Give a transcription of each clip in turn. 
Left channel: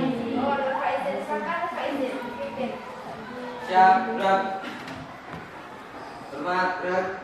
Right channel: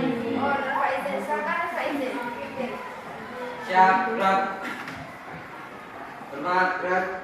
Oh, Nurfa izin. Silakan Nurfa izin. Pimpin. Siap, gerak. Hormat, gerak.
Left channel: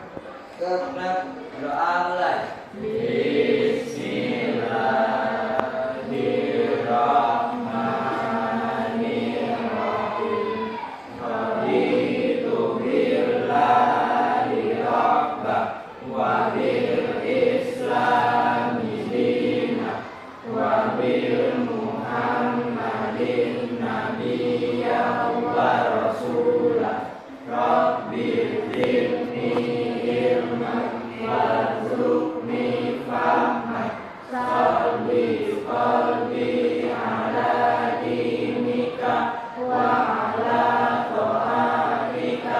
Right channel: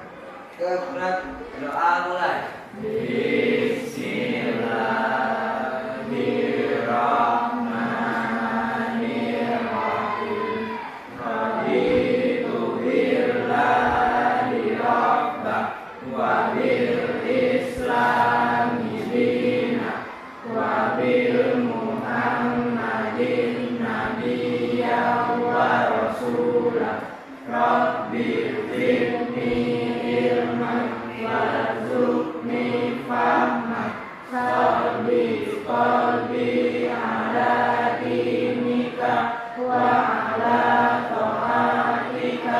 Gerak. Doa mulai. Bismillahirrahmanirrahim. Raditu billahi rabbah wa bil islami dinah wa bil muhammadin nabiyyan wa rasulah. Rabbi zidni ilman warzuqni fahman. Sholli qalbi ala dinika wa ala ta'atika.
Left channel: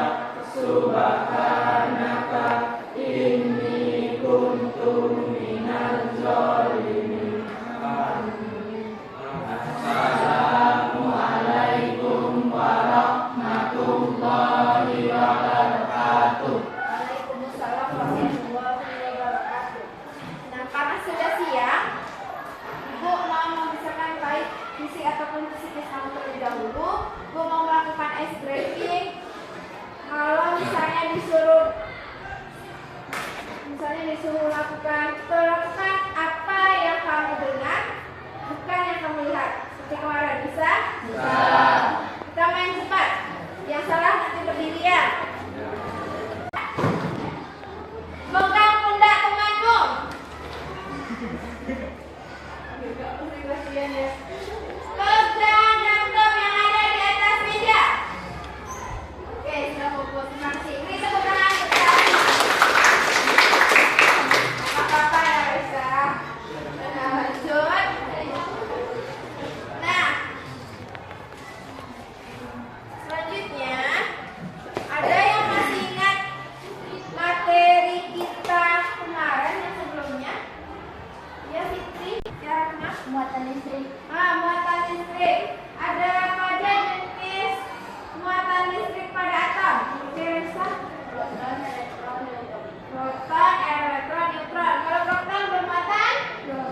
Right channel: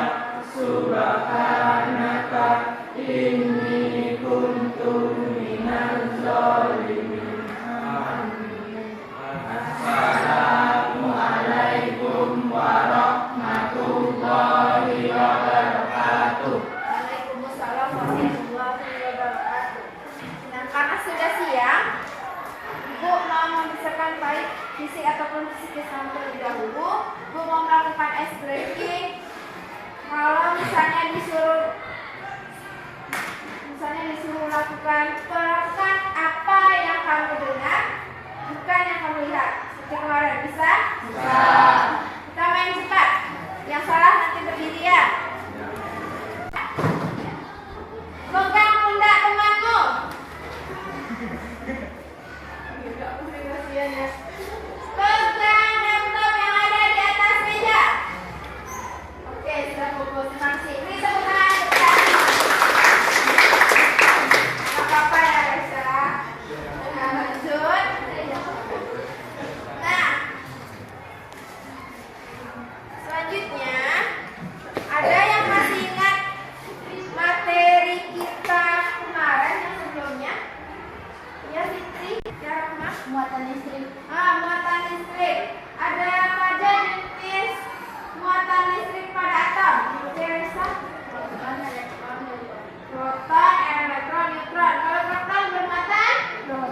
Subhanaka inni kuntu minaz zalimin. Assalamualaikum warahmatullahi wabarakatuh. Waalaikumsalam warahmatullahi wabarakatuh. Nah, karena sudah siang, Ibu mau memisahkan baik fisik ataupun psikis kamu terlebih dahulu. Ibu mau melakukan ice breaking. Kalau misalnya disuruh lakukan apa yang kamu dengar, bukan yang kamu lihat. Seperti kemarin, bisa? Bisa. Kita main cepat. Yang salah nanti berdiri ya. Pegang pundak temanmu. Pegang laptop yang ada di atas meja. Oke, sudah fokus. Terima kasih. Ini tepuk tangan untuk kami. Apa-apa ya, Reza. Nah, lanjut. Nah, selanjutnya ada yang masih ingat materi kita kemarin yang sebelumnya? Ya, Fitri, ya Rahma. Muatan listrik. Muatan listrik. Ada apa aja jenis muatan listrik pada atom? Ya, Reza? Proton, elektron, neutron. Kalau proton bermuatan?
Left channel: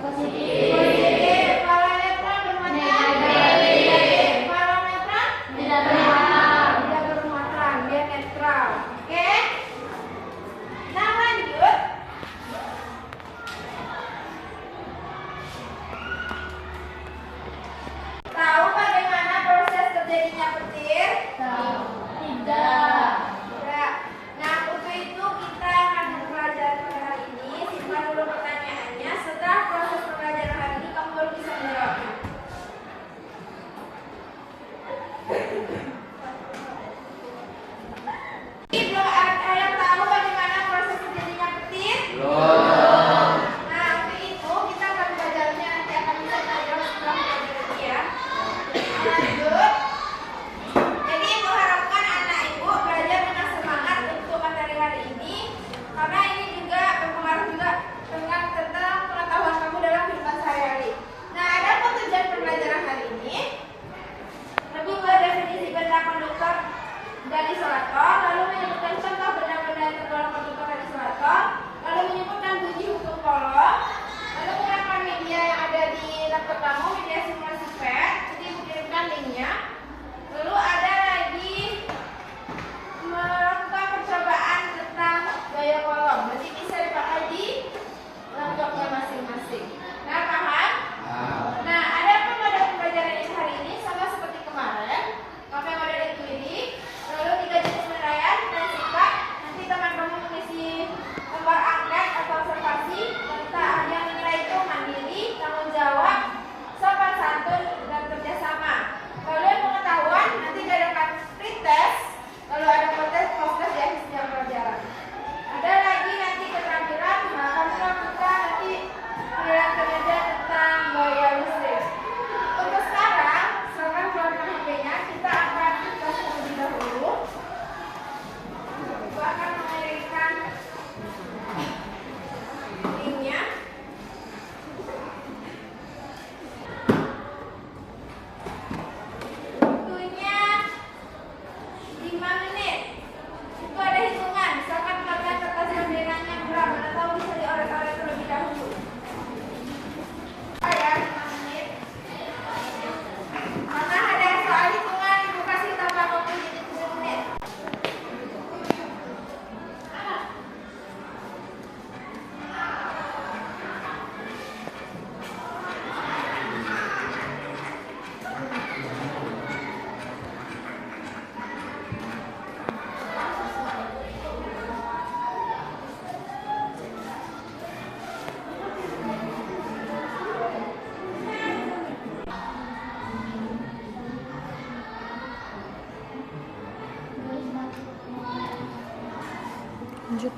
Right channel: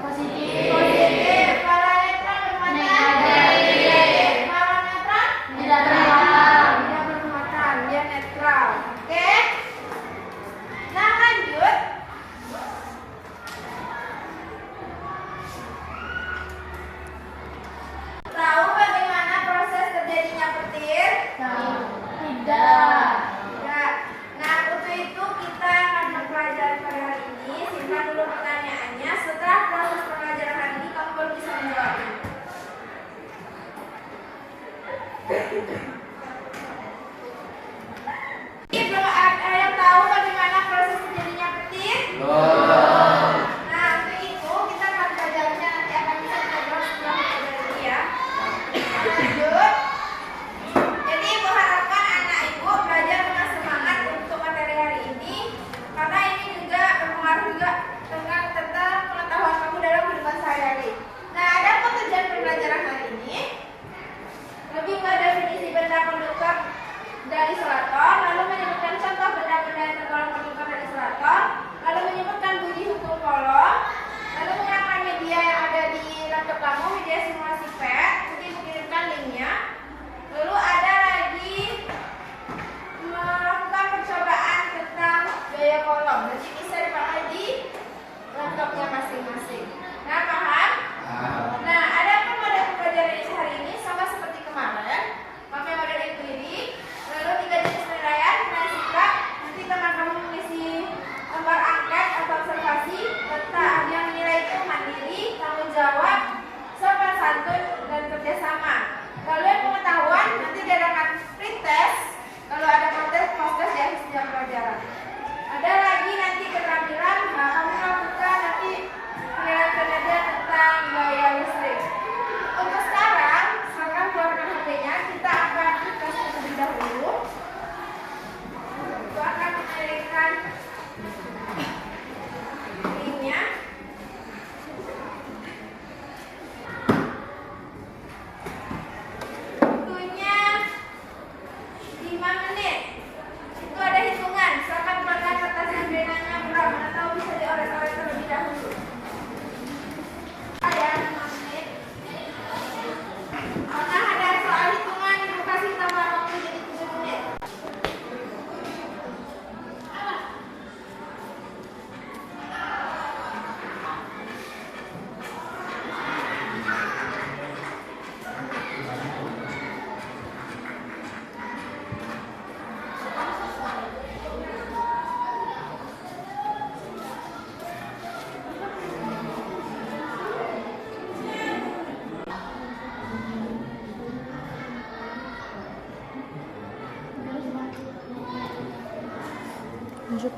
Positif. Positif. Kalau elektron bermuatan? Negatif. Kalau neutron? Tidak bermuatan. Tidak bermuatan, dia netral. Oke? Nah, lanjut. Tahu bagaimana proses terjadinya petir? Tidak. Enggak. Nah, untuk itu kita akan mempelajari pada hari ini. Simpan dulu pertanyaannya. Setelah proses pembelajaran hari ini, kamu baru bisa menjawabnya. Ini belum ada yang tahu bagaimana proses terjadinya petir? Nah, untuk itu kita akan belajarnya nanti akan bisa menjawab setelah pembelajaran ini ya. Lanjut. Jadi Ibu harapkan anak Ibu belajar dengan semangat untuk materi hari ini, karena ini juga berpengaruh juga tentang pengetahuan kamu dalam kehidupan sehari-hari. Nah, ada apa tujuan pembelajaran hari ini? Lebih mendefinisi benda pendukung dari isolator, lalu menyebutkan contoh benda-benda yang tergolong pendukung dari isolator, lalu menyebutkan bunyi hukum kolom, lalu menerapkan media yang ada di laptop kamu, media simulasi PET, jadi mengirimkan linknya. Lalu ada lagi melakukan percobaan tentang gaya kolom, jadi bisa dipakai di laptopnya masing-masing. Nah, paham? Nah, ada apa model pembelajaran hari ini? Sama seperti kemarin, pakai model inquiry, lalu 3 jenis penilaian dan sikap. Nanti teman-teman mengisi lembar angket atau observasi tentang yang menilai itu mandiri, tanggung jawab, sopan santun, dan kerjasama. Lalu yang pengetahuan nanti diadakan pretest, lalu ada model poster di akhir setiap pelajaran. Ada lagi nanti Lanjut.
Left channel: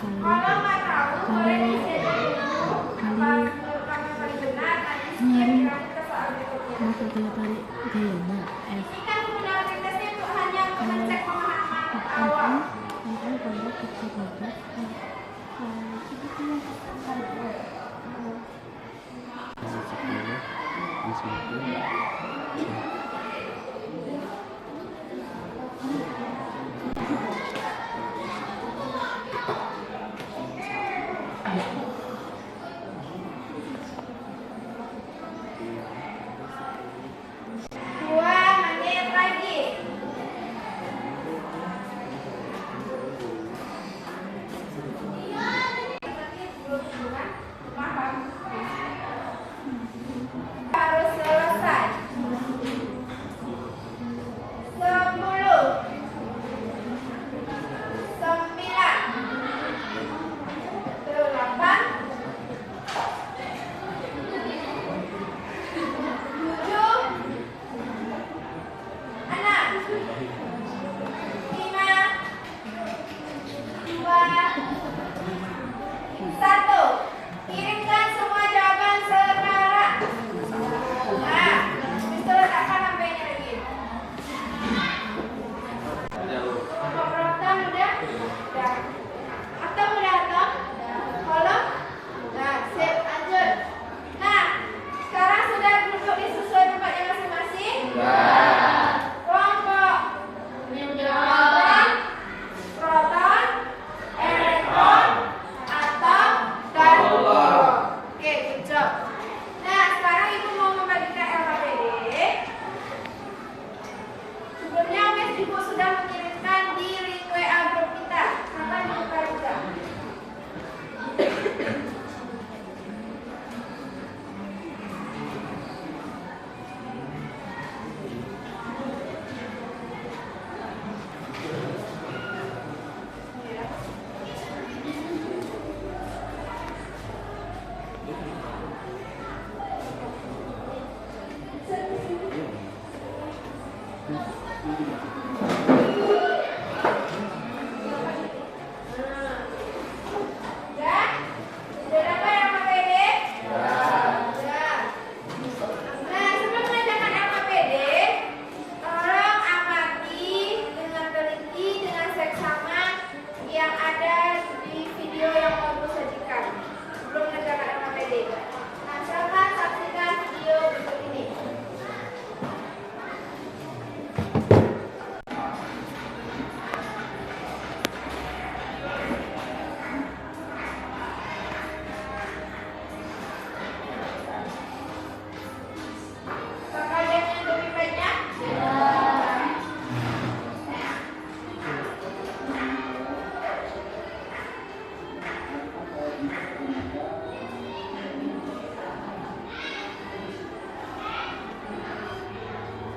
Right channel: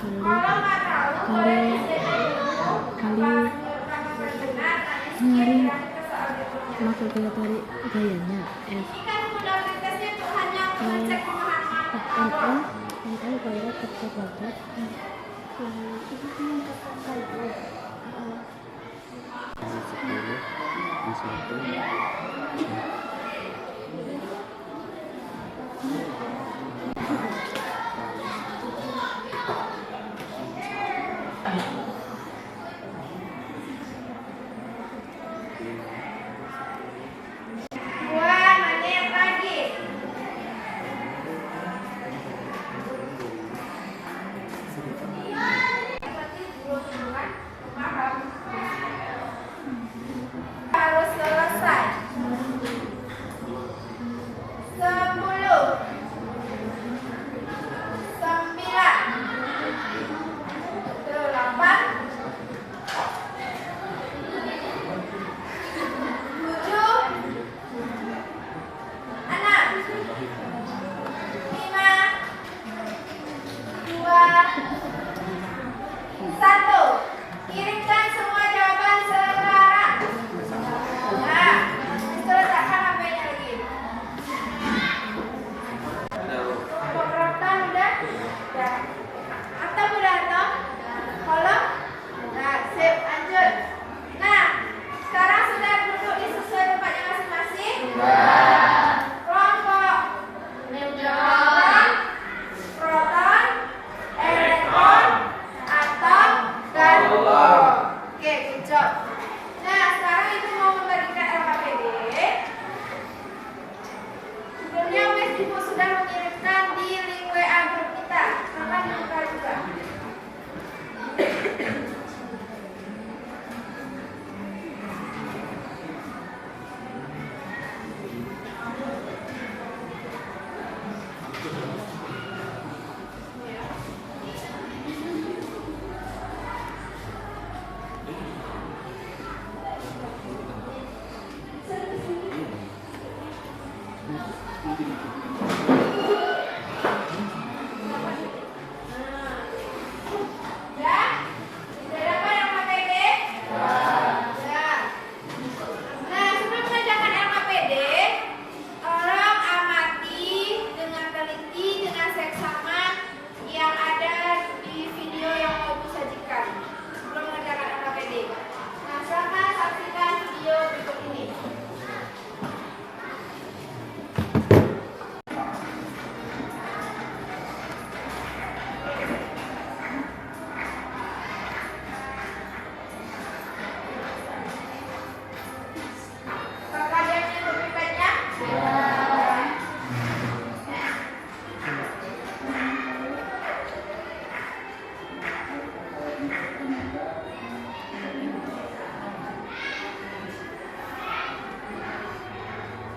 Kalau nggak tahu, boleh dicek dulu. Kalau kamu benar, nanti ke soal berikutnya. Masuk ke tadi gayanya F Ini kan fundamentasnya itu hanya untuk mengecek pemahaman awal. N kuadrat X kuadrat itu kan Dua menit lagi. Harus selesai. 10, 9, 8, 7, 6, 5, 2, 1. Kirimkan semua jawaban sekarang. Nah, bisa letakkan HP-nya lagi. Kok Proton udah? Udah. Atau udah atau? Kalau? Nah, sip, lanjut. Nah, sekarang sudah duduk di sesuai tempatnya masing-masing? Kelompok neutron, proton, elektron, atom, dan oke, good job. Nah, sekarang ibu mau membagikan LKPD. Sebelumnya Miss Ibu sudah mengirimkan di link WA grup kita. Maka dibuka juga. Ya? Sudah dapat LKPD? Ya. Nah, sebelum mengerjakan LKPD, tolong amati dengan teliti dengan seksama yang ada di video yang mau Ibu sajikan sebelum mengerjakan LKPD. Nah, silakan saksikan video berikut ini. Apakah kalian mengikuti baiknya?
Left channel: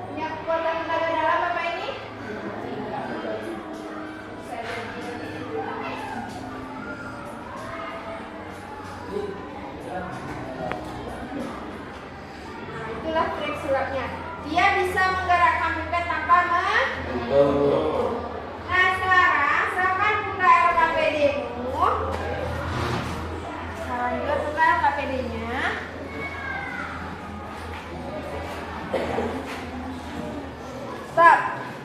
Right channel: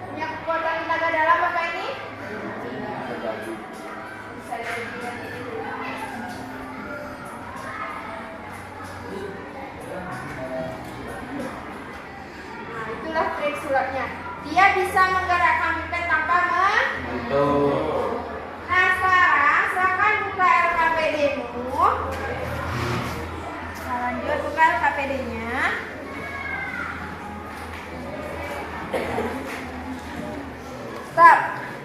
Punya kekuatan tenaga dalam Bapak ini? Bisa Nah, itulah trik sulapnya. Dia bisa menggerakkan pipet tanpa Nah, sekarang silakan buka LKPD-mu. Nah, lanjut buka LKPD-nya. Stop.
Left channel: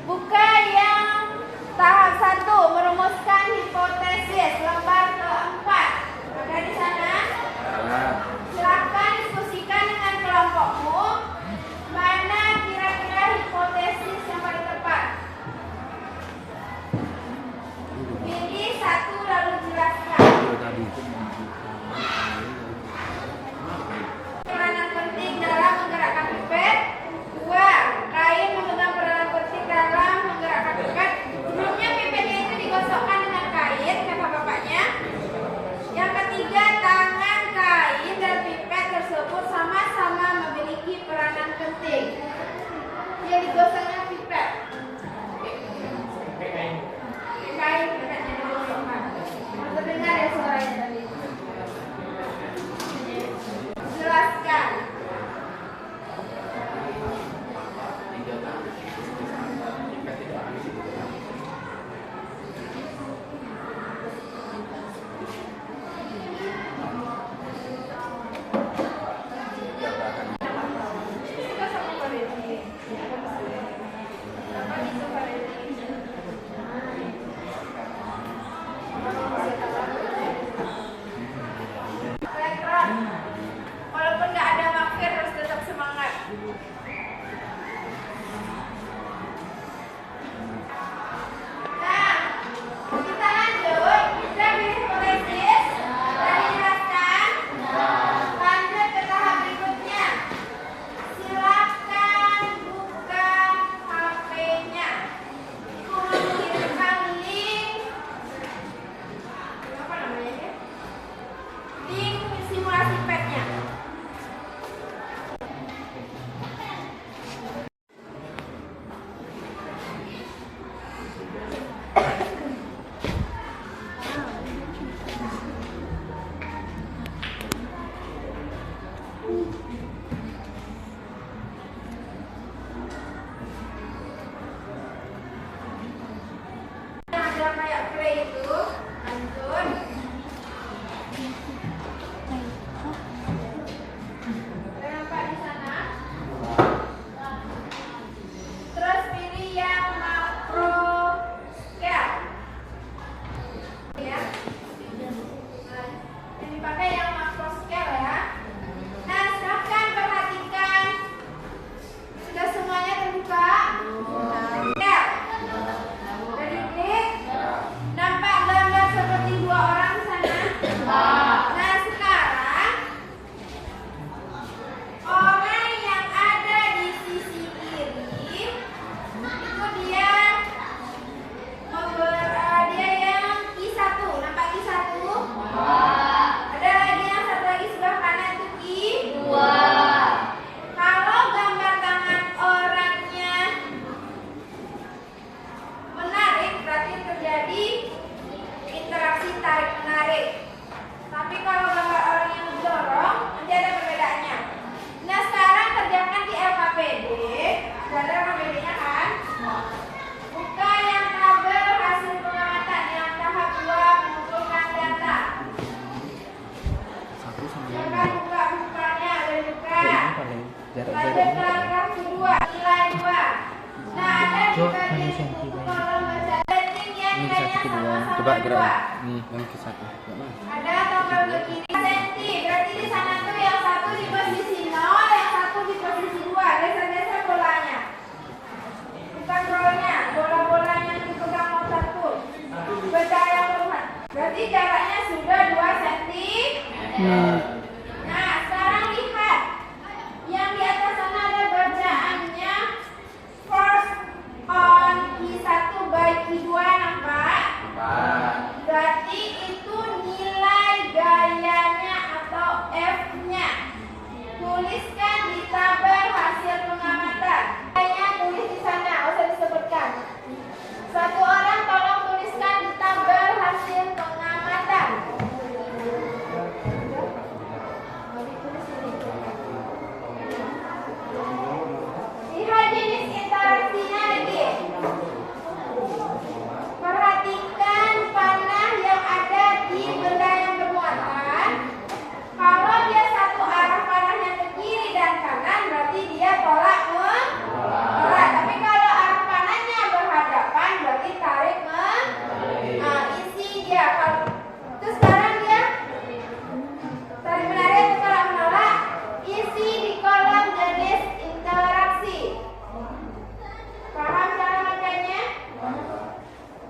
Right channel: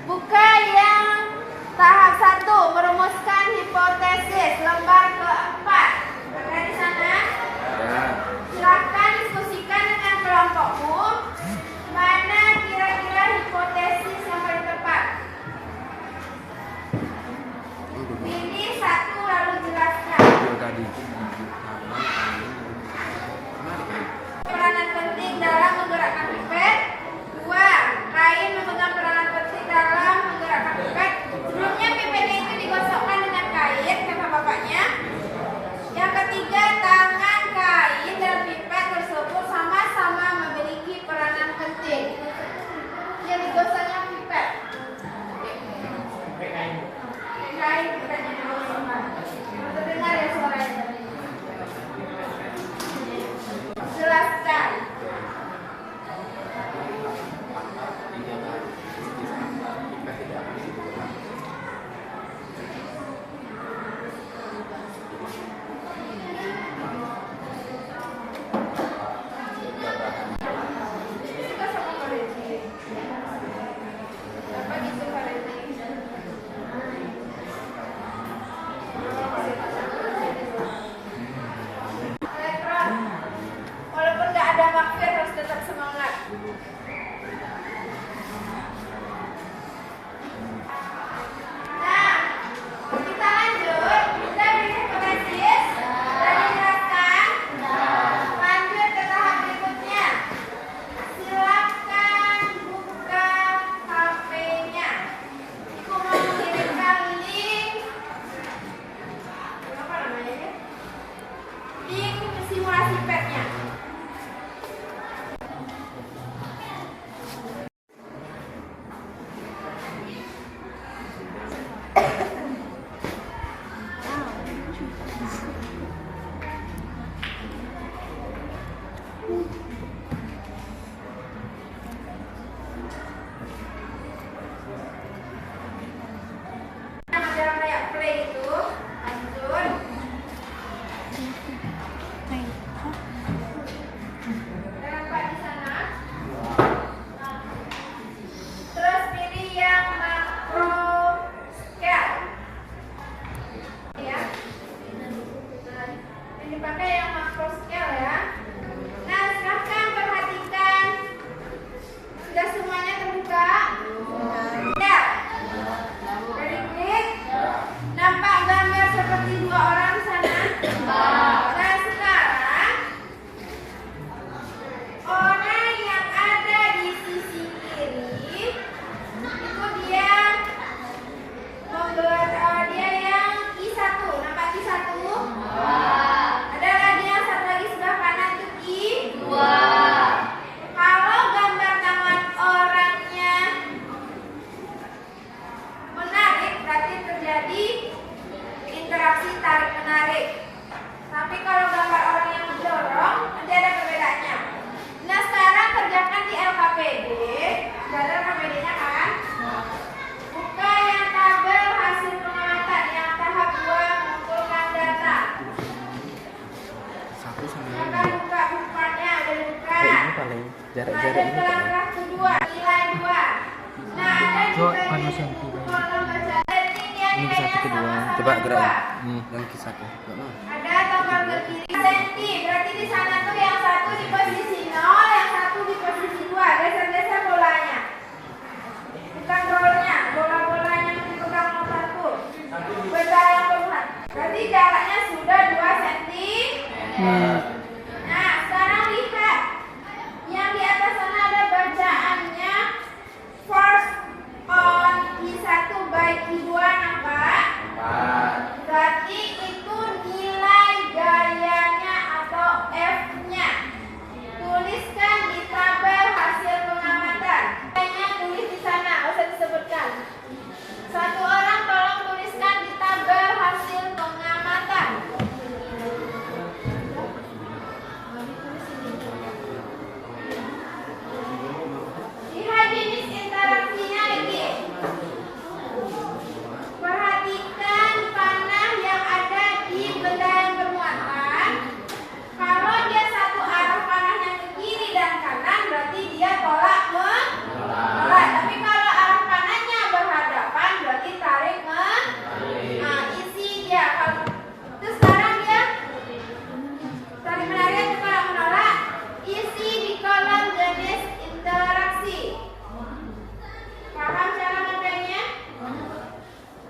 Buka yang tahap 1, merumuskan hipotesis lembar keempat. Ada di sana? Silakan diskusikan dengan kelompokmu. Mana kira-kira hipotesis yang paling tepat? Pilih satu lalu jelaskan. Peranan penting dalam Nah, kita lanjut. Kita bisa komentar dan dijelaskan. Lanjut ke tahap berikutnya. Silakan buka HP-nya. Aku mau mengirimkan link. Apa namanya? Link simulasi PET-nya. Yang ada kayak play itu, lanjut. Tempat di sana. Terus pilih yang macro scale. Ya. Nah, ini pakai yang macro scale ya. Nah, silahkan perhatikan. Sudah semuanya terbuka? Ya. Udah diklik? Nampak gambar seperti dua orang di sana? Nah, sekarang orang yang ada di sisi kiri itu dia dia yang I1. Nampak I1? Ada lagi yang satu lagi sebelah kanan itu I2. Kalau gambar tangan orangnya menarik, berarti terjadi interaksi tarik menarik. Tapi kalau gambar orang yang mendorong, nanti ada perbedaannya. Nah, sekarang kerjakan di LKPD. Sudah ada LKPD-nya kan? Buka yang tabel hasil pengamatan yang tahap 2 mengumpulkan data. Maka buka-bukanya udah dibuka. Lanjut ke paragraf kedua, nilai 2. Nah, ada di bagian kolom baca rating yang Ini nilainya satu kedua. sama-sama Coba gerak. 2. Nih, yang ke satu. Ada tombol ke kiri senti, berarti di sana tuh yang satu di posisi 0, yang satu di posisi 2. Geser-geser bolanya. Bukan rolnya, bola-bolanya yang dipegang motor tuh. Benda yang berluan. Berarti jaraknya sudah 2 cm. Nah, sekarang lihat. Yang di atas sana ada bacaannya first on I1 by I2, nampak? Berarti itu nilai gayanya atau F-nya. Tuliskan di tabel hasil pengamatan. Gayanya tulis di sana, nggak usah disebutkan. Satu orang tolong tuliskan di tabel hasil pengamatan. Lihat jenis interaksinya lagi. Perhatikan panah yang ada di benda yang bermuatan. Kalau dia satu arah panahnya ke kiri dan kanan, berarti dia tolak menolak. Tapi kalau arah panahnya berhadapan, berarti tarik isi dia. Terus sekarang dia tarik menarik atau tolak menolak. Isi di kolom jenis interaksi. Paham cara makanya?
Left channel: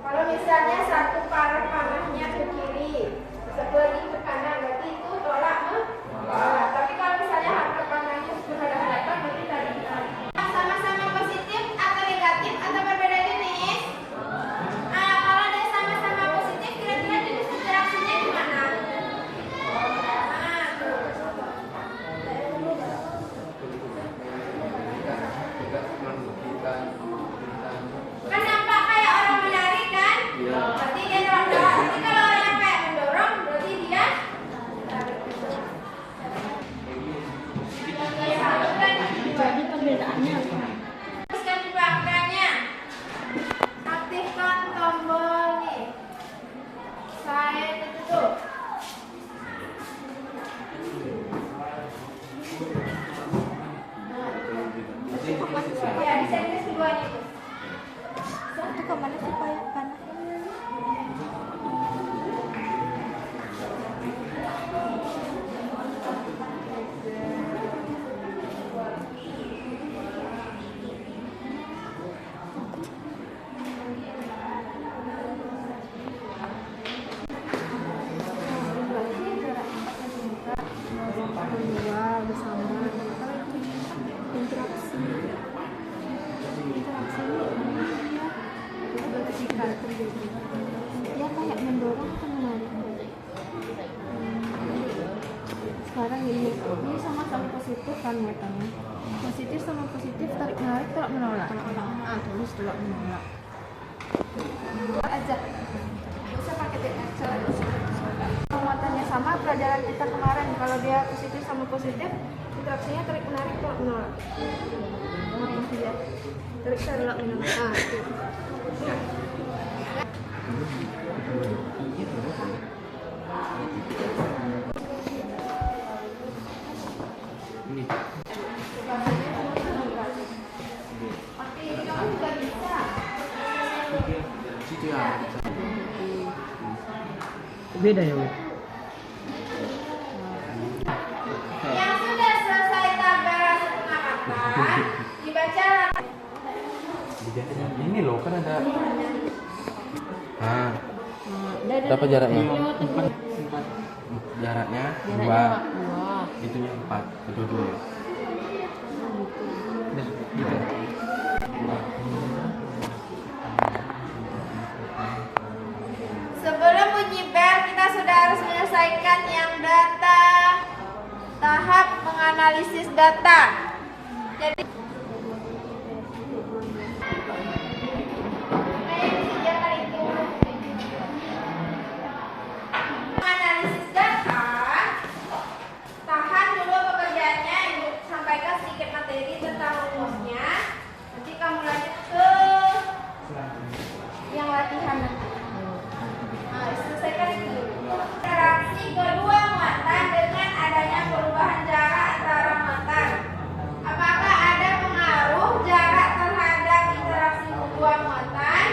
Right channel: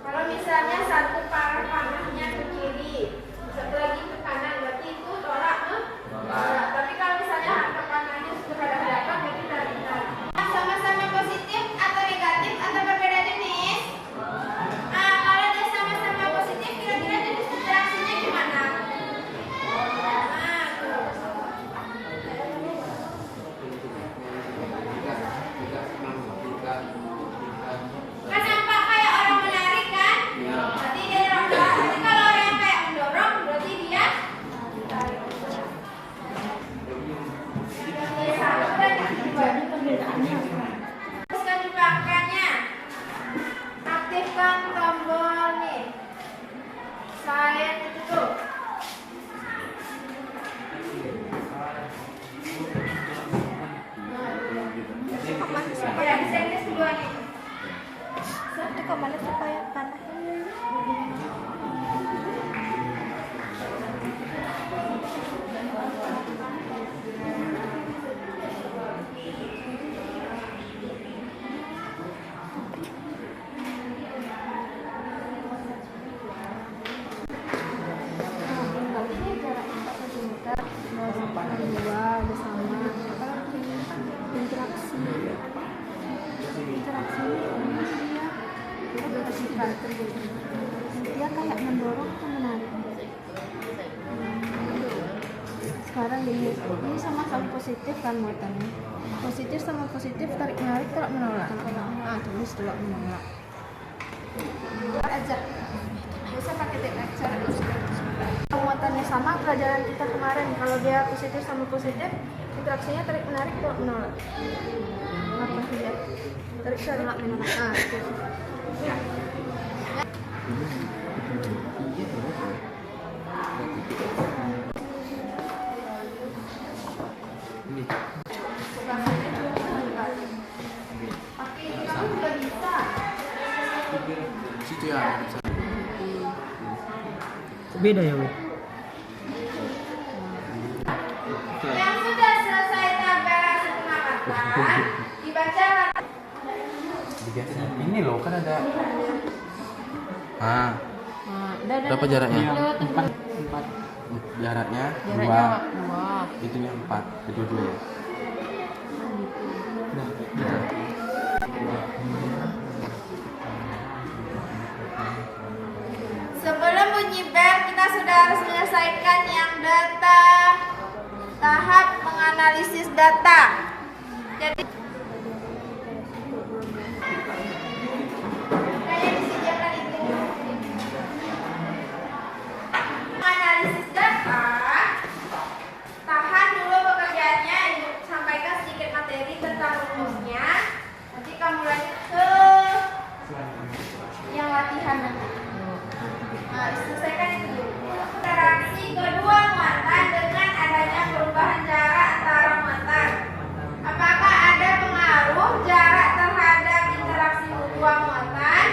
Kalau misalnya satu arah panahnya ke kiri, satu lagi ke kanan, berarti itu tolak menolak. Tapi kalau misalnya arah panahnya berhadapan, berarti tarik menarik. Sama-sama positif atau negatif atau berbeda jenis? Nah, kalau dia sama-sama positif, kira-kira jenis interaksinya gimana? Nah, tuh. Kan nampak kayak orang menarik kan? Berarti dia tolak. Tapi kalau orang yang kayak mendorong, berarti dia tarik. Satu dan dua. Jadi perbedaannya apa? Teruskan di belakangnya. Aktifkan tombol nih. Saya itu tuh. Ya, di sini kedua nih. Itu kemana supaya panas? sekarang gini, ini sama-sama positif kan muatannya. Positif sama positif, tarik menarik, tolak menolak. Tulis tolak menolak. Aja. Bisa pakai teknik cara terus. Muatannya sama pelajaran kita kemarin. Kalau dia positif sama positif, interaksinya tarik menarik, tolak menolak. Apa dia? Tarik tolak menolak. Itu. Ya. Situ ya. Beda ya, Bu? Yang sudah selesai tabel pengangkatan dibaca. Ini loh kan ada. Berapa jaraknya? Empat. Jaraknya Jaraknya 2. Itunya 4. Kedua-dua. Nah, gitu. Sebelum bunyi bel, kita sudah harus menyelesaikan yang data tahap menganalisis data. Jadi kayak disediakan itu. Menganalisis data, tahan dulu pekerjaannya, Ibu sampaikan sedikit materi tentang rumusnya. Nanti kamu lanjut ke yang latihan nanti. Nah, selesaikan itu dulu. Interaksi kedua muatan dengan adanya perubahan jarak antara muatan. Apakah ada pengaruh jarak terhadap interaksi kedua muatan?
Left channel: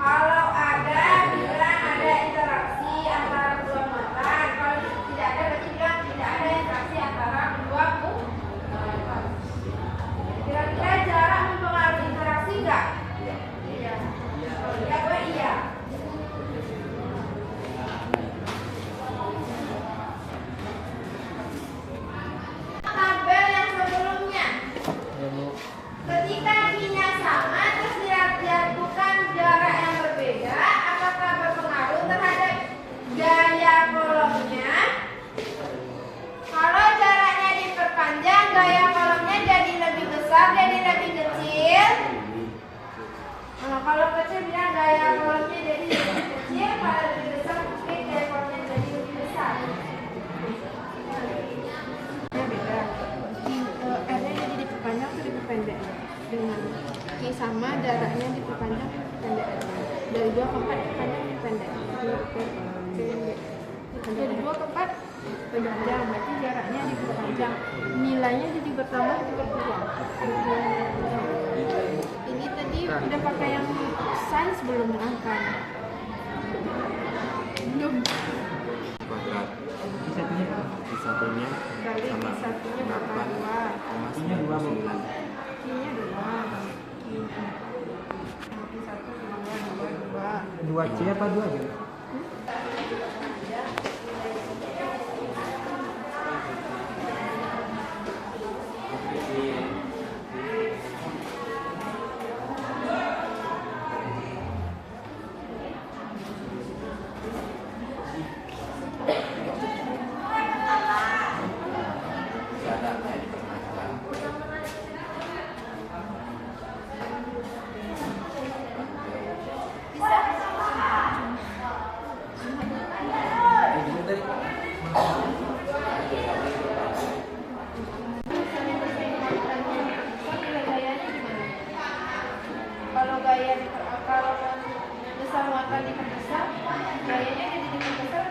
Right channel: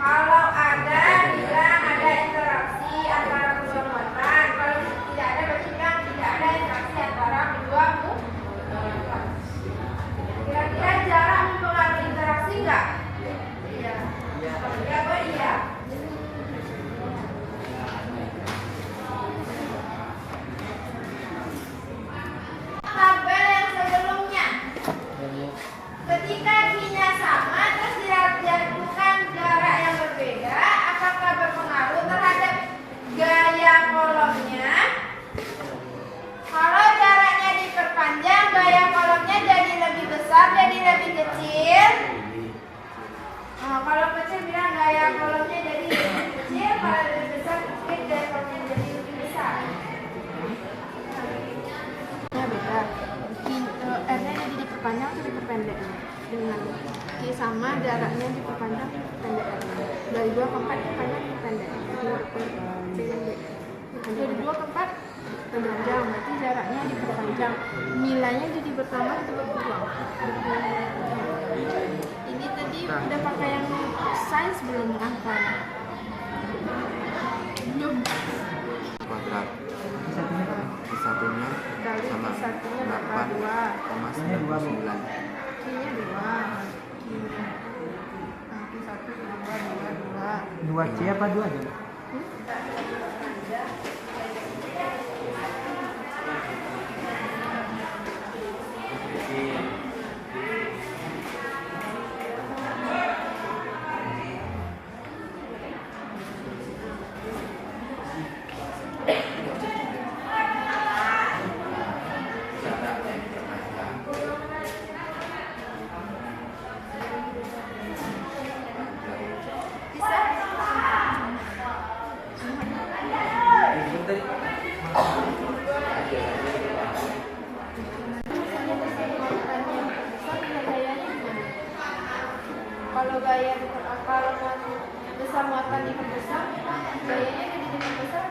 Kalau ada, bilang ada interaksi antara kedua muatan. Kalau tidak ada, berarti bilang tidak ada interaksi antara kedua muatan. Kira-kira jarak mempengaruhi interaksi enggak? Iya. Kalau iya, boleh iya. Tabel yang sebelumnya, ketika I-nya sama terus dijatuhkan jarak yang berbeda, apakah berpengaruh terhadap gaya kolomnya? Kalau jaraknya diperpanjang, gaya kolomnya jadi lebih besar, jadi lebih kecil. Kalau kecil bilang gaya kolomnya jadi lebih kecil, kalau lebih besar mungkin gaya kolomnya jadi lebih besar. R-nya jadi diperpanjang atau diperpendek dengan Q sama jaraknya diperpanjang diperpendek dari 2 ke 4 diperpanjang diperpendek dari 2 ke 4 diperpanjang berarti jaraknya diperpanjang nilainya jadi bertambah atau berkurang. Ini tadi udah pakai yang sains belum angka belum Kuadrat. Satunya apa? Satunya kali sama satunya berapa 8,99. Q-nya 2 2 C apa 2 aja? Kalau besar muatan diperbesar, gayanya jadi diperbesar.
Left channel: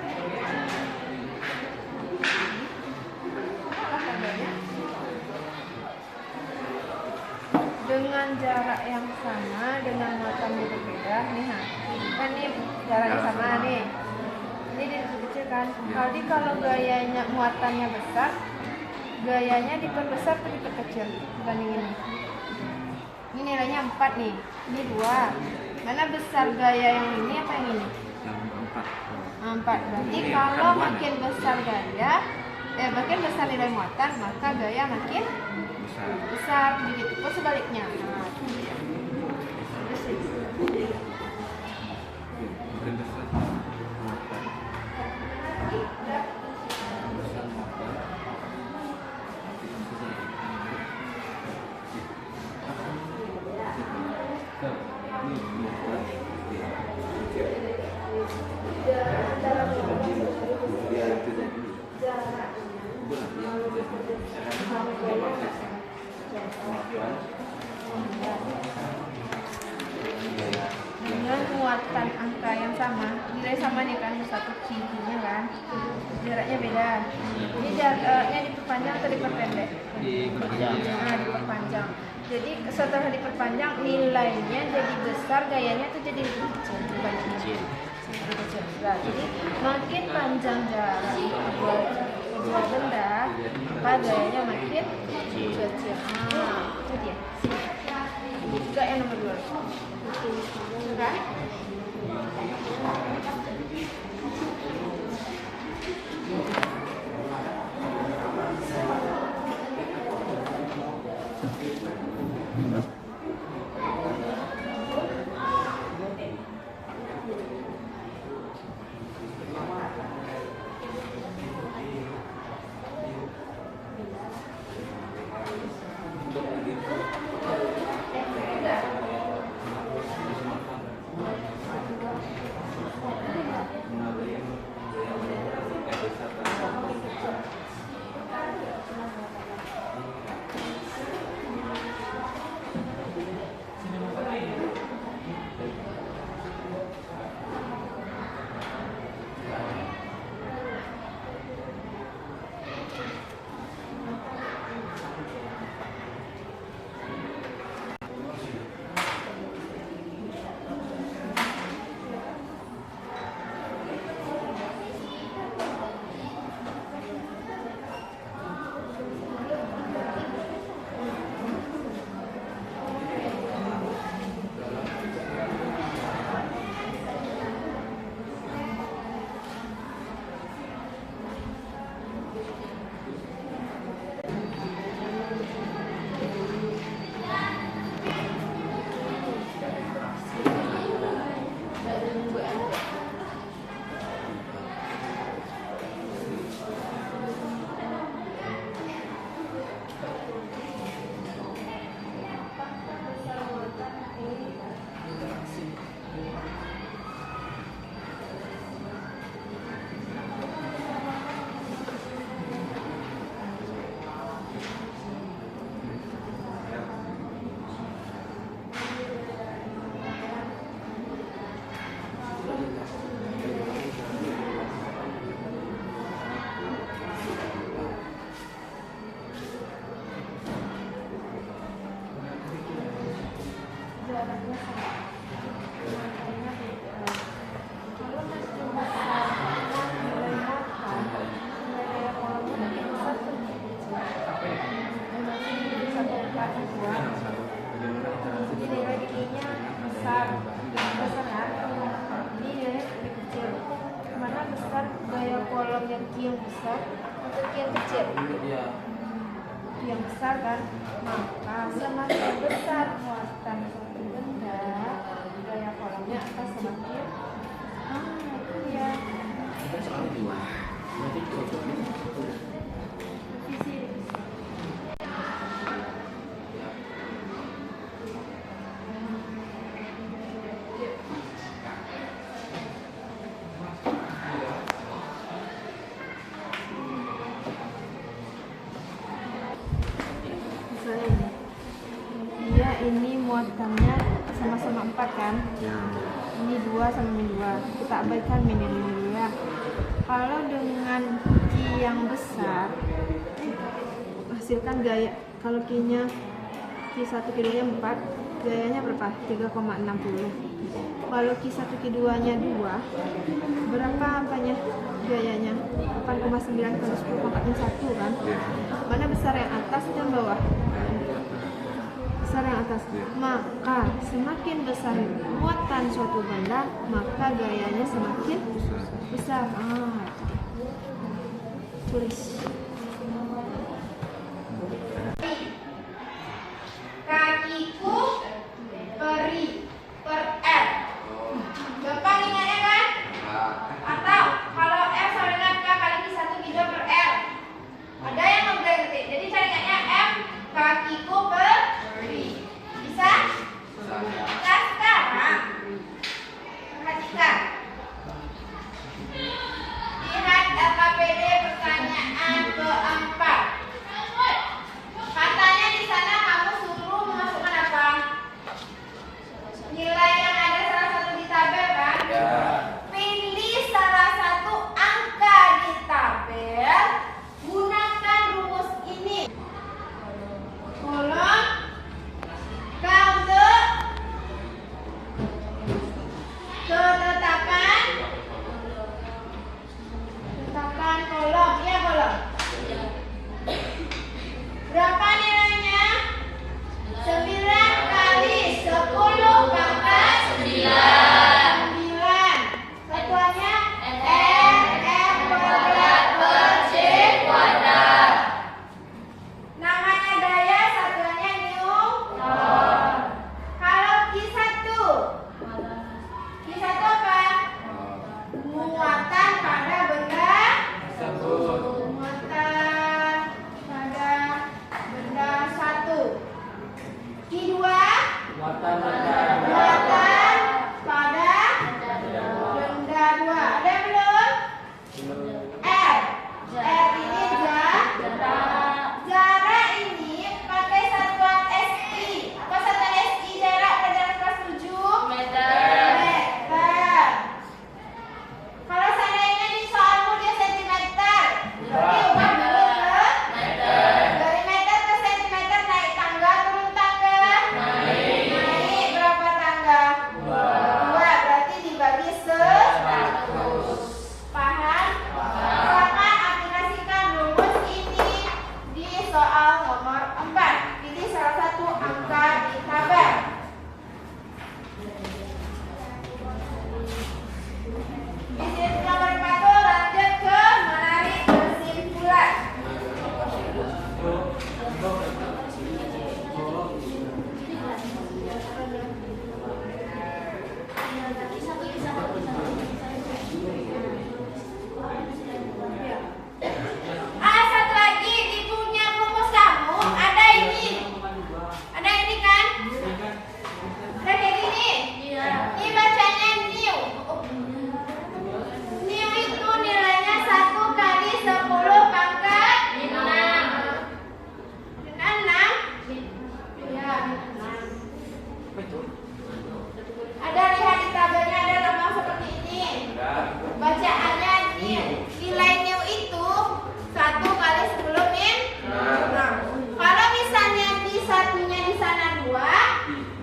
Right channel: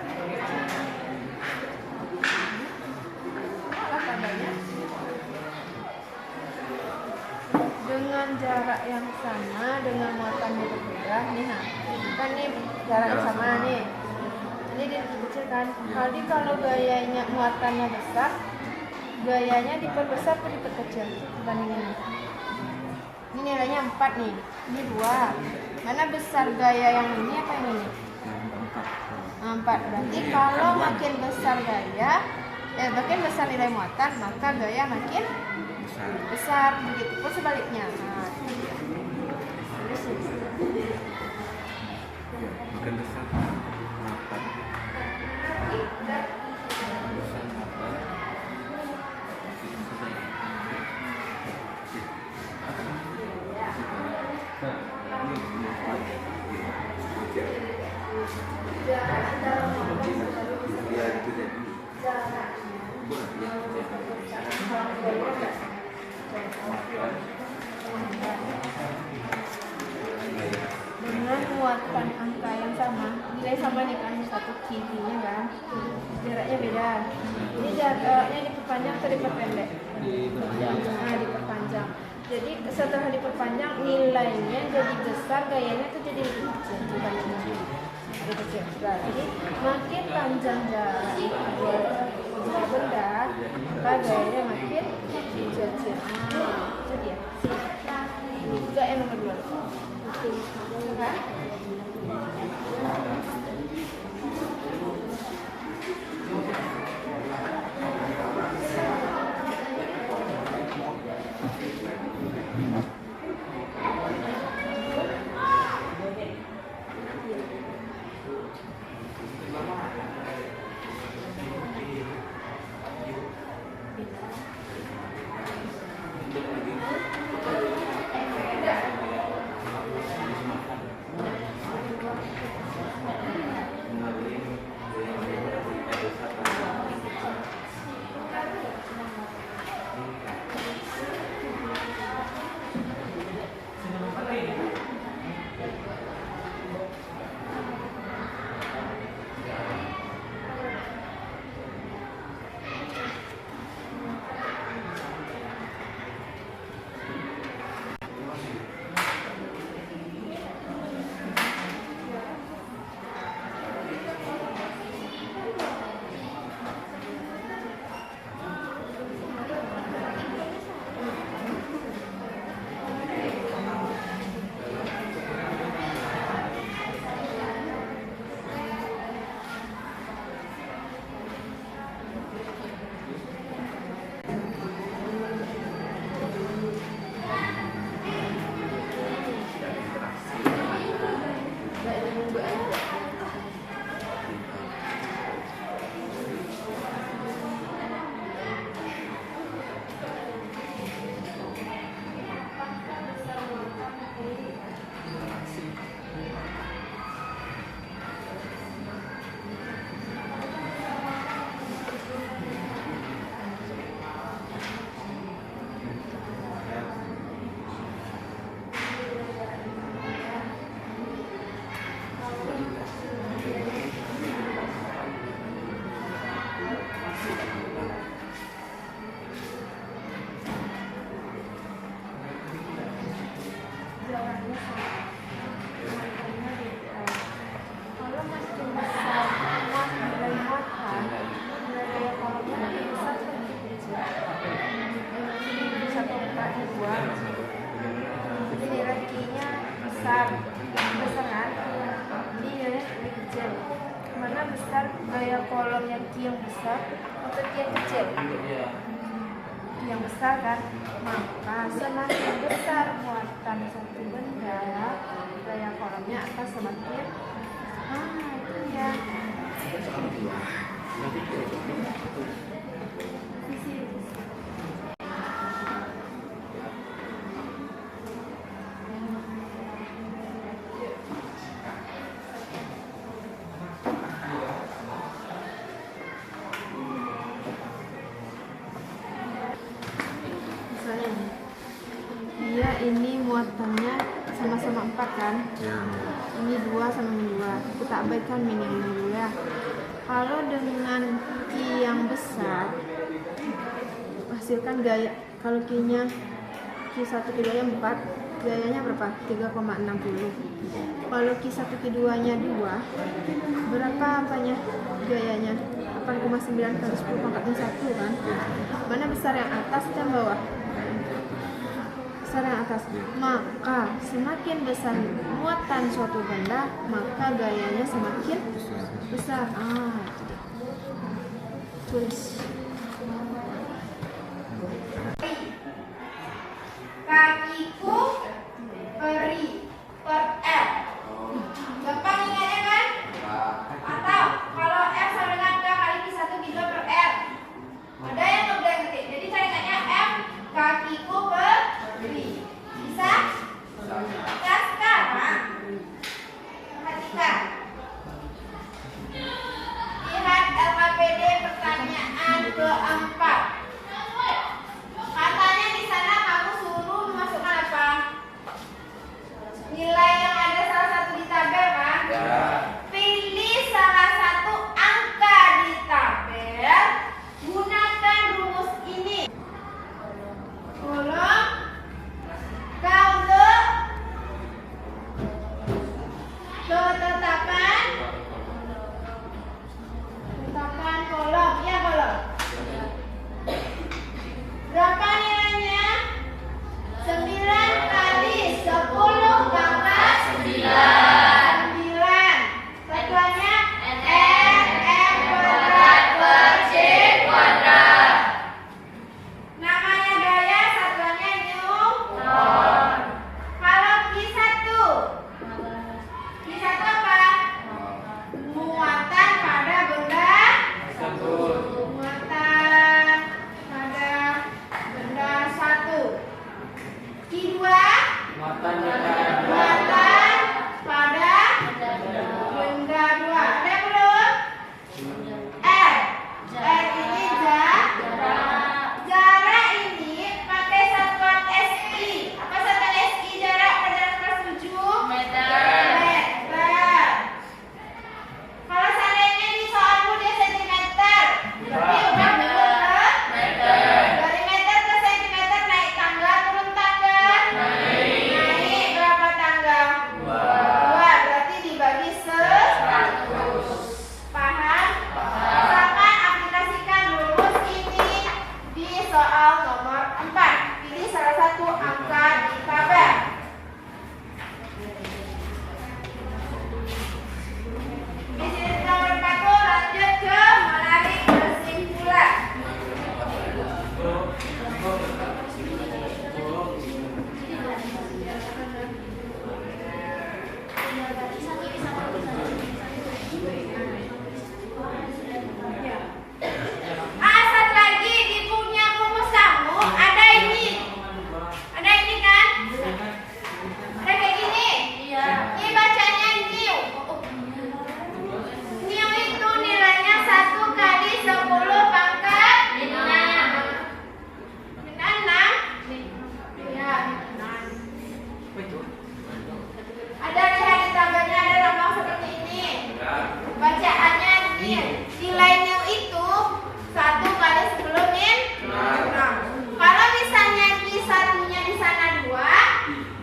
Malah tandanya dengan jarak yang sama, dengan muatannya berbeda. Nih, kan nih jaraknya sama nih. Ini diperkecil kan. Kalau gayanya muatannya besar, gayanya diperbesar atau diperkecil dibanding ini. Ini nilainya 4 nih, ini 2. Mana besar gaya yang ini apa yang ini? 4. Berarti kalau makin besar gaya, makin besar nilai muatan, maka gaya makin besar. Begitu pun sebaliknya. Nah, itu dia. Makin besar muatan. Dengan muatan angka yang sama, nilai sama nih kan, satu q-nya kan, jaraknya beda. Ini jaraknya diperpanjang atau diperpendek? Diperpanjang. Jadi setelah diperpanjang nilainya jadi besar, gayanya tuh jadi lebih kecil dibanding kecil. Nah, jadi makin panjang jarak kedua benda, maka gayanya makin kecil. Itu dia. Ini juga yang nomor 2. Kan? Jaraknya sama, muatannya beda. Kalau makin besar nilai muatan, nilai daya kolomnya lebih besar atau lebih kecil? Satu kali 2. Nilai q-nya besar kan? Ini nilainya lebih kecil. Mana besar gaya kolomnya q yang besar atau q yang kecil? Yang besar kan, maka semakin besar muatan satu benda, gaya kolomnya akan semakin itu ya. Dia ini muatannya sama-sama 4 kan? Ya. Ini 2 sama ini 2. Kita abaikan minimum dulu ya. Kalau dengan q yang besar, hasilkan gaya. Kalau q-nya q1 q2 nya 4, gayanya berapa? 3,60. Kalau q1 q2 nya 2, berapa apanya? Gayanya 8,9 kali 10 pangkat 1 kan? Mana besar, yang atas atau yang bawah? Besar yang atas. Maka semakin besar muatan suatu benda, maka gayanya semakin besar. Tulis. Kakiku peri per R. Gampang ingatnya kan? Atau kalau R sama dengan K kali Q1 Q2 per R. Ada yang ngebleng nanti. Jadi cara ingatnya F kakiku peri. Bisa? Bisa sekarang. Perhatikan. Lihat LKPD pertanyaan. soal nomor 4. Pilih salah satu angka di kabar. Bisnis nomor 4 lanjut ke menarik kesimpulan. Satu lagi di punya rumus kamu ada ini kan? Ada kayak gini. Ini bacanya new. New itu nilainya 1 kali 10 pangkat 6. Dengan 6? Ya. Ada lihat di tabelnya ada lambang seperti ini. Bacaannya new. Nilai new itu 1 kali 10 min 6. Kalau misalnya di satunya di sana 2,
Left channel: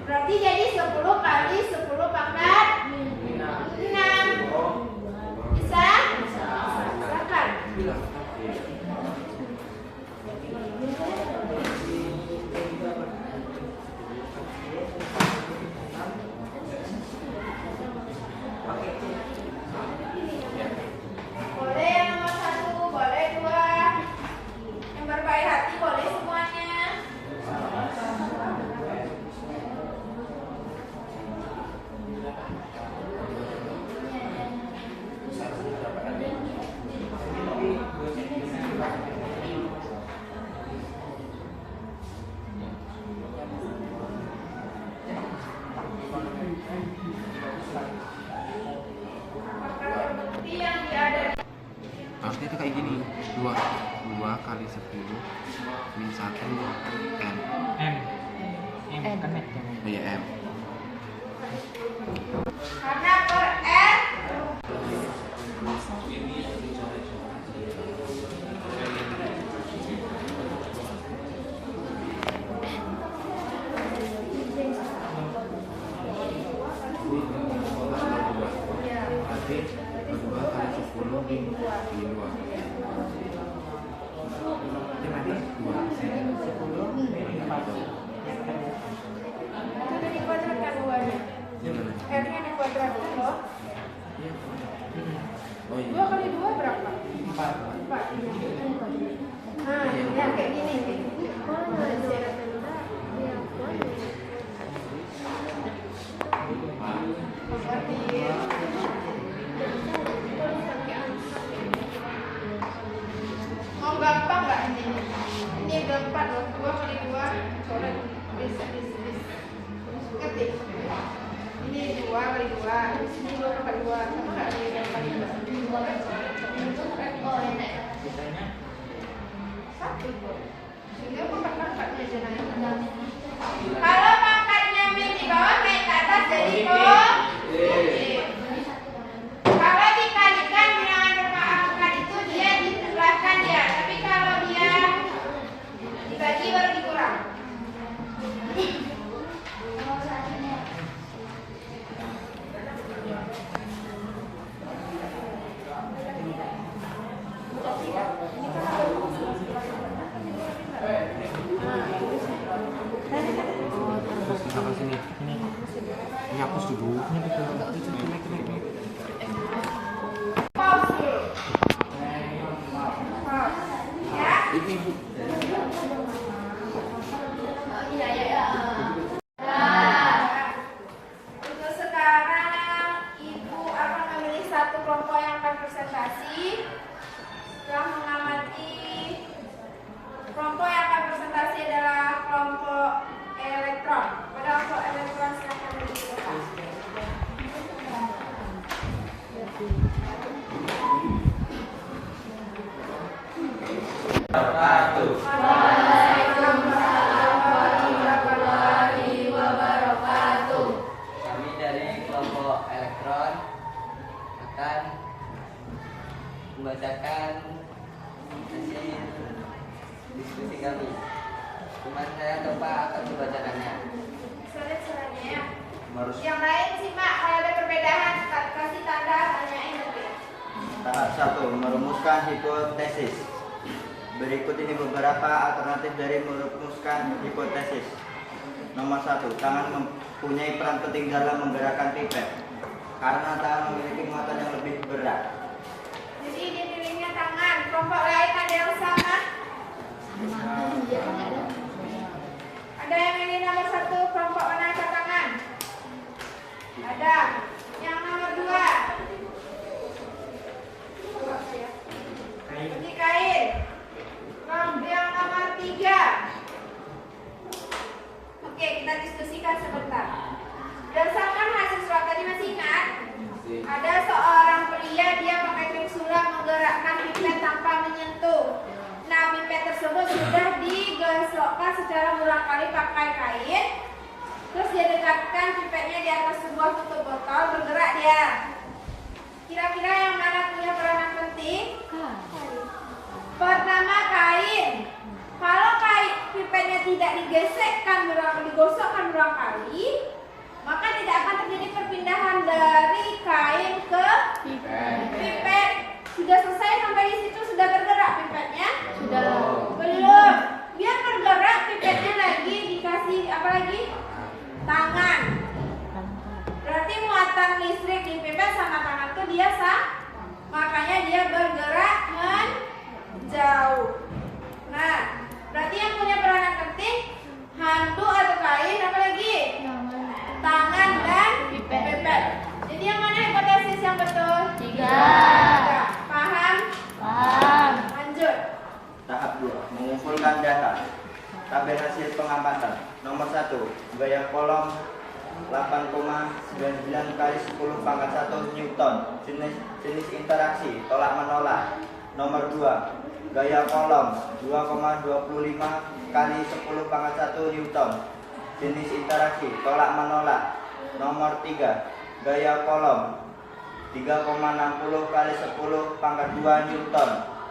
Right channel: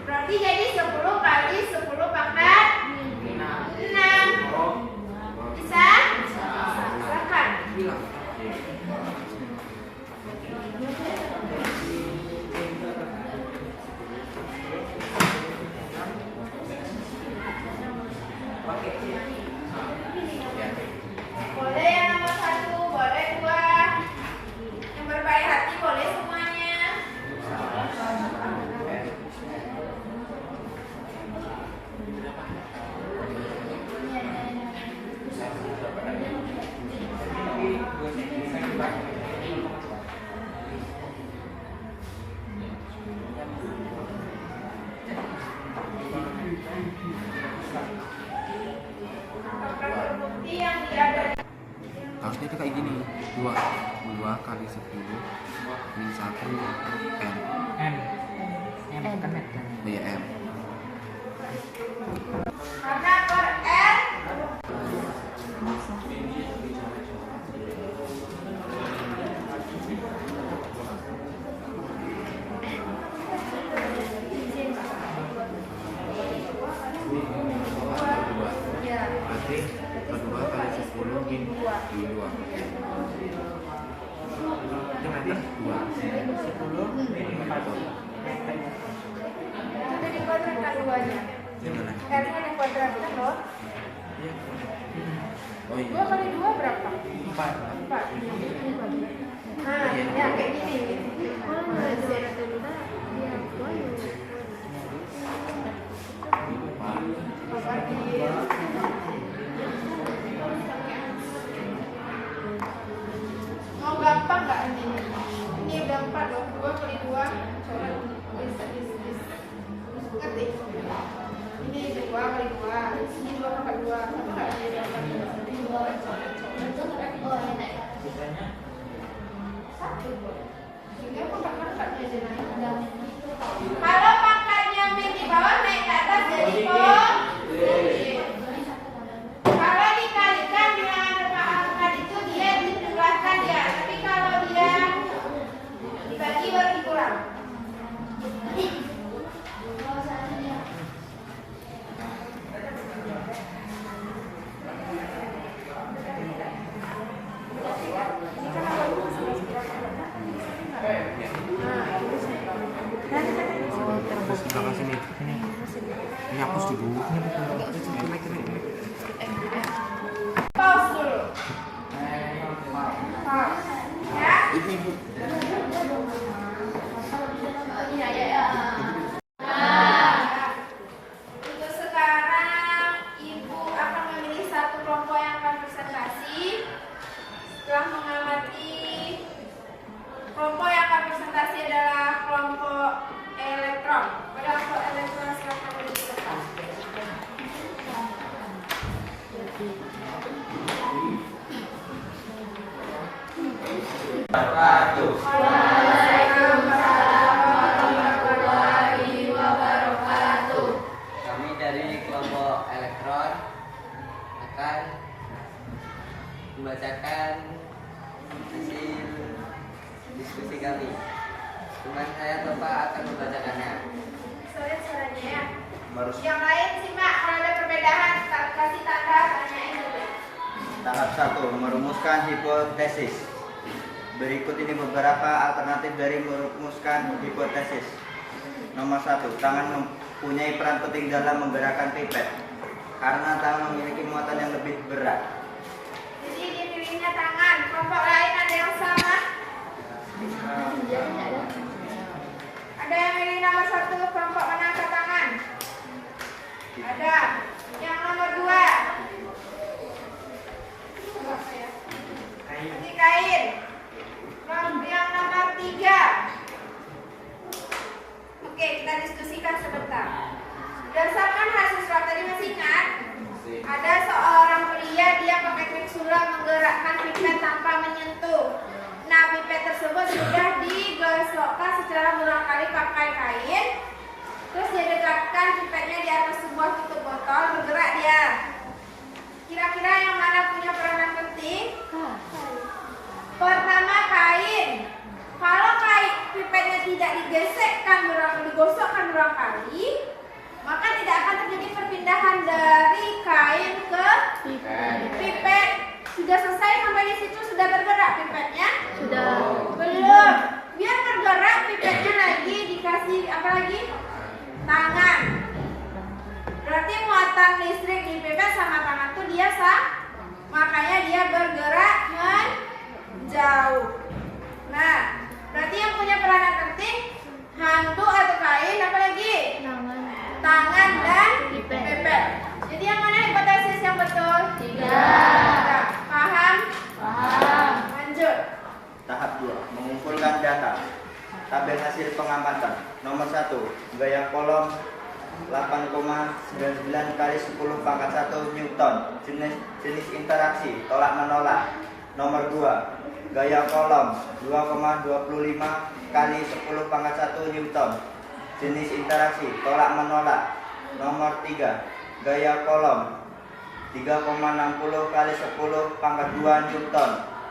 berarti jadi 10 kali 10 pangkat 6. Bisa? Silakan. Boleh yang nomor 1, boleh 2. Yang berbaik hati boleh semuanya. Bukti yang diada. Harusnya itu kayak gini. 2 kali 10 min 1 M. M kan met kan. Oh ya M. Karena per R Berarti 2 kali 10 min 2. Ini nanti 2. 10 min 4. itu dikuadratkan 2-nya. Gimana? R-nya dikuadratkan loh. Oh iya. 2 kali 2 berapa? 4. 4. Nah, ya kayak gini. Mau gampang nggak ini? Ini gampang loh. 2 kali 2 coret bisa. Ngerti? Ini 2 kali 2. Ini 2 kali 2. Sama nggak ini 2 kali 2? Oh, ini. Sisanya 1 kok. Sehingga pangkat-pangkatnya aja naik. Kalau pangkatnya min di bawah naik ke atas jadi positif. Kalau dikalikan dengan rumah angka itu dia ditambahkan ya. Tapi kalau dia dibagi baru dikurang. Ini kan ada rumus Terus di belakang sini. ini. Ini hapus dulu. Ini betul. pause dulu. Pause. Ya. Ini Bu. Untuk sekarang Ibu akan memilih satu kelompok yang akan presentasi. Setelah mengamati kelompok yang akan presentasi adalah kelompok elektron. Kelompok elektron silakan dijelaskan. Kami dari kelompok elektron akan membacakan hasil diskusi kami. Cuman saya atau Pak akan membacakannya. Bisa lihat suaranya ya. Harus Yang lain simak, kalau ada perbedaan kasih tanda, tanyain dulu. tahap 1 merumuskan hipotesis. Berikut ini beberapa alternatif dari merumuskan hipotesis. Nomor 1, tangan mempunyai peran penting dalam menggerakkan pipet karena tangan memiliki muatan yang lebih berat. Jadi dia pilihnya tangan. Kelompok lain ada yang sama? Ada yang milih nomor 1 kelompok mana angkat tangan? Ada. Yang nomor 2? Berarti kain. Yang nomor 3? Oke, kita diskusikan sebentar. Berdasarkan hasil swab tadi masih ingat? Ada seorang pria, dia pakai klip sulam menggerakkan pipet tanpa menyentuh. Nah, pipet tersebut sudah digosokkan secara berulang kali pakai kain. Terus dia dekatkan pipetnya di atas sebuah tutup botol, bergerak dia. Kira-kira yang mana punya peranan penting? Pertama, kain. Kalau kain pipetnya tidak digosokkan berulang kali, maka tidak akan terjadi perpindahan dari kain ke pipet. Sudah selesai sampai di situ, sudah bergerak pipetnya? Sudah. Belum. Biar bergerak pipetnya lagi dikasih apa lagi? Tangan. Berarti muatan listrik di pipet sama tangan tuh dia makanya dia bergerak menjauh. Nah, berarti yang punya peranan penting handuk atau kain, apa lagi? Tangan dan pipet. Jadi yang mana hipotesis yang betul? 3. Paham? Paham. Lanjut. Tahap 2, mengumpulkan data. Tabel hasil pengamatan. Nomor 1, gaya kolom 8,99 kali 10 pangkat 1 Newton. Jenis interaksi tolak menolak. Nomor 2, gaya kolom 2,25 kali 10 pangkat 1 Newton. Jenis interaksi tolak menolak. Nomor 3, gaya kolom 3,60 kali 10 pangkat 2 Newton.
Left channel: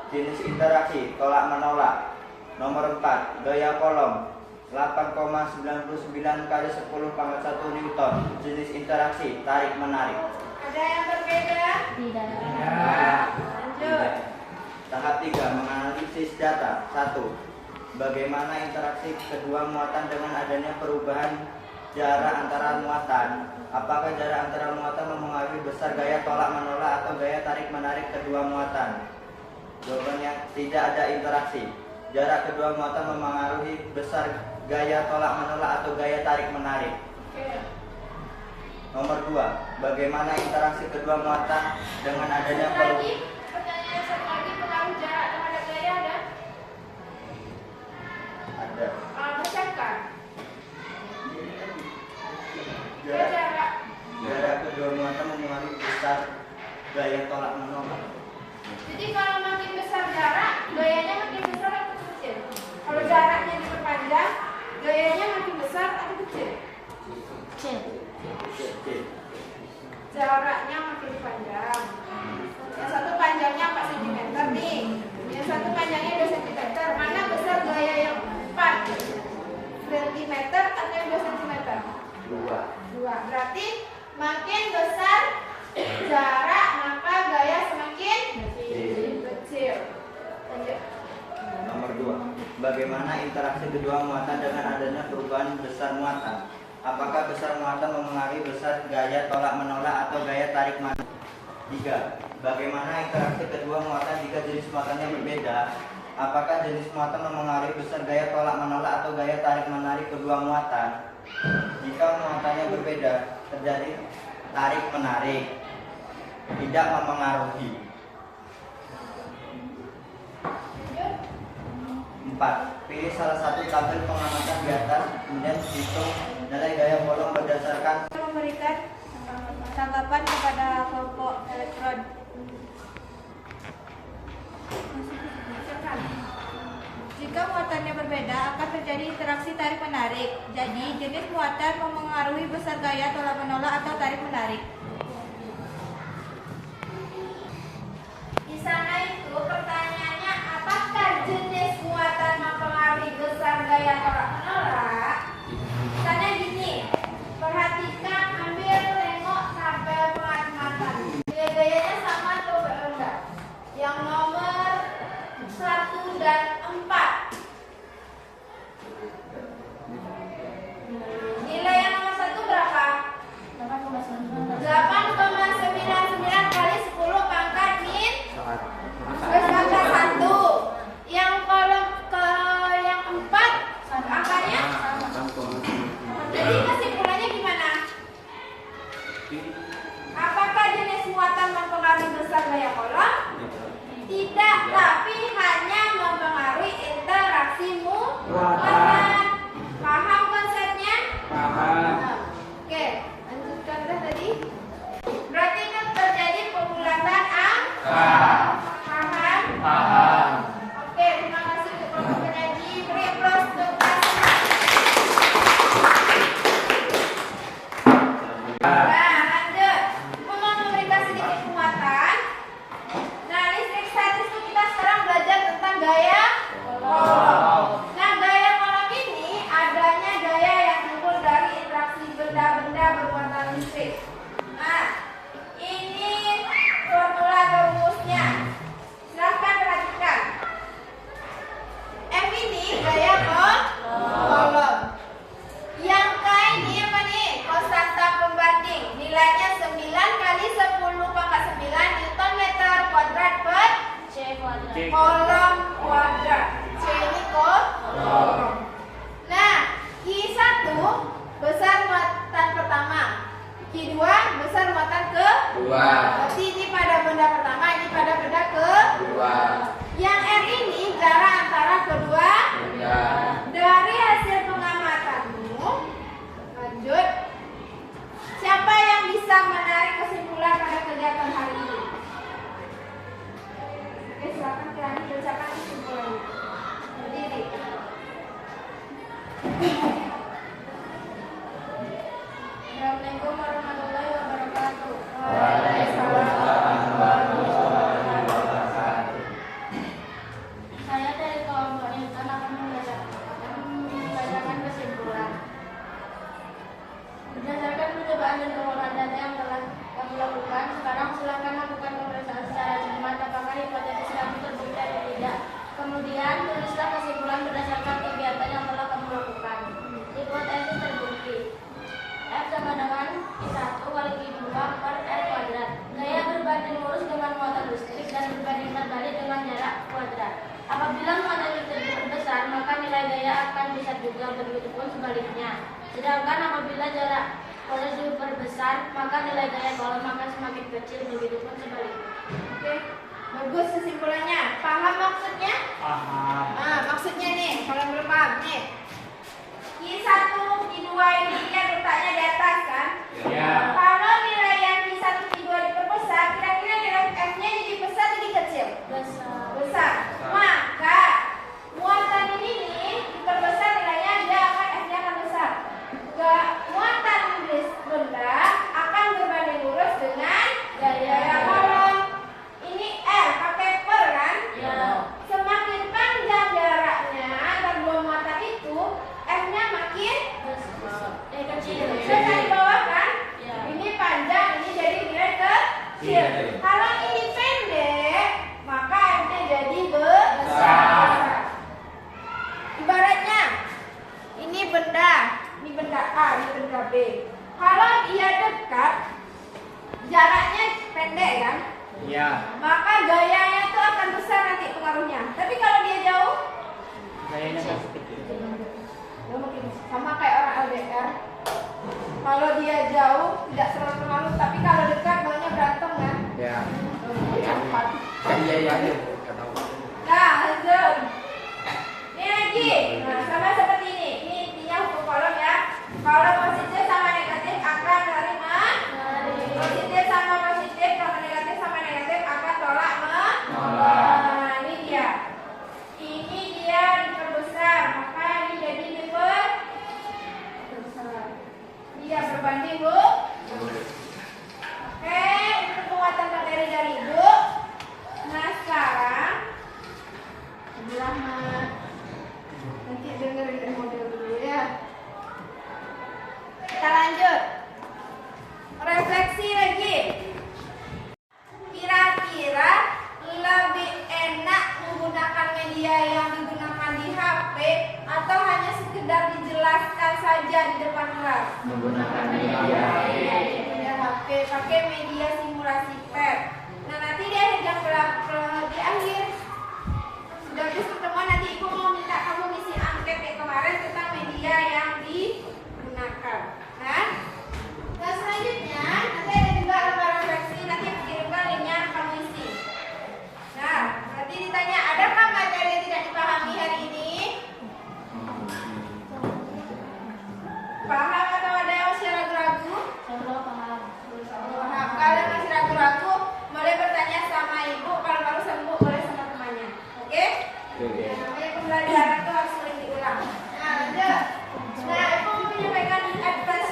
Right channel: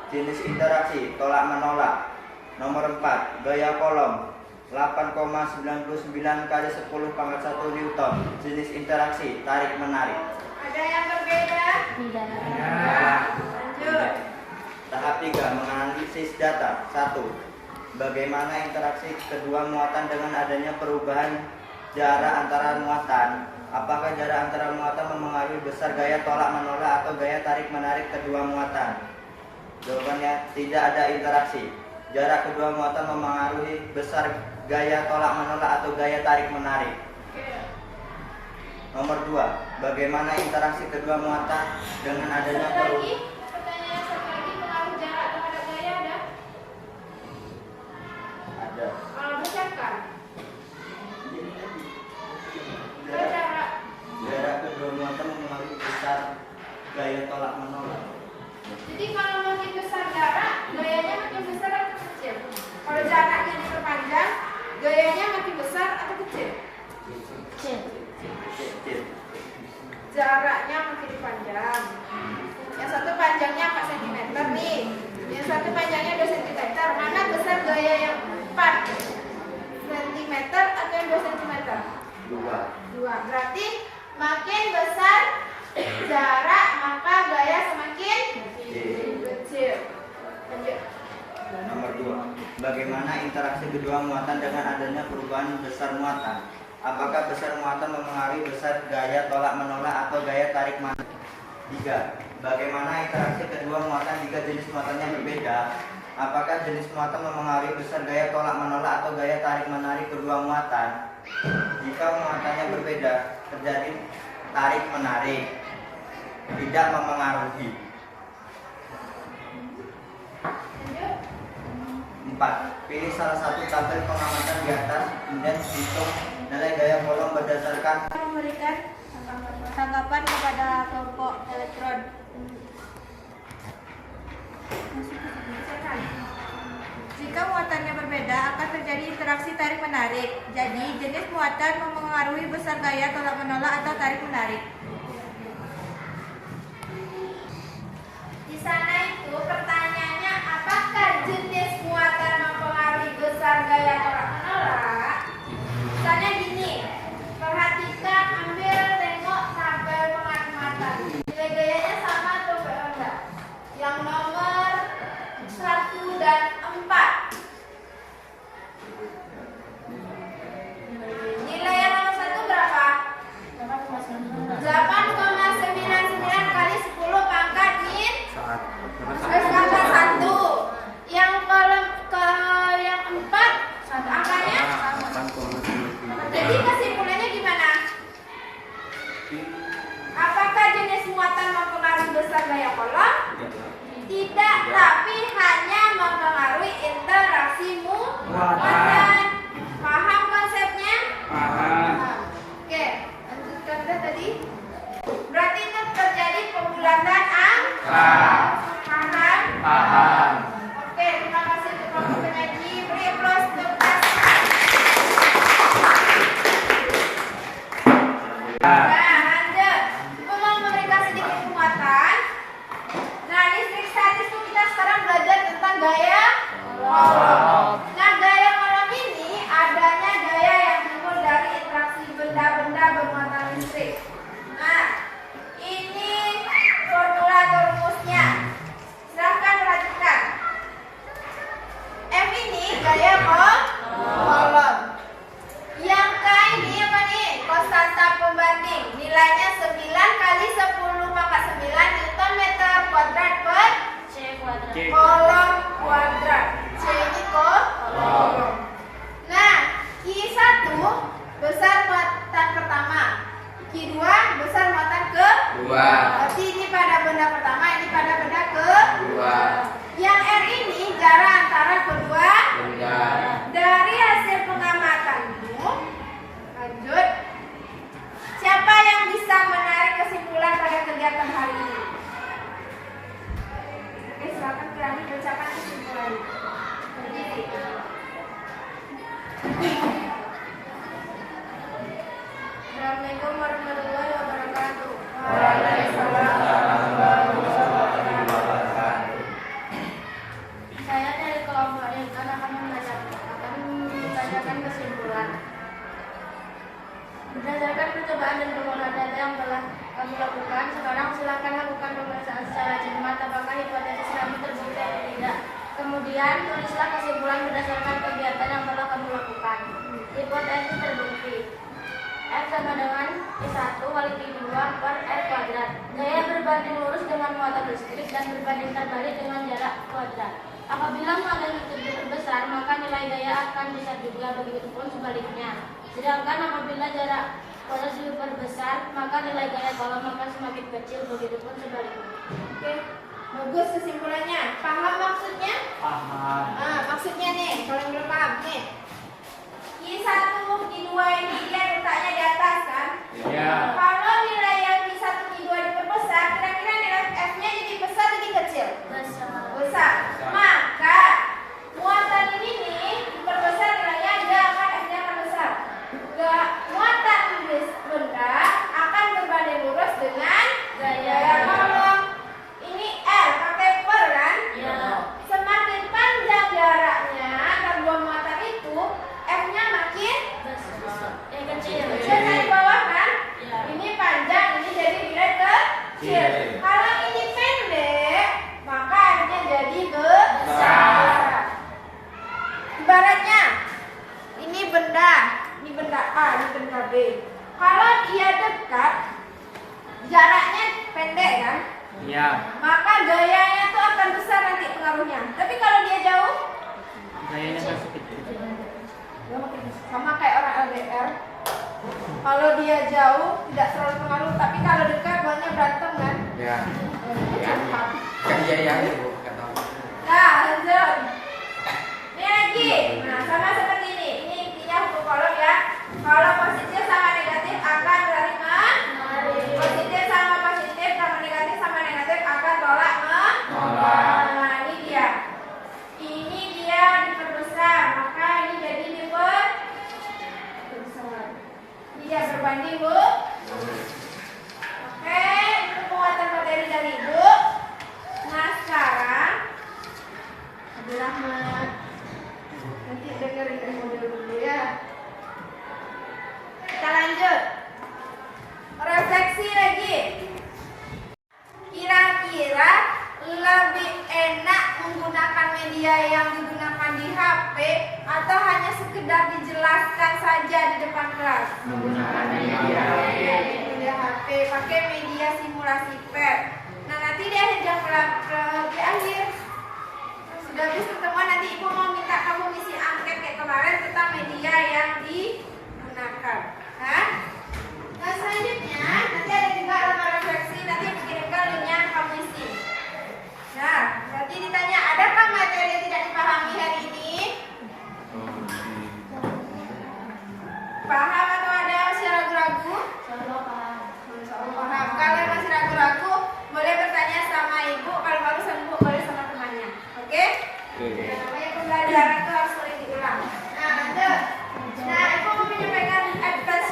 Jenis interaksi tolak menolak. Nomor 4, gaya kolom 8,99 kali 10 pangkat 1 Newton. Jenis interaksi tarik menarik. Ada yang berbeda? Tidak. Lanjut. Tahap 3, menganalisis data. 1. Bagaimana interaksi kedua muatan dengan adanya perubahan jarak antara muatan? Apakah jarak antara muatan mempengaruhi besar gaya tolak menolak atau gaya tarik menarik kedua muatan? Jawabannya tidak ada interaksi. Jarak kedua muatan mempengaruhi besar gaya tolak menolak atau gaya tarik menarik. Nomor 2, bagaimana interaksi kedua muatan dengan adanya perubahan? Pertanyaan satu lagi, pengaruh jarak terhadap gaya ada? Ada. Bacakan. Jarak kedua muatan mempengaruhi besar gaya tolak menolak. Jadi kalau makin besar jarak, gayanya makin besar atau kecil? Kalau jaraknya diperpanjang, gayanya makin besar atau kecil? Kecil. Jaraknya makin panjang. Yang satu panjangnya 4 cm nih. Yang satu panjangnya 2 cm. Mana besar gaya yang 4 cm atau yang 2 cm? 2. Berarti makin besar jarak, maka gaya semakin kecil. Lanjut. Nomor 2, bagaimana interaksi kedua muatan dengan adanya perubahan besar muatan? Apakah besar muatan mempengaruhi besar gaya tolak menolak atau gaya tarik menarik? 3. Bagaimana interaksi kedua muatan jika jenis muatannya berbeda? Apakah jenis muatan mempengaruhi besar gaya tolak menolak atau gaya tarik menarik kedua muatan? Jika muatannya berbeda, terjadi tarik menarik. Tidak mempengaruhi. 4. Pilih salah satu tabel pengamatan di atas, kemudian hitung nilai gaya kolom berdasarkan Memberikan tanggapan kepada kelompok elektron. Jika muatannya berbeda, akan terjadi interaksi tarik menarik. Jadi, jenis muatan mempengaruhi besar gaya tolak menolak atau tarik menarik. Di sana itu pertanyaannya, apakah jenis muatan mempengaruhi besar gaya tolak menolak? Misalnya gini, perhatikan, ambil, tengok tabel pengaruh muatan. Nilai gayanya sama atau enggak? Yang nomor 1 dan gaya kolom. Yang K ini apa nih? Konstanta pembanding. Nilainya 9 kali 10 pangkat 9 Newton meter kuadrat per kolom kuadrat. C ini kolom. Nah, Q1 besar muatan pertama, Q2 besar muatan kedua. Berarti ini pada benda pertama, ini pada benda kedua. Yang R ini jarak antara kedua benda. Dari hasil pengamatanmu, lanjut. Siapa yang bisa menarik kesimpulan pada kegiatan hari ini? Oke, silakan kalian bacakan kesimpulannya. Jadi, Assalamualaikum warahmatullahi wabarakatuh. Waalaikumsalam warahmatullahi wabarakatuh. Saya dari kelompok Intan akan membacakan kesimpulan. Berdasarkan percobaan dan permohonan data yang telah kami lakukan, sekarang silakan lakukan pemeriksaan secara cermat apakah hipotesis kami terbukti atau tidak. Kemudian tulislah kesimpulan berdasarkan kegiatan yang telah kamu lakukan. Hipotesis terbukti. F sama dengan I1 kali I2 per R kuadrat. Gaya berbanding lurus dengan muatan listrik dan berbanding terbalik dengan jarak kuadrat. Apabila muatan listrik diperbesar, maka nilai gaya akan besar juga, begitupun sebaliknya. Sedangkan apabila jarak kuadrat diperbesar, maka nilai gaya kolom akan semakin kecil, begitupun sebaliknya. Oke, bagus kesimpulannya. Paham maksudnya? Paham. Nah, maksudnya nih, kalau belum paham nih. Q1, Q2 ini dia letaknya di atas kan? Ya. Kalau nilai yang Q1, Q2 diperbesar, kira-kira nilai F-nya jadi besar jadi kecil? Besar. Maka muatan ini nih diperbesar nilainya dia akan F-nya akan besar. Muatan benda akan berbanding lurus dengan gaya kolom. Ini R pakai per kan? Ya. Semakin panjang jaraknya antar dua muatan itu, F-nya makin kecil. Bisa di bawah kan? Ya. Ini panjang, ini jadi nilai kecil. Kalau ini pendek, maka F-nya jadi besar. Ibaratnya, ini benda A, ini benda B. Kalau dia dekat, jaraknya pendek kan? Ya. Maka gayanya itu akan besar nanti pengaruhnya. Tapi kalau dia jauh, Gayanya masih kecil. ya mungkin sama kayak orang LDR. Kalau dia jauh tidak terlalu pengaruh, tapi kalau dekat banyak berantem kan? Ya. Cepat. Kan iya ya. Nggak tahu. Nah, lanjut. Ini lagi. Nah, sama seperti ini. Ini intinya hukum kolom ya. Kalau positif sama negatif akan terima. Positif sama positif, kalau negatif sama negatif akan tolak Nah, ini dia. Ini dia diperbesar, maka ini jadi diperbesar. Dia berbanding Bu. Oke, itu penguatan materi dari Ibu. Nah, sekarang Abdul Rahmat. Nanti dengerin dari mobil dulu ya. Kita lanjut. Refleksi lagi. Kira-kira lebih enak menggunakan media yang digunakan di HP atau hanya sekedar dijelaskan saja di depan kelas? Menggunakan media. Media HP, pakai media simulasi PET. Nah, nanti di akhir jam di akhir sudah habis pertemuan, nanti Ibu mau minta kamu ngisi angket kayak kemarin tentang media yang digunakan. Kan? Dan selanjutnya nanti ada juga lembar refleksi, nanti aku kirimkan linknya kamu isi. Nah, nanti ditanya, adakah materi yang tidak dipahami hari ini? Paham atau ada masih ragu-ragu? Paham. Kalau masih ragu-ragu, boleh bertanya sama Ibu. Kalau baru sembuh, boleh sama temannya. Oke? Ya, namanya pembelajaran itu harus sering diulang. Nah, lanjut. Nah, Ibu mau menyampaikan advice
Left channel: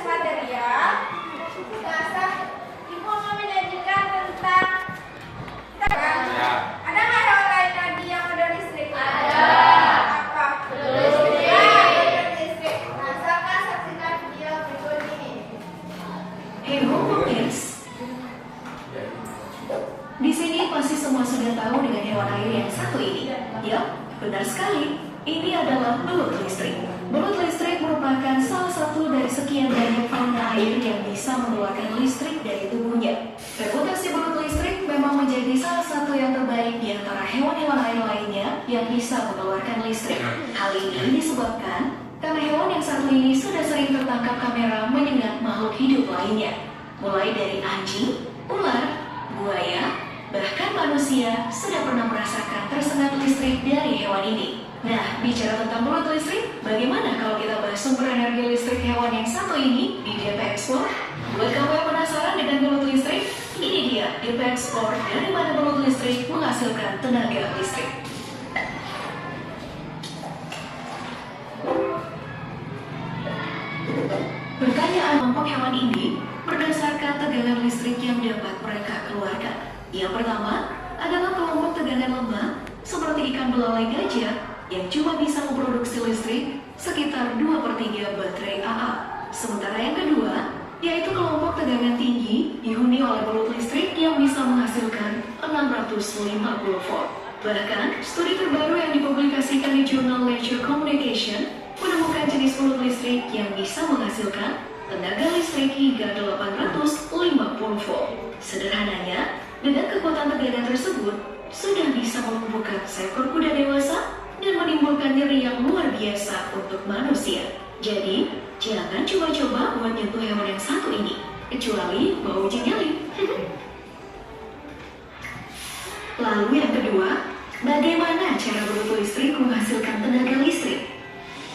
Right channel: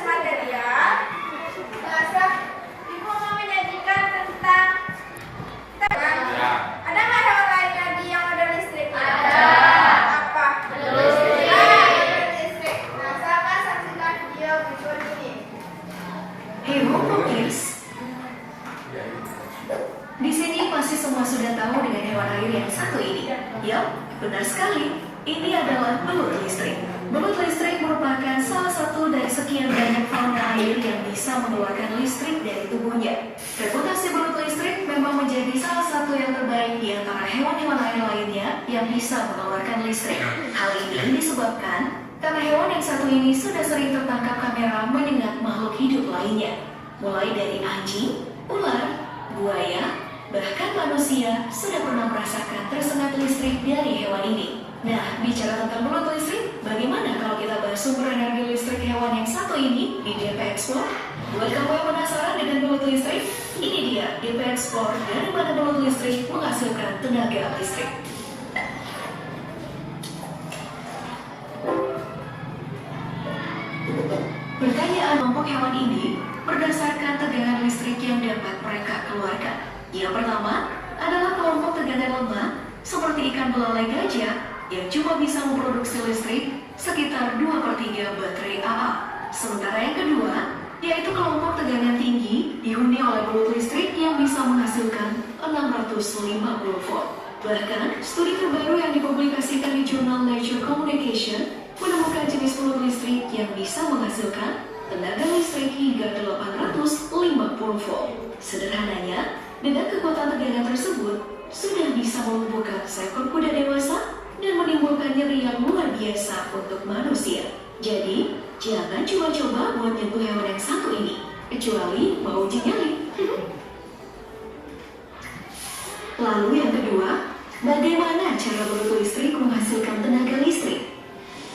ini adalah belut listrik. Belut listrik merupakan salah satu dari sekian banyak fauna air yang bisa mengeluarkan listrik dari tubuhnya. Reputasi belut listrik memang menjadi salah satu yang terbaik di antara hewan-hewan air lainnya yang bisa mengeluarkan listrik. Hal ini disebabkan karena hewan yang satu ini sudah sering tertangkap kamera menyengat makhluk hidup lainnya. Mulai dari anjing, ular, buaya, bahkan manusia sudah pernah merasakan tersengat listrik dari hewan ini. Nah, bicara tentang belut listrik, bagaimana kalau kita bahas sumber energi listrik hewan yang satu ini di DP Explore? Buat kamu yang penasaran dengan belut listrik, ini dia DP Explore dari mana belut listrik menghasilkan tenaga listrik. Pertanyaan kelompok hewan ini berdasarkan tegangan listrik yang dapat mereka keluarkan. Yang pertama adalah kelompok tegangan lemah seperti ikan belalai gajah yang cuma bisa memproduksi listrik sekitar 2/3 baterai AA. Sementara yang kedua yaitu kelompok tegangan tinggi dihuni oleh belut listrik yang bisa menghasilkan 650 volt. Bahkan, studi terbaru yang dipublikasikan di jurnal Nature Communication menemukan jenis belut listrik yang bisa menghasilkan tenaga listrik hingga 850 volt. Sederhananya, dengan kekuatan tegangan tersebut, sudah bisa melumpuhkan seekor kuda dewasa dan menimbulkan nyeri yang luar biasa untuk manusia. Jadi, jangan coba-coba buat nyentuh hewan yang satu ini, kecuali mau uji nyali. Lalu yang kedua, bagaimana cara belut listrik menghasilkan tenaga listrik?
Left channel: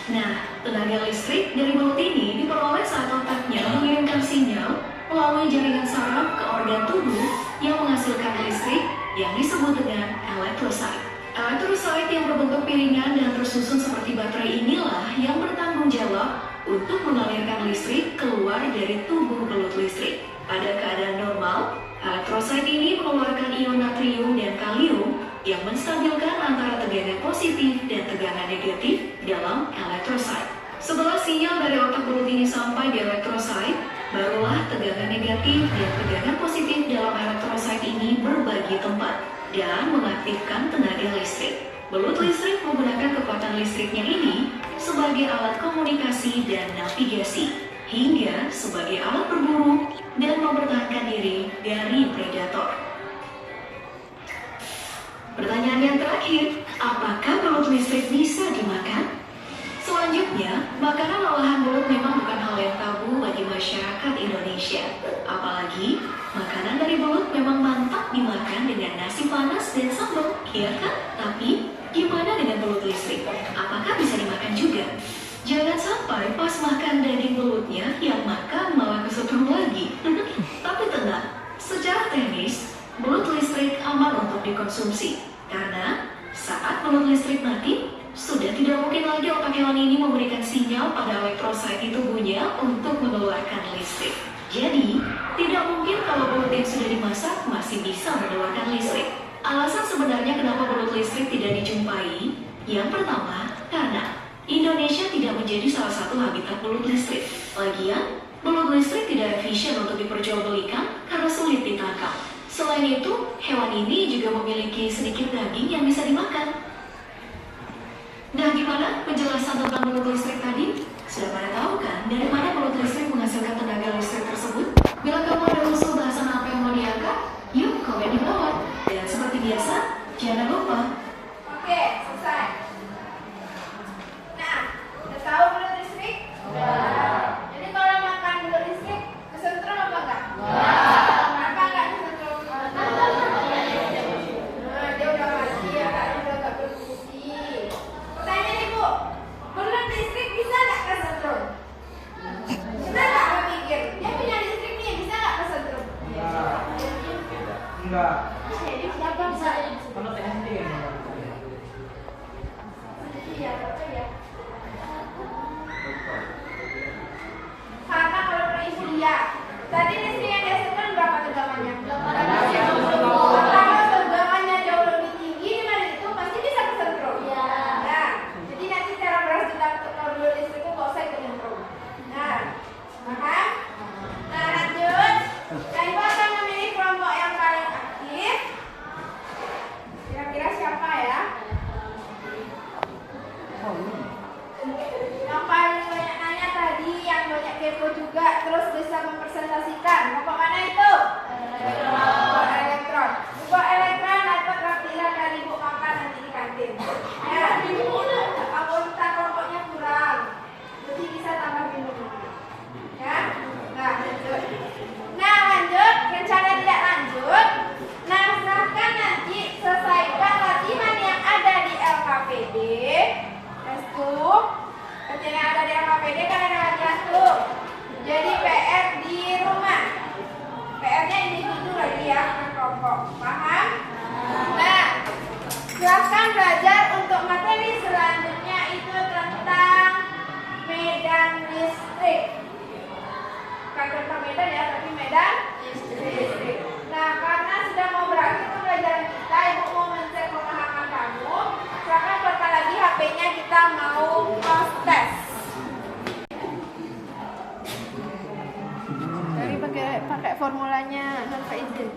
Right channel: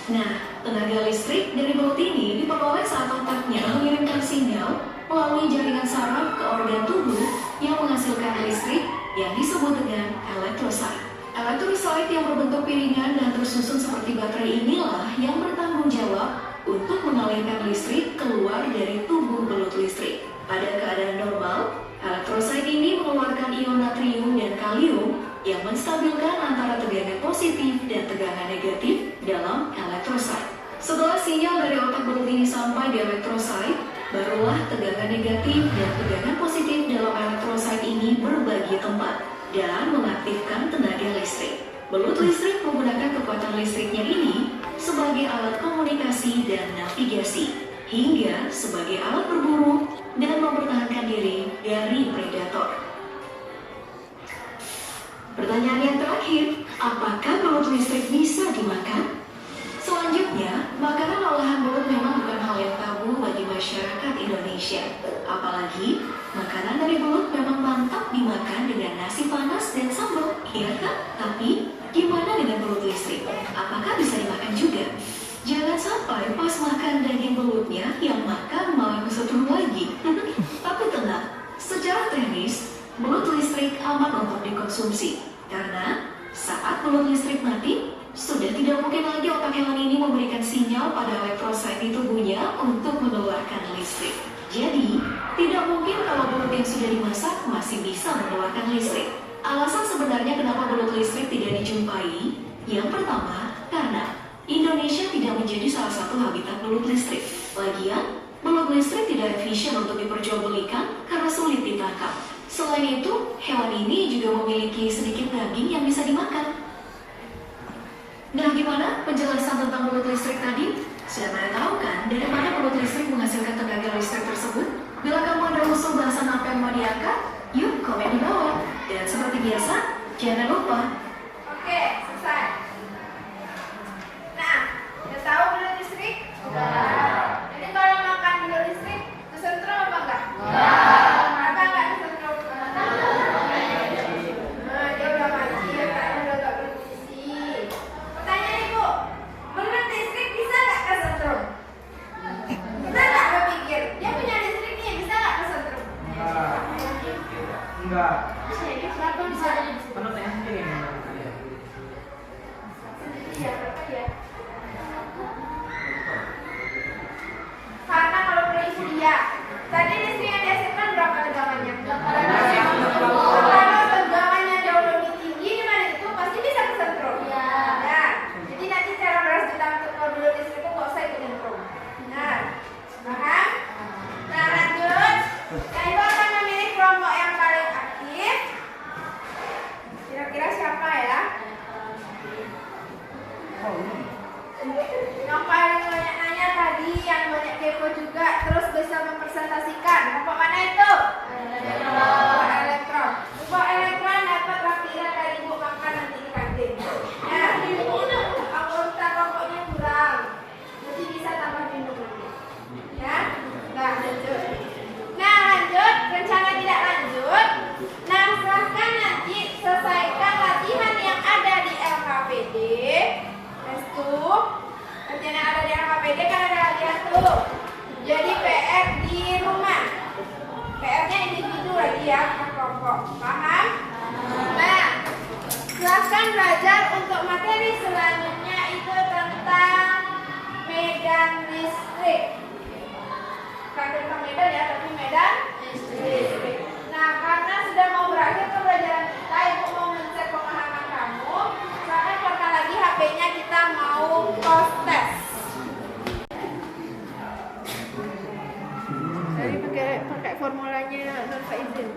Nah, tenaga listrik dari belut ini diperoleh saat otaknya mengirimkan sinyal melalui jaringan saraf ke organ tubuh yang menghasilkan listrik yang disebut dengan elektrosit. Elektrosit yang berbentuk piringan dan tersusun seperti baterai inilah yang bertanggung jawab untuk mengalirkan listrik keluar dari tubuh belut listrik. Pada keadaan normal, elektrosit ini mengeluarkan ion natrium dan kalium yang menstabilkan antara tegangan positif dan tegangan negatif dalam elektrosit. Setelah sinyal dari otak belut ini sampai di elektrosit, barulah tegangan negatif dan tegangan positif dalam elektrosit ini berbagi tempat dan mengaktifkan tenaga listrik. Belut listrik menggunakan kekuatan listriknya ini sebagai alat komunikasi dan navigasi, hingga sebagai alat berburu dan mempertahankan diri dari predator. Pertanyaan yang terakhir, apakah belut listrik bisa dimakan? Selanjutnya, makanan olahan belut memang bukan hal yang tabu bagi masyarakat Indonesia. Apalagi, makanan dari belut memang mantap dimakan dengan nasi panas dan sambal, ya kan? Tapi, gimana dengan belut listrik? Apakah bisa dimakan juga? Jangan sampai pas makan daging belutnya, yang makan malah kesetrum lagi. Tapi tenang, secara teknis, belut listrik aman untuk dikonsumsi. Karena, saat belut listrik mati, sudah tidak mungkin lagi otak hewan ini memberikan sinyal pada elektrosit di tubuhnya untuk mengeluarkan listrik. Jadi, tidak mungkin kalau belut yang sudah dimasak masih bisa mengeluarkan listrik. Alasan sebenarnya kenapa belut listrik tidak dijumpai, yang pertama, karena Indonesia tidak menjadi salah satu habitat belut listrik. Lagian, belut listrik tidak efisien untuk diperjualbelikan karena sulit ditangkap. Selain itu, hewan ini juga memiliki sedikit daging yang bisa dimakan. Nah, gimana penjelasan tentang belut listrik tadi? Sudah pada tahu kan dari mana belut listrik menghasilkan tenaga listrik tersebut? Bila kamu ada usul bahasan apa yang mau diangkat, yuk komen di bawah. Dan seperti biasa, jangan lupa. Oke, selesai. Nah, udah tahu belut listrik? Jadi kalau makan belut listrik, kesetrum apa enggak? Kenapa enggak kesetrum? Nah, dia udah mati ya kan, udah gak berfungsi. Pertanyaan Ibu, belut listrik bisa nggak kesetrum? Kita nggak berpikir, dia punya listrik nih, bisa nggak kesetrum? Enggak. Jadi kenapa bisa? Kalau kepo juga, terus bisa mempresentasikan. Kelompok mana itu? Kelompok elektron. Kelompok elektron dapat lampiran dari ibu makan nanti di kantin. Ya, anggota kelompoknya kurang, jadi bisa tambah minum. Ya, nah lanjut. Nah lanjut, rencana tidak lanjut. Nah silahkan nanti selesaikan latihan yang ada di LKPD. Restu, latihan yang ada di LKPD kan ada latihan tuh. Jadi PR di rumah. PR-nya individu lagi ya, bukan kelompok. Paham? Nah, silahkan belajar untuk materi selanjutnya itu tentang medan listrik. Bukan tentang medan ya, tapi medan listrik. Nah, karena sudah mau berakhir pembelajaran kita, Ibu mau mencek pemahaman kamu. Silakan keluarkan lagi HP-nya, kita mau post test. Jadi pakai formulanya Nur Saidin.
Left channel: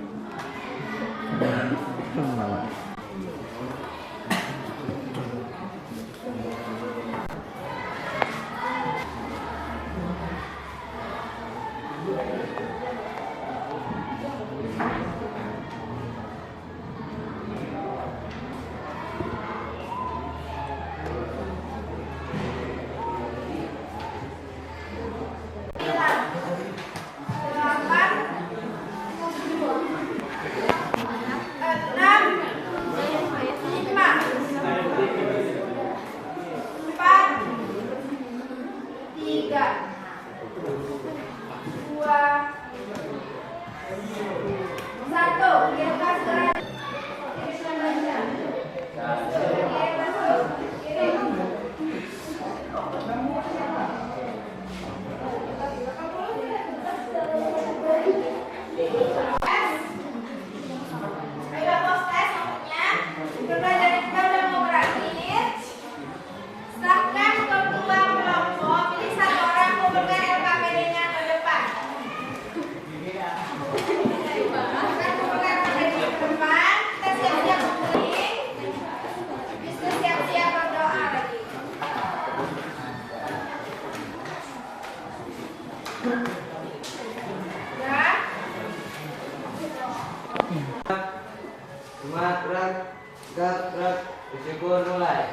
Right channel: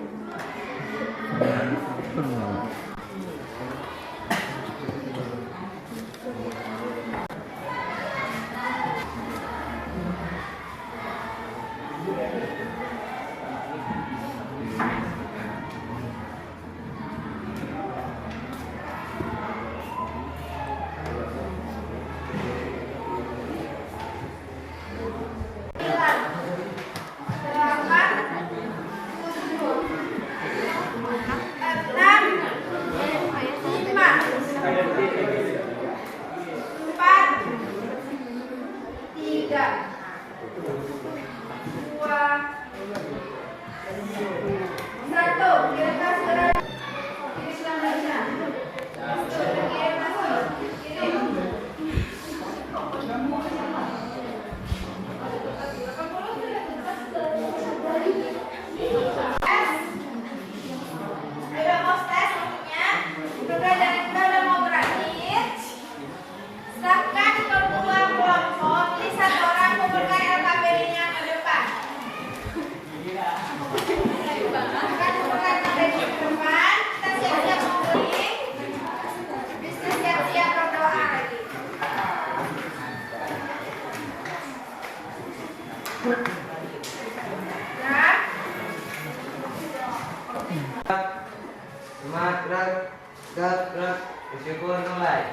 Bersyukur mulai.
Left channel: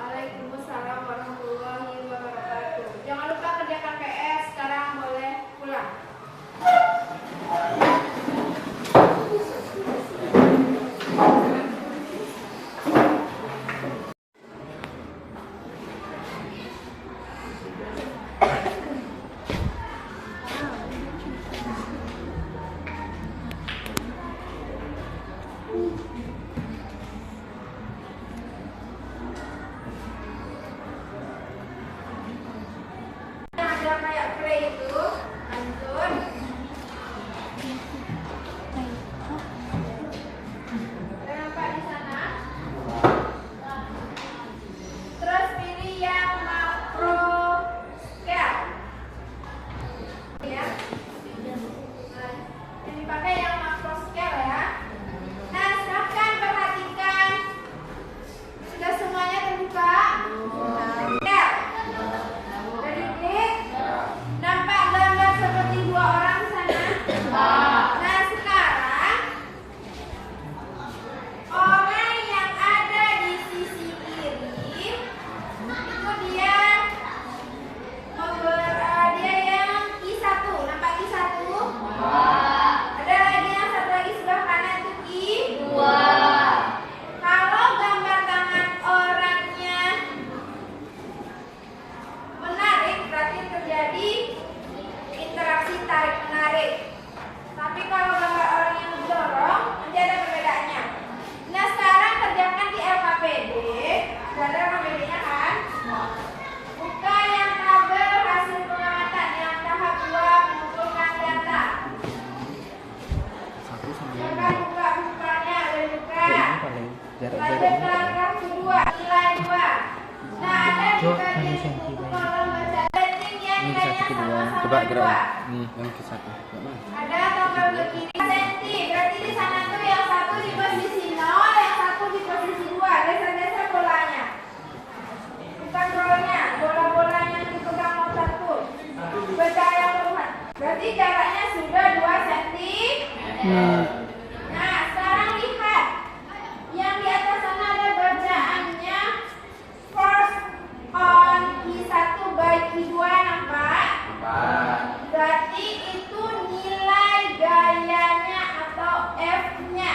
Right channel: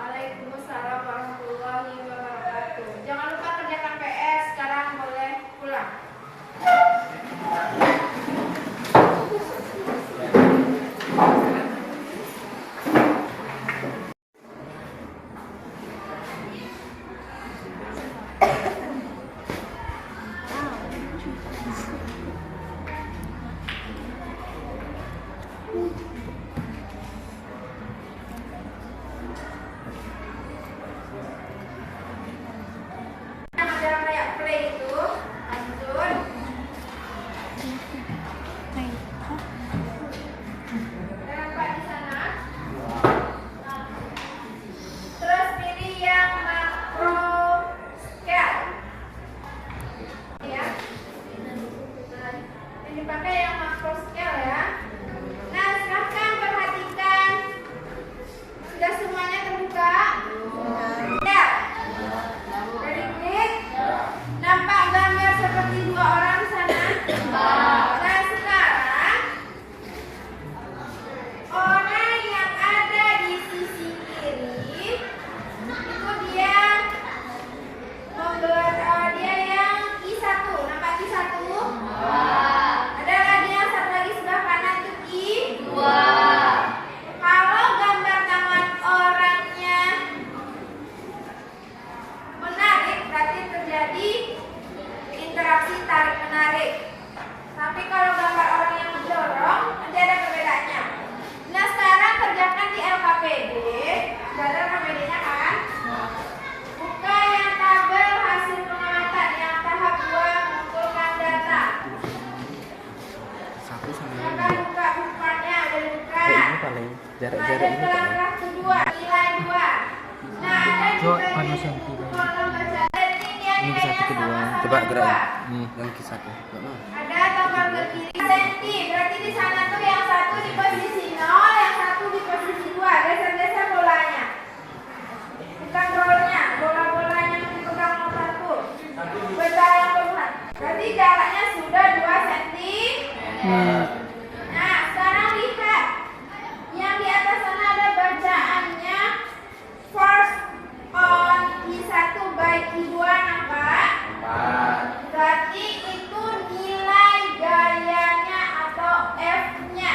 Waalaikumsalam warahmatullahi wabarakatuh. Jangan lupa kerjakan PS, sekarang boleh pulang. Yang kayak play itu, lanjut. Nampak di sana. Terus pilih yang macro scale. Ya. Nah, ini pakai yang macro scale ya. Nah, silahkan perhatikan. Sudah semuanya terbuka? Ya. Dari klik. Nampak gambar seperti dua orang di sana? Nah, sekarang orang yang ada di sisi kiri itu dia dia yang I1. Nampak I1? Ada lagi yang satu lagi sebelah kanan itu I2. Kalau gambar tangan orangnya menarik, berarti terjadi interaksi tarik menarik. Tapi kalau gambar orang yang mendorong, nanti ada perbedaannya. Nah, sekarang kerjakan di LKPD. Ada LKPD-nya kan? Buka yang tabel hasil pengamatan yang tahap 2 mengumpulkan data. Satu sama Maka buka bukanya, udah dibuka. jarak Lanjut ke paragraf kedua, nilai 2. Nah, ada di bagian kolom baca rating yang Ini ke satu kedua. Coba gerakin. Nih, yang ke satu. Enggak mau. Ada tombol ke kiri senti. Berarti di sana tuh yang satu di posisi 0, yang satu di posisi 2. Geser-geser bolanya. Bukan rolnya, bola-bolanya yang dipegang motor tuh. Berjarak yang berhubungan. Berarti jaraknya sudah 2 cm. Nah, sekarang lihat. Yang di atas sana ada bacaannya first on I1 by I2, nampak? Berarti itu nilai gayanya atau F-nya.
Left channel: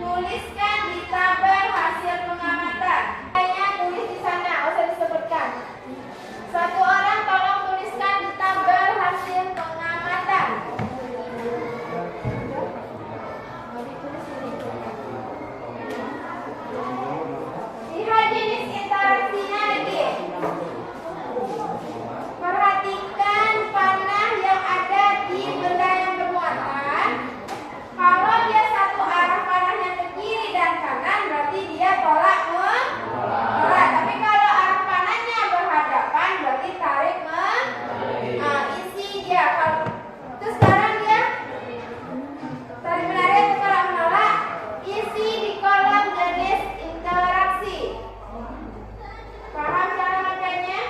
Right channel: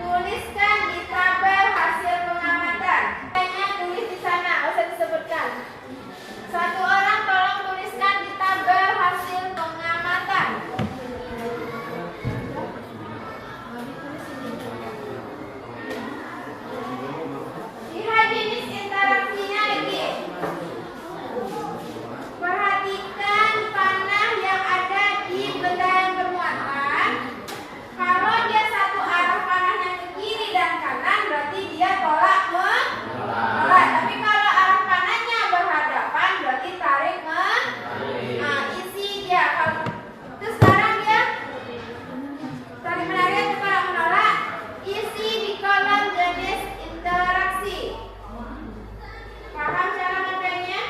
Tuliskan di tabel hasil pengamatan. Gayanya tulis di sana, nggak usah disebutkan. Satu orang tolong tuliskan di tabel hasil pengamatan. Lihat jenis interaksinya lagi. Perhatikan panah yang ada di benda yang bermuatan. Kalau dia satu arah panahnya ke kiri dan kanan, berarti dia tolak menolak. Tapi kalau arah panahnya berhadapan, berarti tarik isi dia. Terus sekarang dia tarik menarik atau tolak menolak. Isi di kolom jenis interaksi. Paham cara makainya?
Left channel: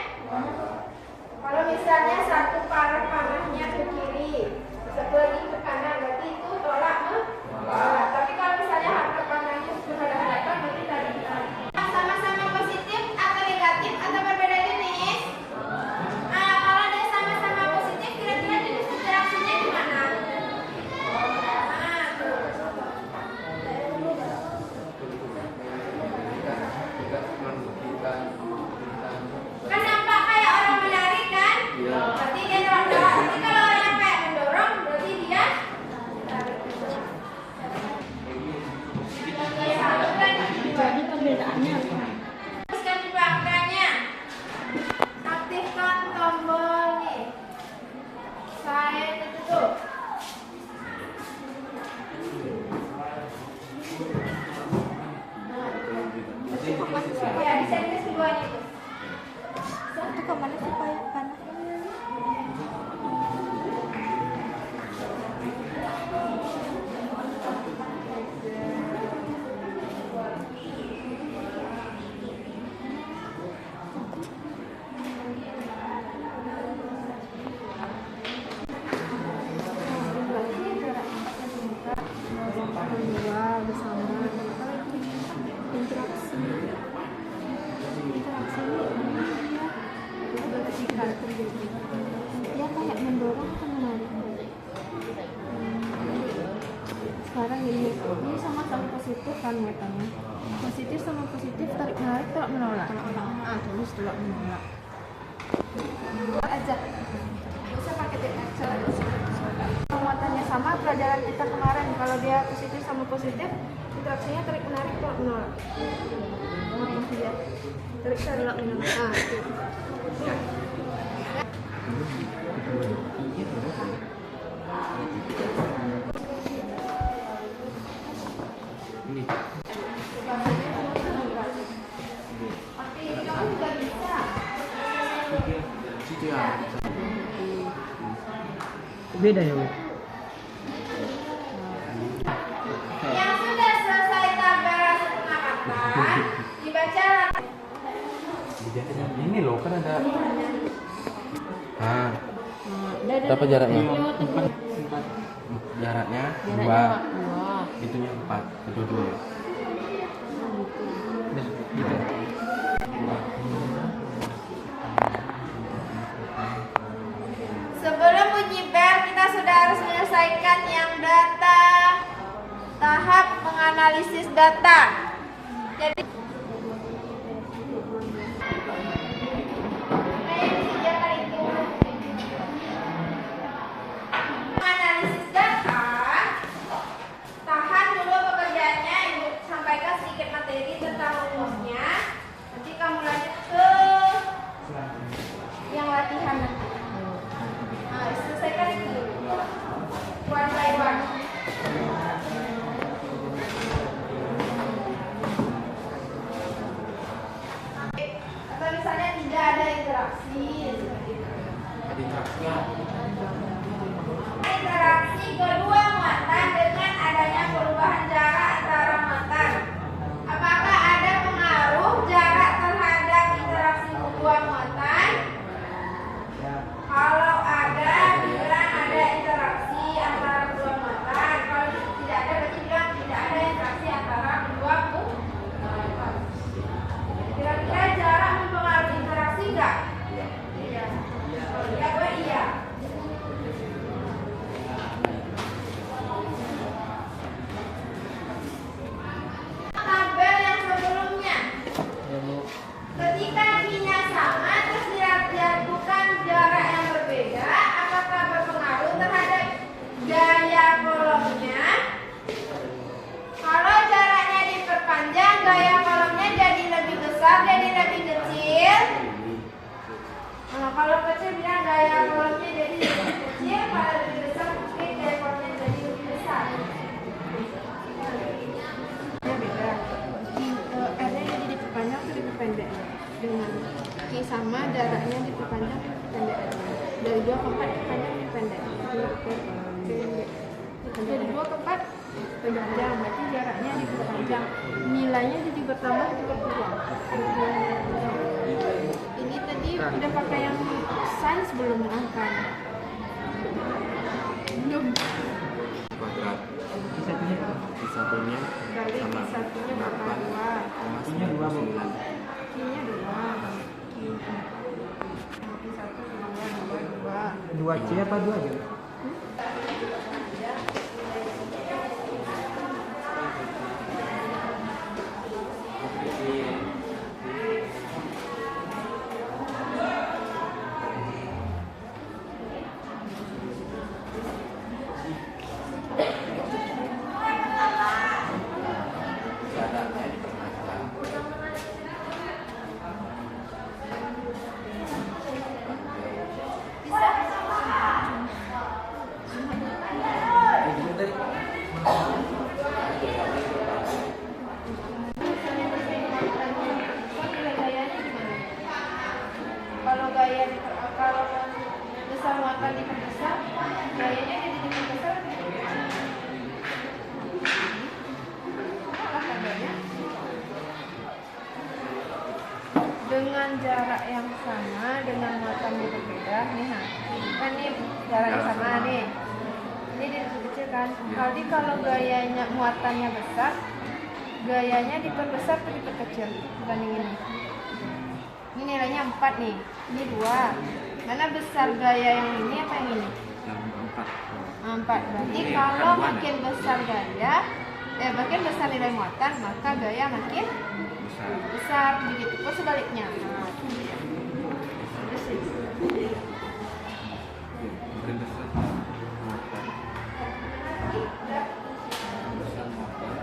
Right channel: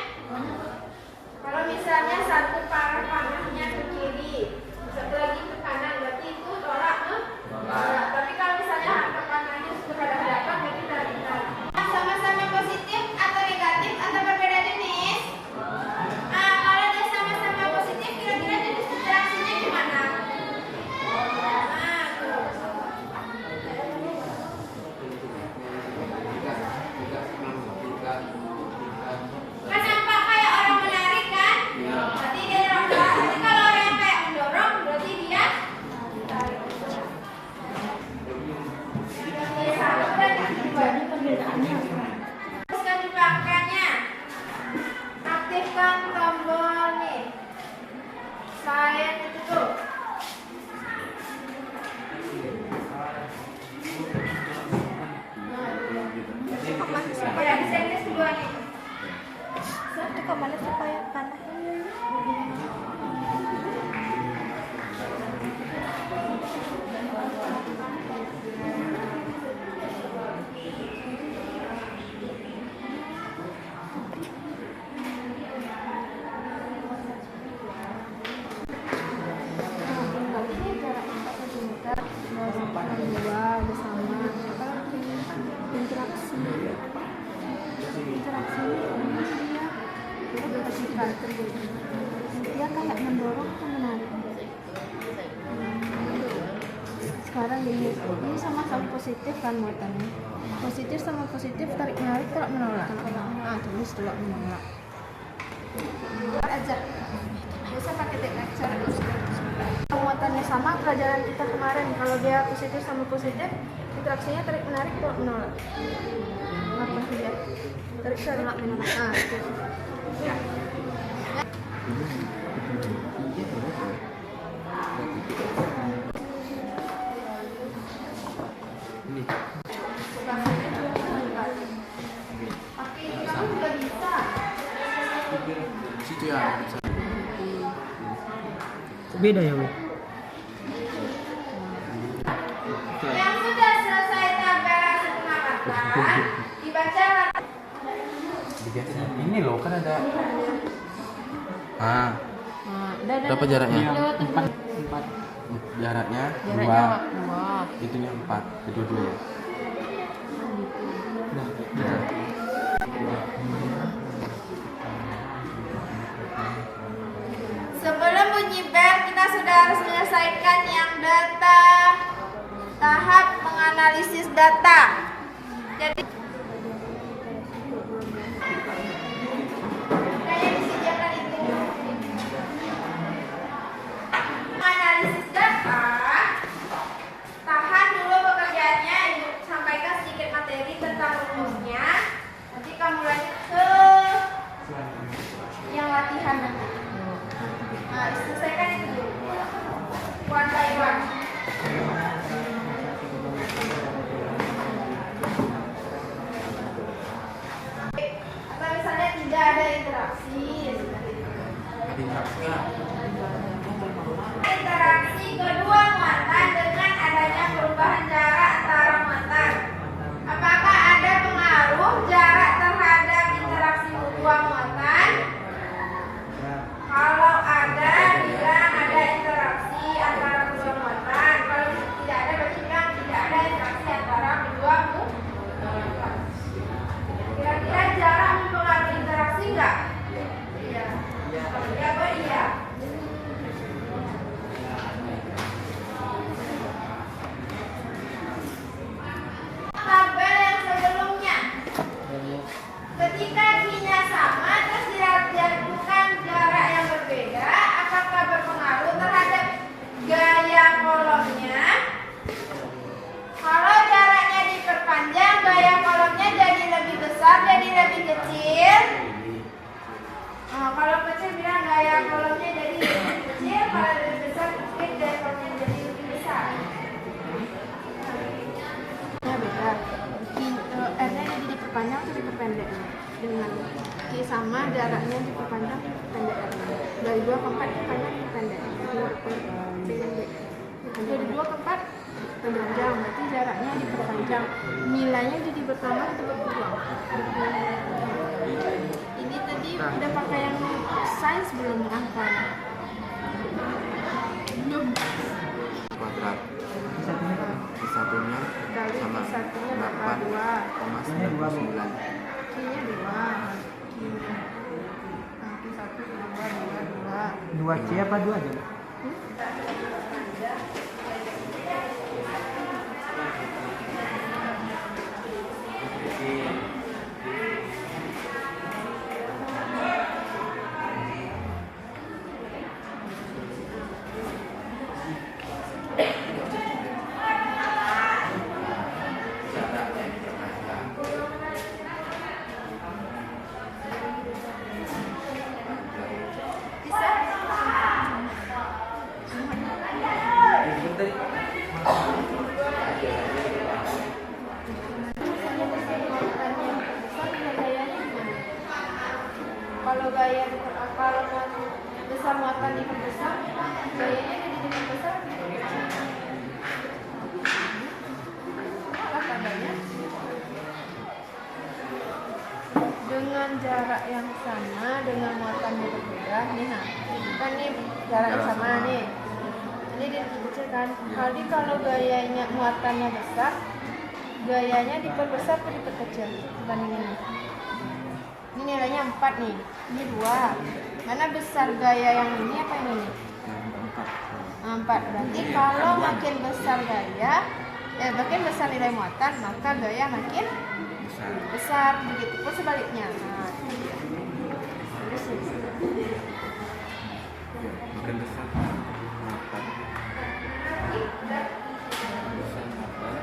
Kalau misalnya satu arah panahnya ke kiri, satu lagi ke kanan, berarti itu tolak menolak. Tapi kalau misalnya arah panahnya berhadapan, berarti tarik menarik. Sama-sama positif atau negatif atau berbeda jenis? Kalau dia sama-sama positif, kira-kira jenis interaksinya gimana? Tuh. Kan nampak kayak orang menarik kan? Berarti dia tolak menolak. Tapi kalau orang yang kayak mendorong, berarti dia tarik. Jadi perbedaannya apa? Teruskan di belakangnya. Aktifkan tombol nih. Sign itu tuh. Ya, di sini kedua itu. Itu kemana supaya panas? Berarti jarak 4 cm, kedua udah sama. Apalagi interaksi. Dia berkecikan terjadi. Dia kayak mendorong atau menarik. Sekarang ini sama-sama positif kan muatannya. Positif sama positif, tarik menarik, tolak menolak. Tulis tolak menolak. Buat aja. Biasa pakai tape lecture. Muatannya sama, pelajaran kita kemarin. Kalau dia positif sama positif, interaksinya tarik menarik, tolak menolak. Tarik tolak menolak. Itu. Ya. Ini. Oke, kamu juga bisa. Situ ya. Beda ya, Bu? Yang sudah selesai tabel hasil pengamatan, dibaca. Ini loh kan ada. Berapa jaraknya? Empat. Jaraknya 2. Itunya 4. Kedua-duanya. Nah, gitu. Sebelum bunyi bel, kita sudah harus menyelesaikan yang data tahap menganalisis data. Jadi menganalisis data, tahan dulu pekerjaannya, Ibu sampaikan sedikit materi tentang rumusnya. Nanti kamu lanjut ke yang latihan nanti. Nah, selesaikan itu dulu. One by one. Atau misalnya tidak ada interaksi, seperti itu. Interaksi kedua muatan dengan adanya perubahan jarak antara muatan. Apakah ada pengaruh jarak terhadap interaksi kedua muatan? Kalau ada, bilang ada interaksi antara kedua muatan. Kalau tidak ada, berarti bilang tidak ada interaksi antara kedua muatan. Kira-kira jarak mempengaruhi interaksi enggak? Iya. Kalau iya, apa iya? Tabel yang sebelumnya. Ketika ininya sama terus dijatuhkan jarak yang berbeda, apakah berpengaruh terhadap gaya kolomnya? Kalau jaraknya diperpanjang, gaya kolomnya jadi lebih besar, jadi lebih kecil. Kalau kecil bilang gaya kolomnya jadi lebih kecil, kalau lebih besar gaya kolomnya jadi lebih besar. Beda. R-nya jadi diperpanjang atau diperpendek dengan Q sama jaraknya diperpanjang diperpendek dari 2 ke 4 diperpanjang diperpendek dari 2 ke 4 diperpanjang berarti jaraknya diperpanjang nilainya jadi bertambah atau berkurang. Ini tadi udah pakai yang sains belum angka belum Kuadrat. Satunya apa? Satunya kali sama satunya bakal 2 8,99. Q-nya 2 1 2 2 2C apa 2 aja? Kalau besar muatan diperbesar, gayanya jadi diperbesar. Apa tandanya? Dengan jarak yang sama, dengan muatan yang berbeda, nih kan nih jaraknya sama nih. Ini dikecilkan. Kalau gayanya muatannya besar, gayanya diperbesar atau diperkecil dibanding ini. Ini nilainya 4 nih, ini 2. Mana besar gaya yang ini apa yang ini? Yang 4. 4. Berarti kalau makin besar gaya, makin besar nilai muatan, maka gaya makin besar. Begitu pun sebaliknya. Nah, itu dia. Terus ini. Makin besar muatan. Besar muatan.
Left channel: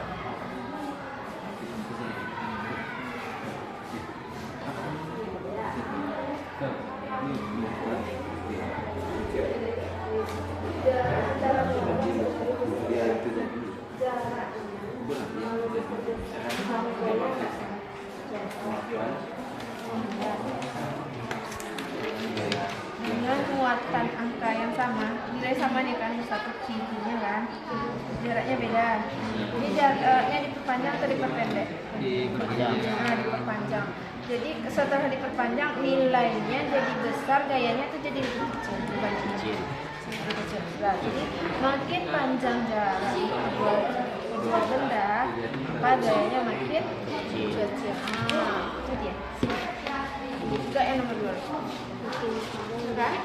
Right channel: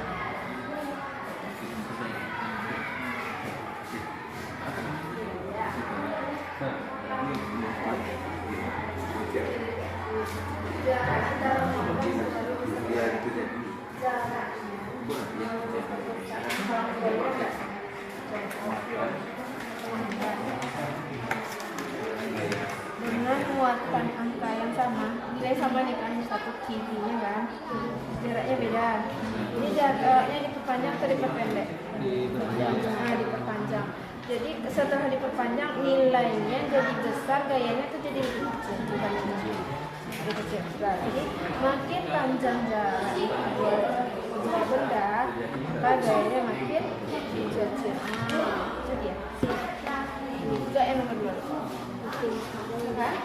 Dengan muatan angka yang sama, nilai sama nih kan, satu Q-nya kan, jaraknya beda. Ini jaraknya diperpanjang atau diperpendek? Diperpanjang. Jadi setelah diperpanjang nilainya jadi besar, gayanya tuh jadi lebih kecil dibanding lebih kecil. Nah, jadi makin panjang jarak kedua benda, maka gayanya makin kecil. Itu dia. Juga yang nomor 2. Kan?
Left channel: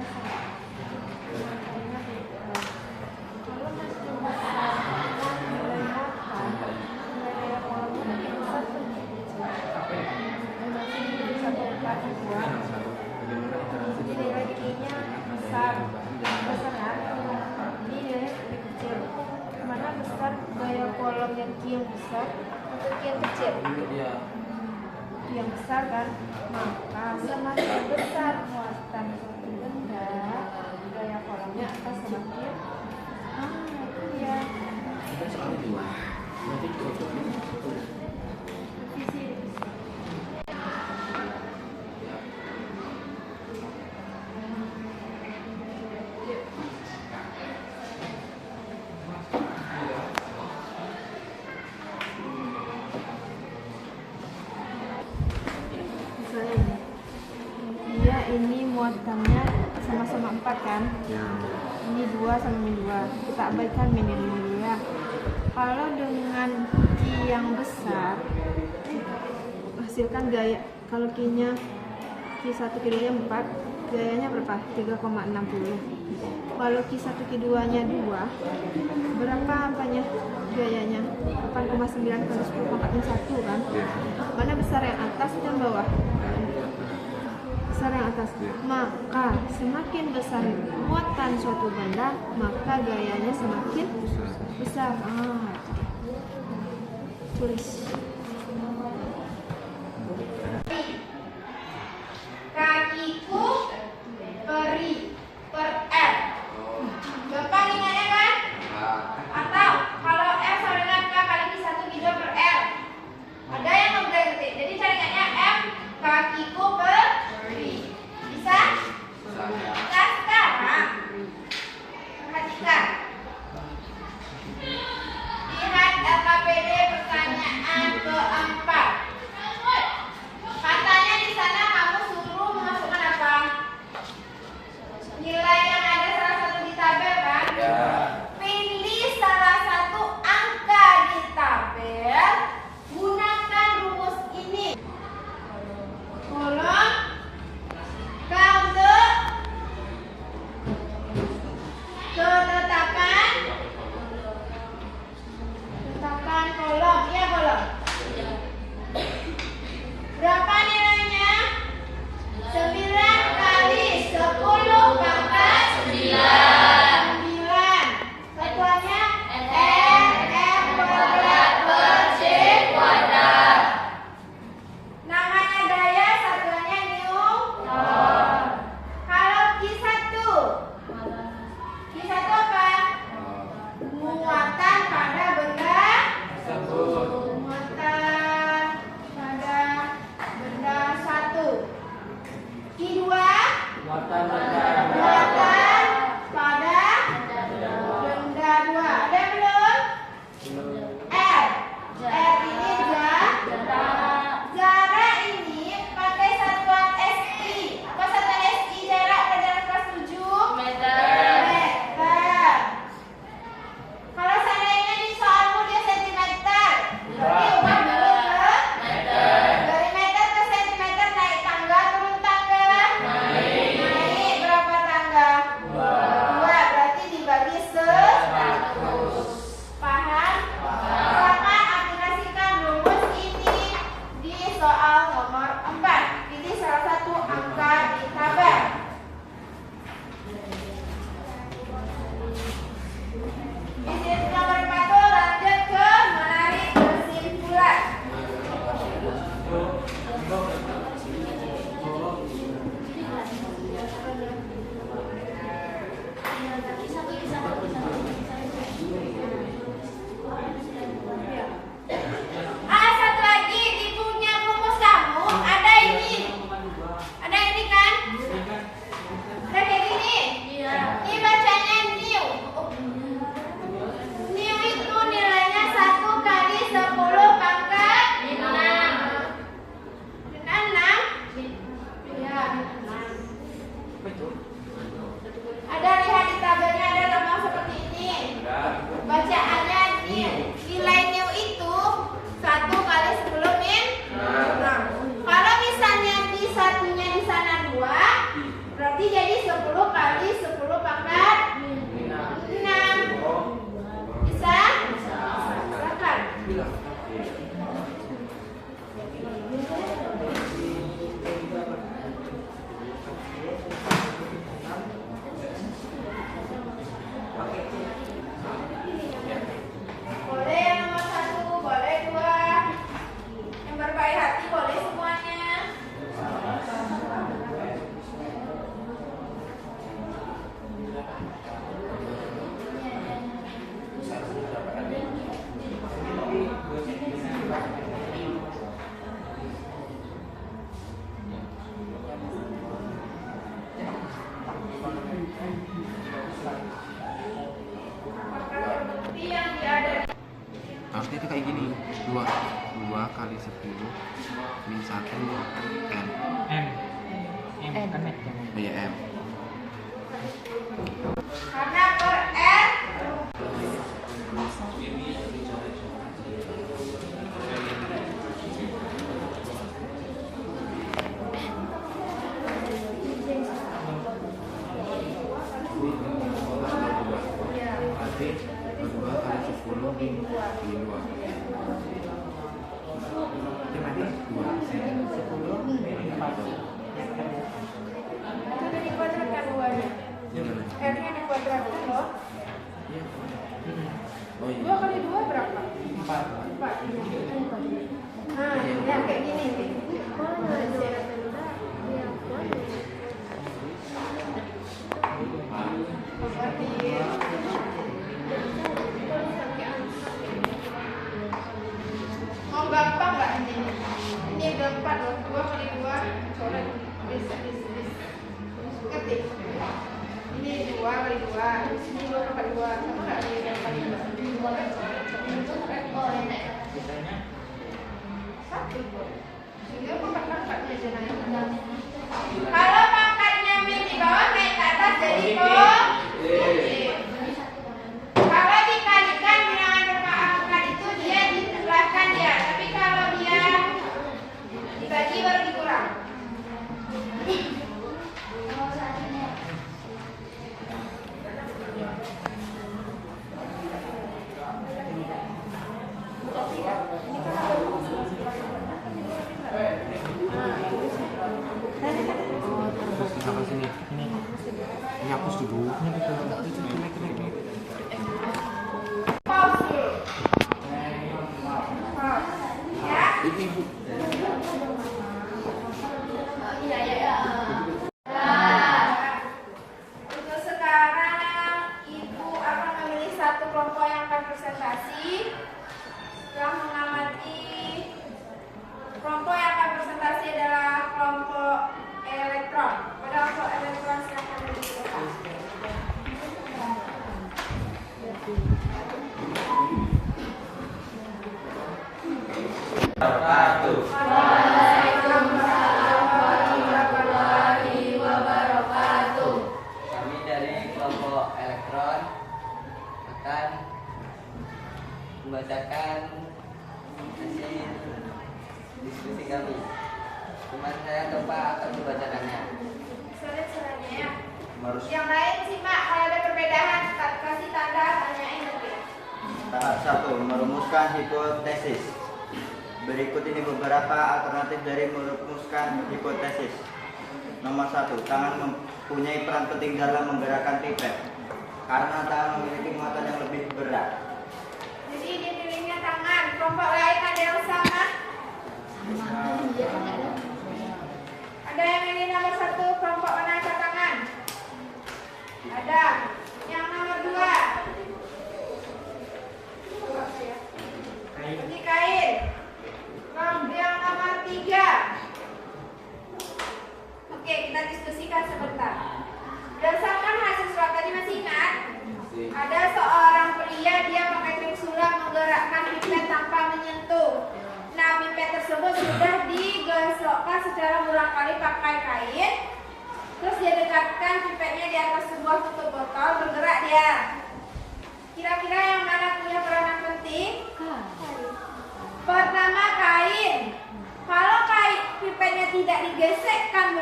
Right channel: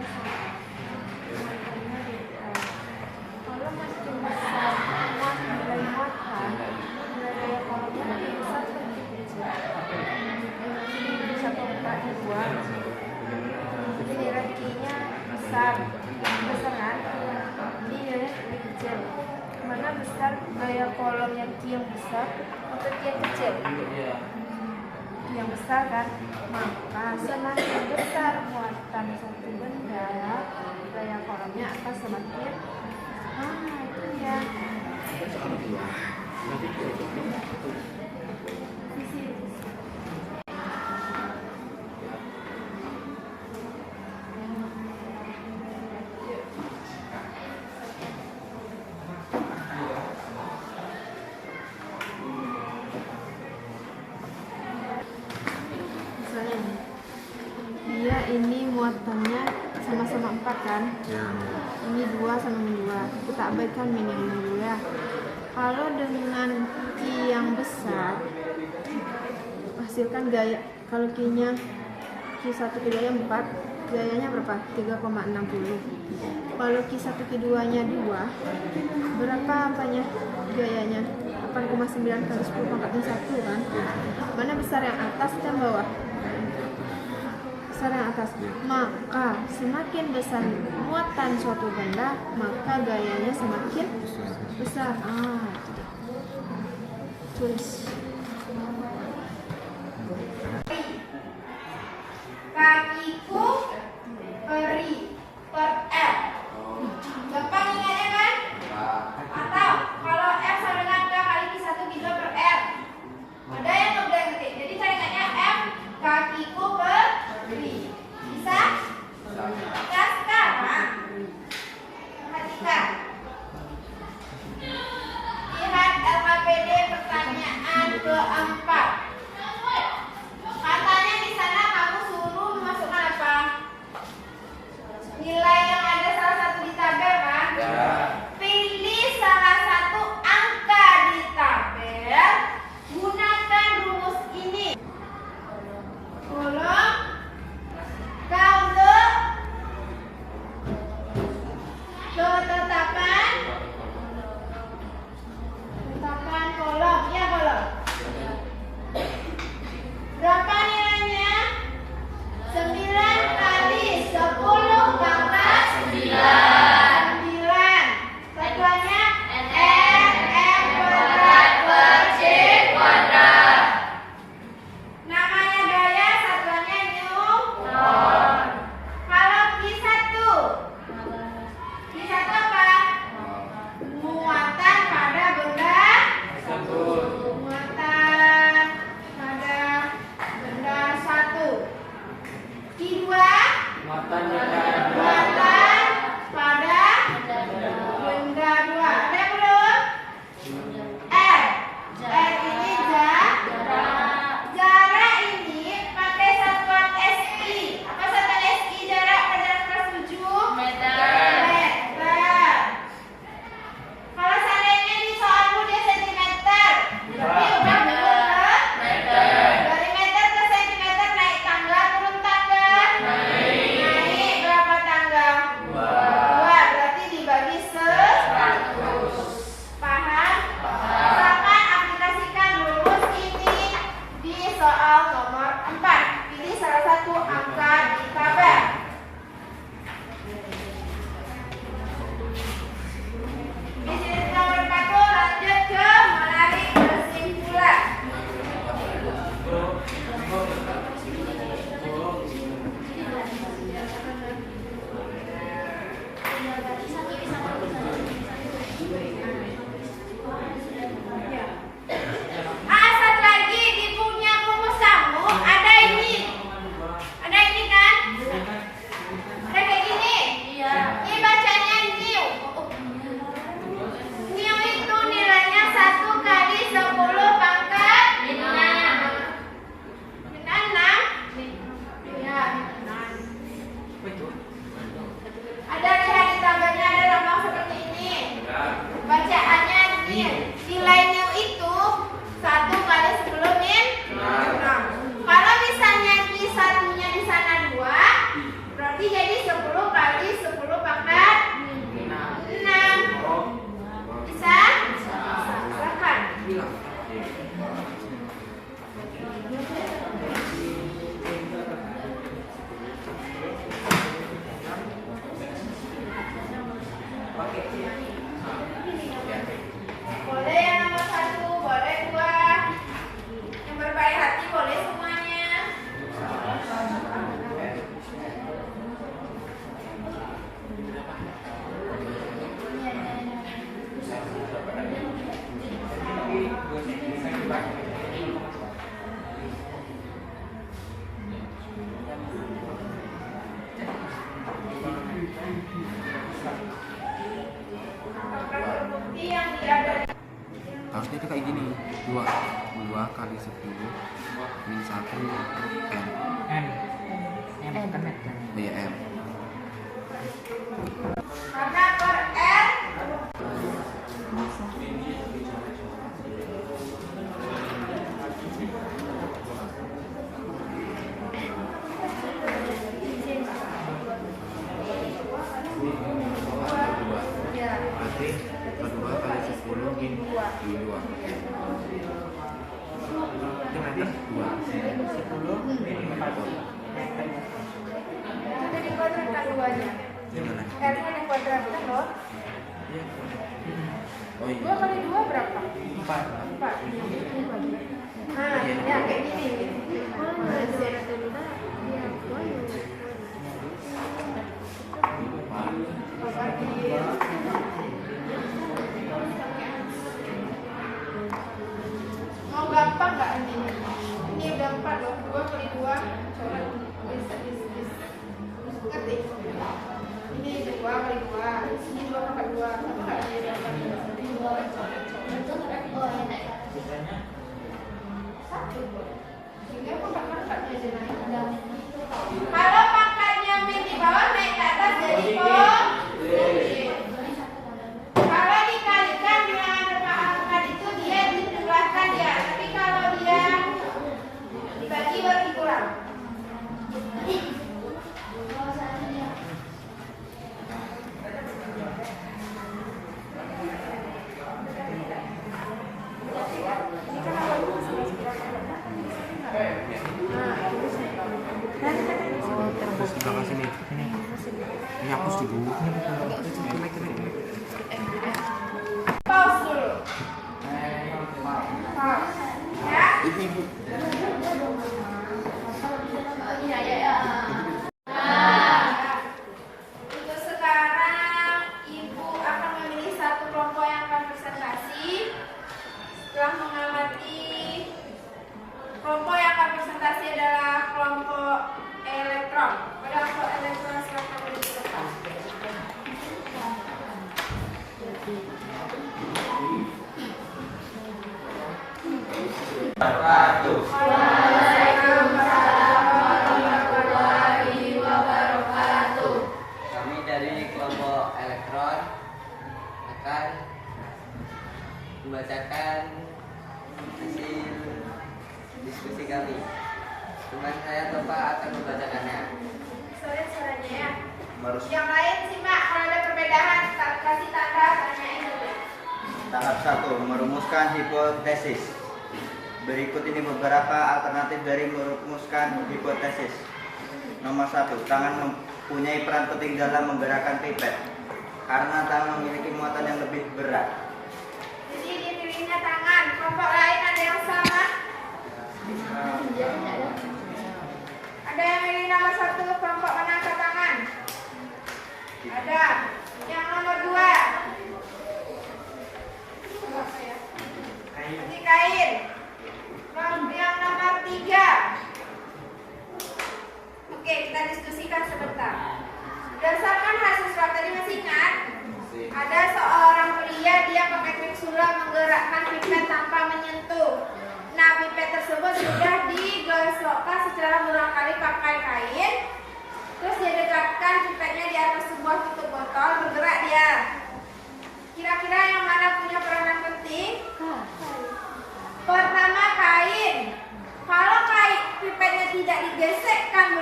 muatannya sama. Muatannya beda. Kalau makin besar nilai muatan, nilai daya kolomnya makin besar atau makin kecil? Jadi 1/4 2. Hierarkinya besar kan? Ini nilainya lebih kecil. Mana besar gaya kolom yang Q yang besar atau Q yang kecil? Yang besar kan? Maka semakin besar muatan suatu benda, gaya kolomnya akan semakin itu ya. Misalnya ini muatannya sama-sama 4 kan? Ya. Ini 2 sama ini 2. Kita abaikan minimum dulu ya. Kalau dengan Q yang besar, hasilkan gaya. Kalau Q-nya Q1 Q2 nya 4, gayanya berapa? 3,60. Kalau Q1 Q2 nya 2, berapa apanya? Gayanya 8,9 kali 10 pangkat 1 kan? Mana besar, yang atas atau yang bawah? Besar yang atas. Maka semakin besar muatan suatu benda, maka gayanya semakin besar. Tulis. Kakiku peri per F. Gampang ingatnya kan? Atau kalau F sama dengan K kali Q1 Q2 per R. Ada yang nggak boleh ngerti. Jadi cara ingatnya F kakiku peri. Bisa? Kita sekarang perhatikan. Lihat LKPD pertanyaan keempat. Katanya di sana kamu suruh memasukkan apa? Nilai yang ada salah satu di tabel kan? Ya. Pilih salah satu angka di tabel, gunakan rumus ini. Kolom ketetapan kolom, ya kolom. Berapa nilainya? 9 kali 10 pangkat 9. Satuannya R kuadrat per C kuadrat. Namanya gaya, satuannya Newton. Kalau Q1 apa? Muatan pada benda muatan pada benda 1. Q2 muatan pada benda 2. Ada belum? R ini jarak ini pakai satuan SI. Apa satuan SI? Jarak pada kelas 7 meter. Kalau seandainya di soalmu dia sentimeter, berarti ubah dulu ke meter. Dari meter ke sentimeter naik tangga, turun tangga? Naik berapa tangga? 2. Berarti dibagi 100. Paham? Silakan aplikasikan rumus ini di soal nomor 4. Pilih salah satu angka di tabel. Bisnis nomor 1 lanjut ke menarik kesimpulan. Satu lagi di punya rumus kamu ada ini. Ada ini kan? Ada kayak gini. Ini bacanya new. New itu nilainya 1 kali 10 pangkat 6. Dengan 6? Ya, 6. Ada lihat di tabelnya, ada lambang seperti ini. Bacaannya new. Nilai new itu 1 kali 10 min 6. Kalau misalnya Q1-nya di sana 2, berarti jadi 10 kali itu kayak gini. 2 kali 10 min 1 M. M kan M. Ya M. Karena per N Berarti 2 kali 10 min 2. Itu nanti 2. 10 min 4. itu jadi kuadrat kan duanya. R-nya di kuadrat kan loh. Oh 2 iya. kali 2 berapa? 4. 4. Nah, ya kayak gini. Mau gampang nggak ini? Ini gampang loh. 2 kali 2 coret. Ngerti? Ini 2 kali 2. Ini 2 kali 2. Sama nggak ini 2 kali 2? Oh, ini. Sisanya 1. Sehingga pangkat-pangkatnya aja naik. Kalau pangkatnya min di bawah naik ke atas jadi positif. Kalau dikalikan bilangan berpangkat itu dia ditambahkan ya. Tapi kalau dia dibagi baru dikurang. Terus di belakang sini. ini. Ini hapus dulu. Ini betul. Pause dulu. Pause. Ya. Ini Ibu. Untuk sekarang Ibu akan memilih satu kelompok yang akan presentasi. Setelah mengamati kelompok yang akan presentasi adalah kelompok elektron. Pada kelompok elektron silakan duduk di depan. Kami dari kelompok elektron akan membacakan hasil diskusi kami. Teman saya Topa akan membacakannya. Solid suaranya ya. Merus Yang lain simak, kalau ada perbedaan kasih tanda tanyain dulu. tahap 1 merumuskan hipotesis. Berikut ini beberapa alternatif dari merumuskan hipotesis. Nomor 1, tangan mempunyai peran penting dalam menggerakkan pipet karena tangan memiliki muatan yang lebih berat. Jadi dipilihnya tangan. Kelompok lain ada yang sama? Ada yang milih nomor 1 kelompok mengangkat tangan? Ada. Yang nomor 2? Ini kain. Yang nomor 3? Oke, kita diskusikan sebentar. Berdasarkan hasil swab tadi masih ingat? Ada seorang pria, dia pakai trik sulap menggerakkan pipet tanpa menyentuh. Nah, pipet tersebut sudah digosokkan secara berulang kali pakai kain. Terus dia dekatkan pipetnya di atas sebuah tutup botol, bergerak dia. Kira-kira yang mana punya peranan penting? Pertama, kain. Kalau kain pipetnya tidak digosokkan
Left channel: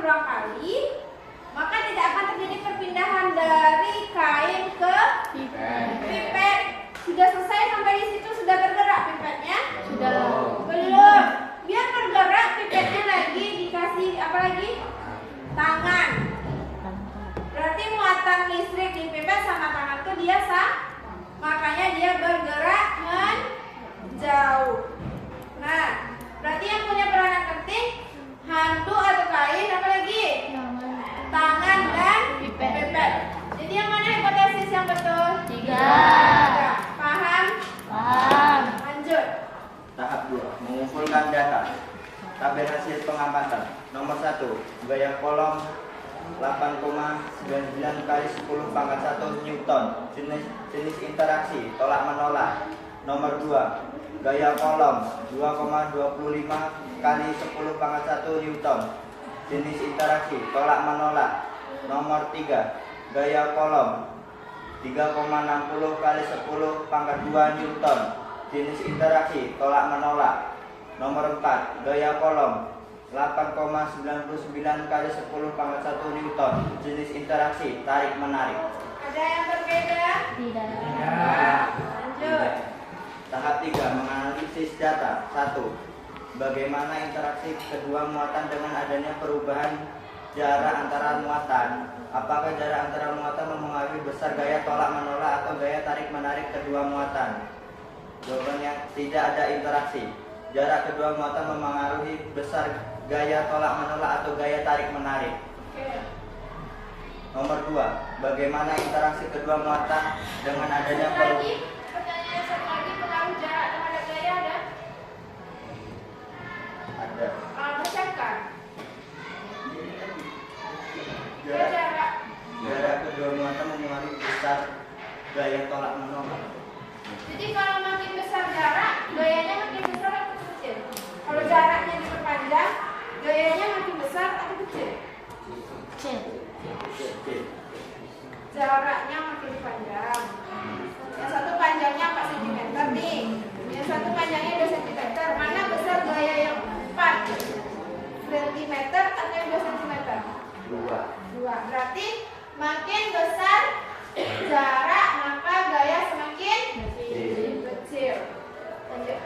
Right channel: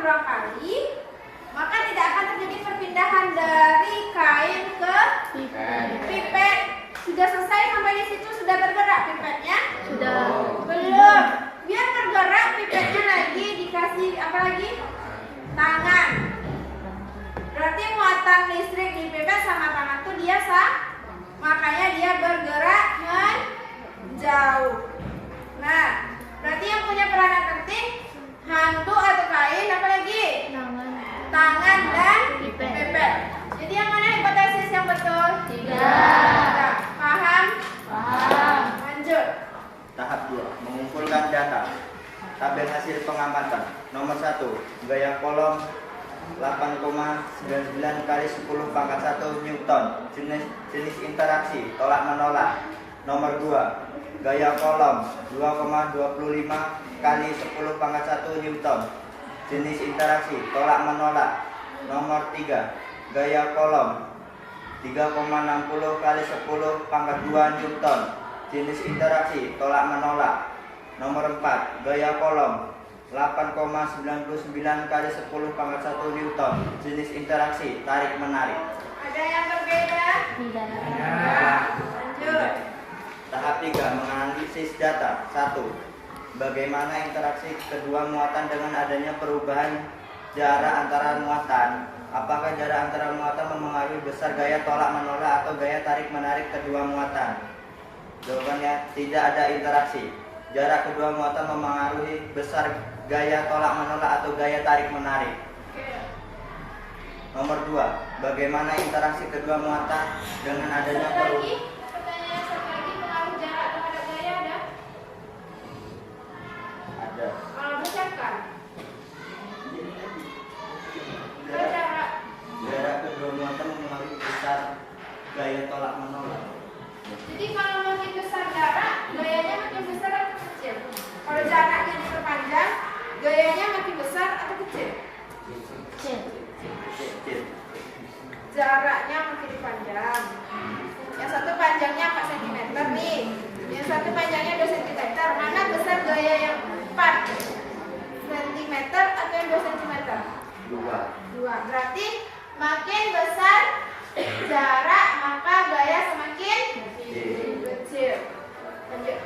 berulang kali, maka tidak akan terjadi perpindahan dari kain ke pipet. Sudah selesai sampai di situ, sudah bergerak pipetnya? Sudah. Belum. Biar bergerak pipetnya lagi dikasih apa lagi? Tangan. Berarti muatan listrik di pipet sama tangan tuh dia sama. Makanya dia bergerak menjauh. Nah, berarti yang punya peranan penting handuk atau kain apa lagi? Tangan dan pipet. Jadi yang mana hipotesis yang betul? 3. Paham? Paham. Lanjut. Tahap 2 mengumpulkan data. Tabel hasil pengamatan. Nomor 1, gaya kolom 8,99 kali 10 pangkat 1 Newton. Jenis interaksi tolak menolak. Nomor 2, gaya kolom 2,25 kali 10 pangkat 1 Newton. Jenis interaksi tolak menolak. Nomor 3, gaya kolom 3,60 kali 10 pangkat 2 Newton. Jenis interaksi tolak menolak. Nomor 4, gaya kolom 8,99 kali 10 pangkat 1 Newton. Jenis interaksi tarik menarik. Ada yang berbeda? Tidak. Lanjut. Tahap 3, menganalisis data. 1. Bagaimana interaksi kedua muatan dengan adanya perubahan jarak antara muatan? Apakah jarak antara muatan mempengaruhi besar gaya tolak menolak atau gaya tarik menarik kedua muatan? Jawabannya tidak ada interaksi. Jarak kedua muatan mempengaruhi besar gaya tolak menolak atau gaya tarik menarik. Nomor 2, bagaimana interaksi kedua muatan dengan adanya perubahan? Pertanyaan satu lagi, pengaruh jarak terhadap gaya ada? Ada. Bacakan. Jarak, Jarak. jarak kedua muatan mempengaruhi besar gaya tolak menolak. Jadi kalau makin besar jarak, gayanya makin besar atau kecil? Kalau jaraknya diperpanjang, gayanya makin besar atau kecil? Kecil. Kecil. Jaraknya makin panjang. Yang satu panjangnya 4 cm nih. Yang satu panjangnya 2 cm. Mana besar gaya yang 4 cm atau yang 2 cm? 2. Berarti makin besar jarak, maka gaya semakin kecil. Lanjut.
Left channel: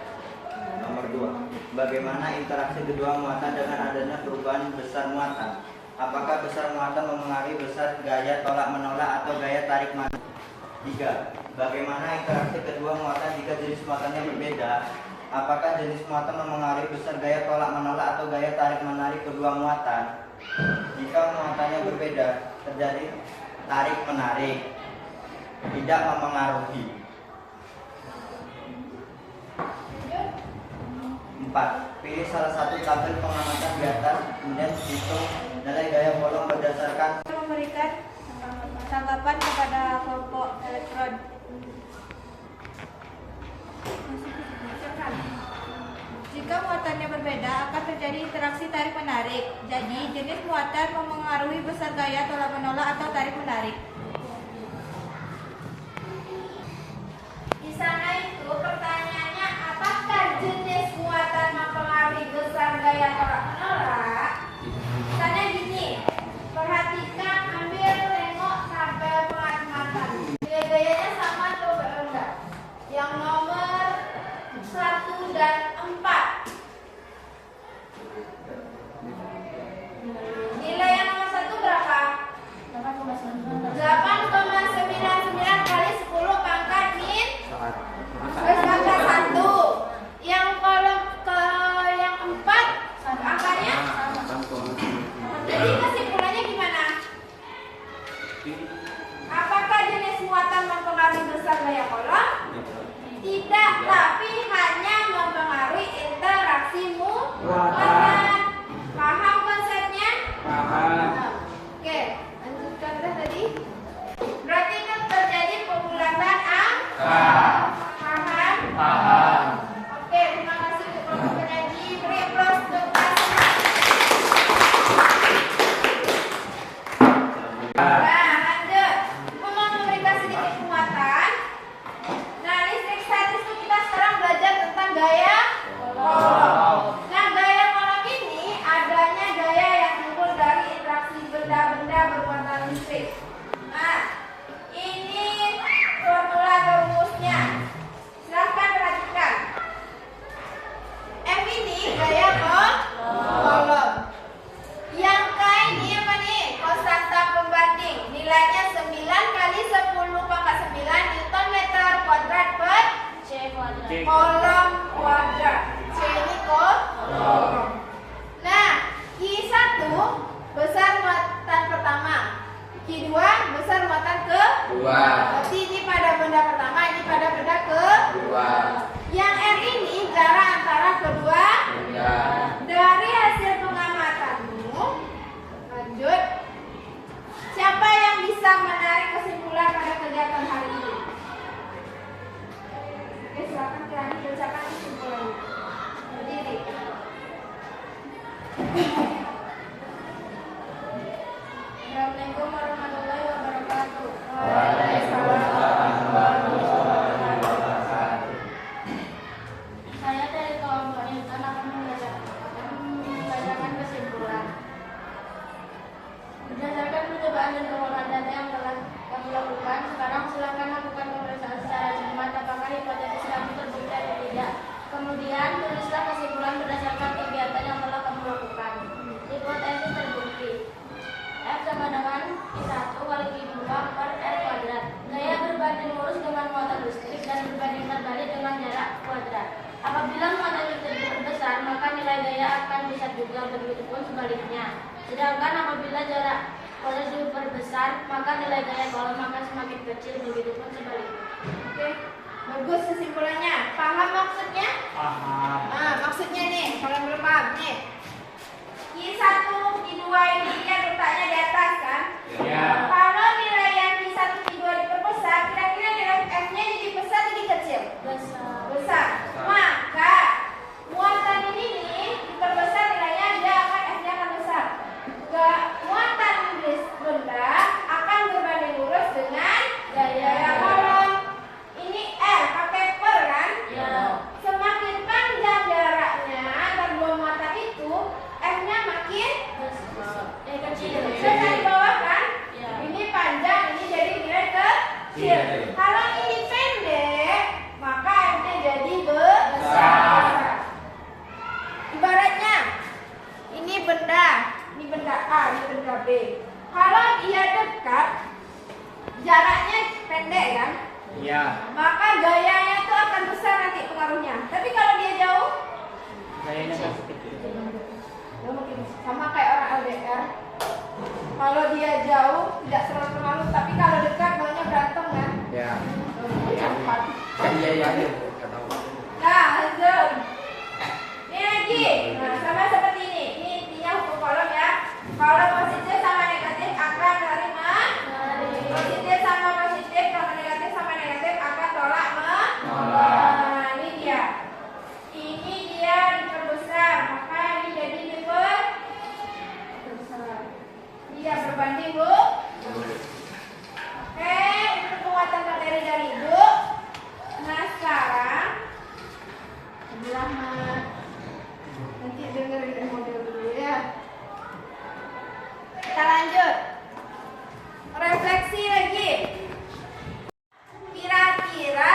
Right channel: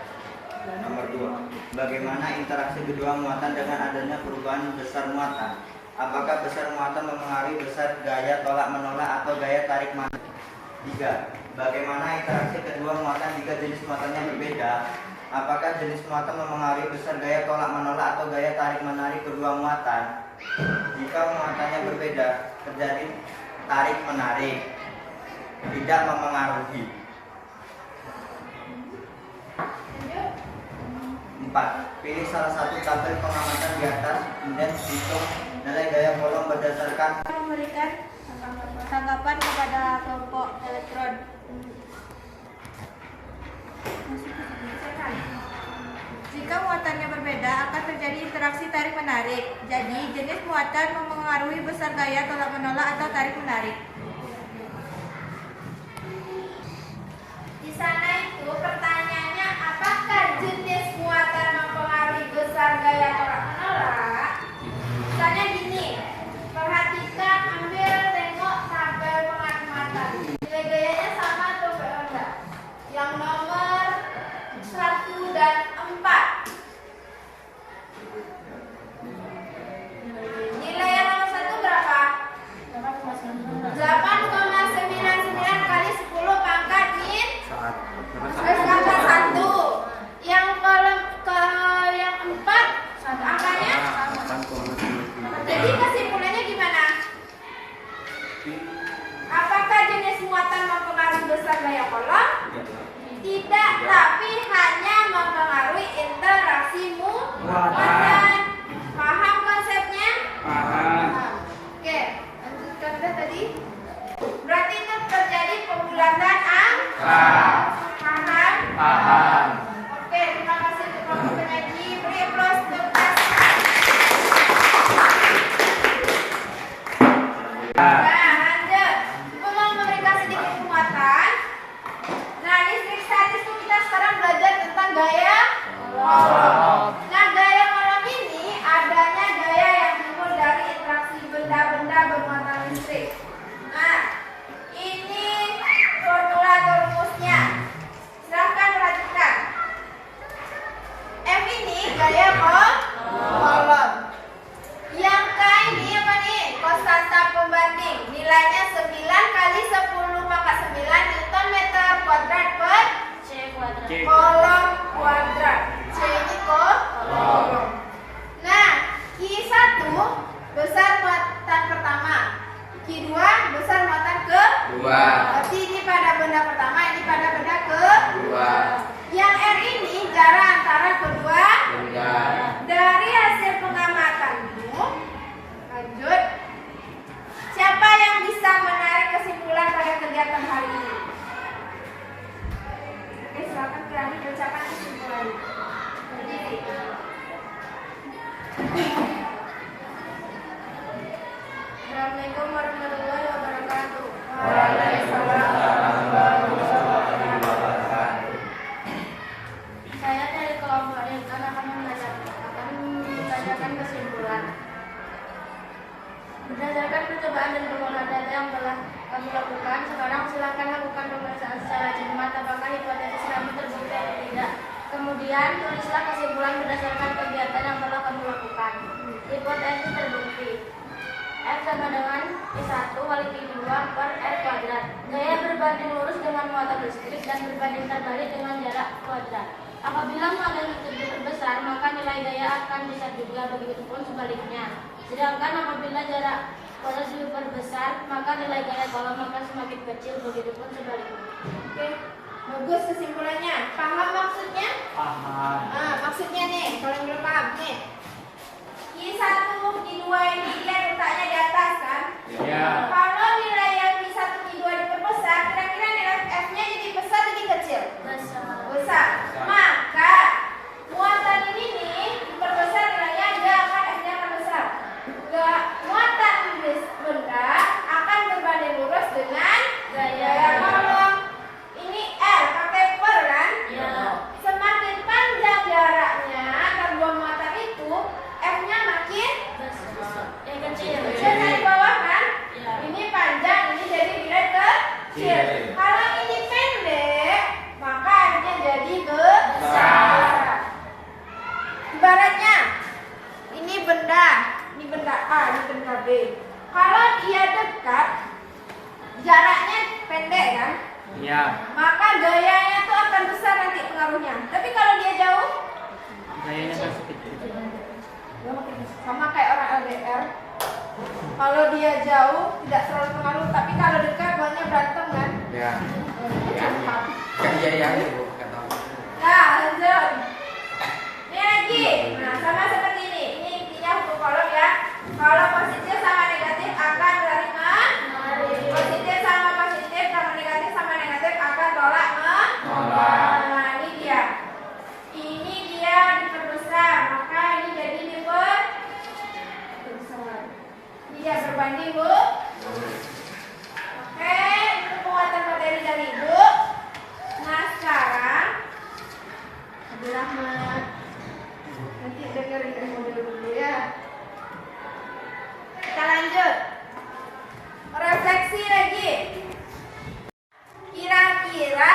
Nomor 2, bagaimana interaksi kedua muatan dengan adanya perubahan besar muatan? Apakah besar muatan mempengaruhi besar gaya tolak menolak atau gaya tarik menarik? 3. Bagaimana interaksi kedua muatan jika jenis muatannya berbeda? Apakah jenis muatan mempengaruhi besar gaya tolak menolak atau gaya tarik menarik kedua muatan? Jika muatannya berbeda, terjadi tarik menarik. Tidak mempengaruhi. 4. Pilih salah satu tabel pengamatan di atas, kemudian hitung nilai gaya kolom berdasarkan Memberikan tanggapan kepada kelompok elektron. Jika muatannya berbeda, akan terjadi interaksi tarik menarik. Jadi, jenis muatan mempengaruhi besar gaya tolak menolak atau tarik menarik. Di sana itu pertanyaannya, apakah jenis muatan mempengaruhi besar gaya tolak menolak? Misalnya gini, perhatikan, ambil, tengok tabel pengamatan. Nilai gayanya sama atau enggak? Yang nomor 1 dan 4. Nilai yang nomor 1 berapa? 8,99 kali 10 pangkat min pangkat 1. Yang kolom ke yang 4 angkanya. Jadi kesimpulannya gimana? Apakah jenis muatan mempengaruhi besar gaya kolom? Tidak, tapi hanya mempengaruhi interaksi muatan. Paham konsepnya? Paham. Oke, lanjutkan deh tadi. Berarti itu terjadi pembulatan angka. Paham? Paham. Oke, terima kasih untuk kelompok pengaji. Beri aplaus untuk Tasya. Nah, lanjut. Aku mau memberikan sedikit penguatan. Nah, listrik statis itu kita sekarang belajar tentang gaya kolom. Nah, gaya kolom ini adanya gaya yang timbul dari interaksi benda-benda bermuatan listrik. Nah, ini formula atau rumusnya. Silahkan perhatikan. M ini gaya kolom. Yang K ini apa nih? Konstanta pembanding. Nilainya 9 kali 10 pangkat 9 Newton meter kuadrat per kolom kuadrat. C ini kolom. Nah, Q1 besar muatan pertama, Q2 besar muatan kedua. Berarti ini pada benda pertama, ini pada benda kedua. Yang R ini jarak antara kedua benda. Dari hasil pengamatanmu, lanjut. Siapa yang bisa menarik kesimpulan pada kegiatan hari ini? Oke, silakan. data yang telah kami lakukan. Sekarang silakan lakukan pemeriksaan secara cermat apakah hipotesis kami terbukti atau tidak. Kemudian tulislah kesimpulan berdasarkan kegiatan yang telah kamu lakukan. Hipotesis terbukti. F sama dengan Q1 kali Q2 per R kuadrat. Gaya berbanding lurus dengan muatan listrik dan berbanding terbalik dengan jarak kuadrat. Apabila muatan listrik diperbesar, maka nilai gaya akan besar juga, begitupun sebaliknya. Sedangkan apabila jarak kuadrat diperbesar, maka nilai gaya kolom akan semakin kecil, begitupun sebaliknya. Oke, bagus kesimpulannya. Paham maksudnya? Paham. Nah, maksudnya nih, kalau yang belum paham nih. Q1, Q2 ini dia letaknya di atas kan? Ya. Kalau nilai yang Q1, Q2 diperbesar, kira-kira nilai F-nya jadi besar jadi kecil? Besar. Maka muatan ini nih diperbesar nilainya, dia akan F-nya akan besar. Muatan benda akan berbanding lurus dengan gaya kolom. Ini R pakai per kan? Ya. Semakin panjang jaraknya antar dua muatan itu, F-nya makin Kecil. besar dari bawah kan? Ya. Ini panjang, ini jadi nilai kecil. Kalau ini pendek, maka F-nya jadi besar. Ibaratnya, ini benda A, ini benda B. Kalau dia dekat, jaraknya pendek kan? Ya. Maka gayanya itu akan besar nanti pengaruhnya. Tapi kalau dia jauh, Kayaknya masih kecil. dia makin besar. Sama kayak orang LDR. Kalau dia jauh tidak terlalu pengaruh, tapi kalau dekat banyak berantem kan? Ya. Cepat. Kan iya ya. Nggak tahu. Nah, lanjut. Ini lagi. Nah, sama seperti ini. Ini intinya hukum kolom ya. Kalau positif sama negatif akan saling positif sama positif sama negatif akan tolak menolak. Nah, ini dia. Ini dia diperbesar, maka ini jadi diperbesar. Dia berbanding Bu. Oke, itu penguatan materi dari Ibu. Nah, sekarang Abdul Rahmat. Nanti dengerin dari mobil dulu ya. Kita lanjut. Refleksi lagi. Kira-kira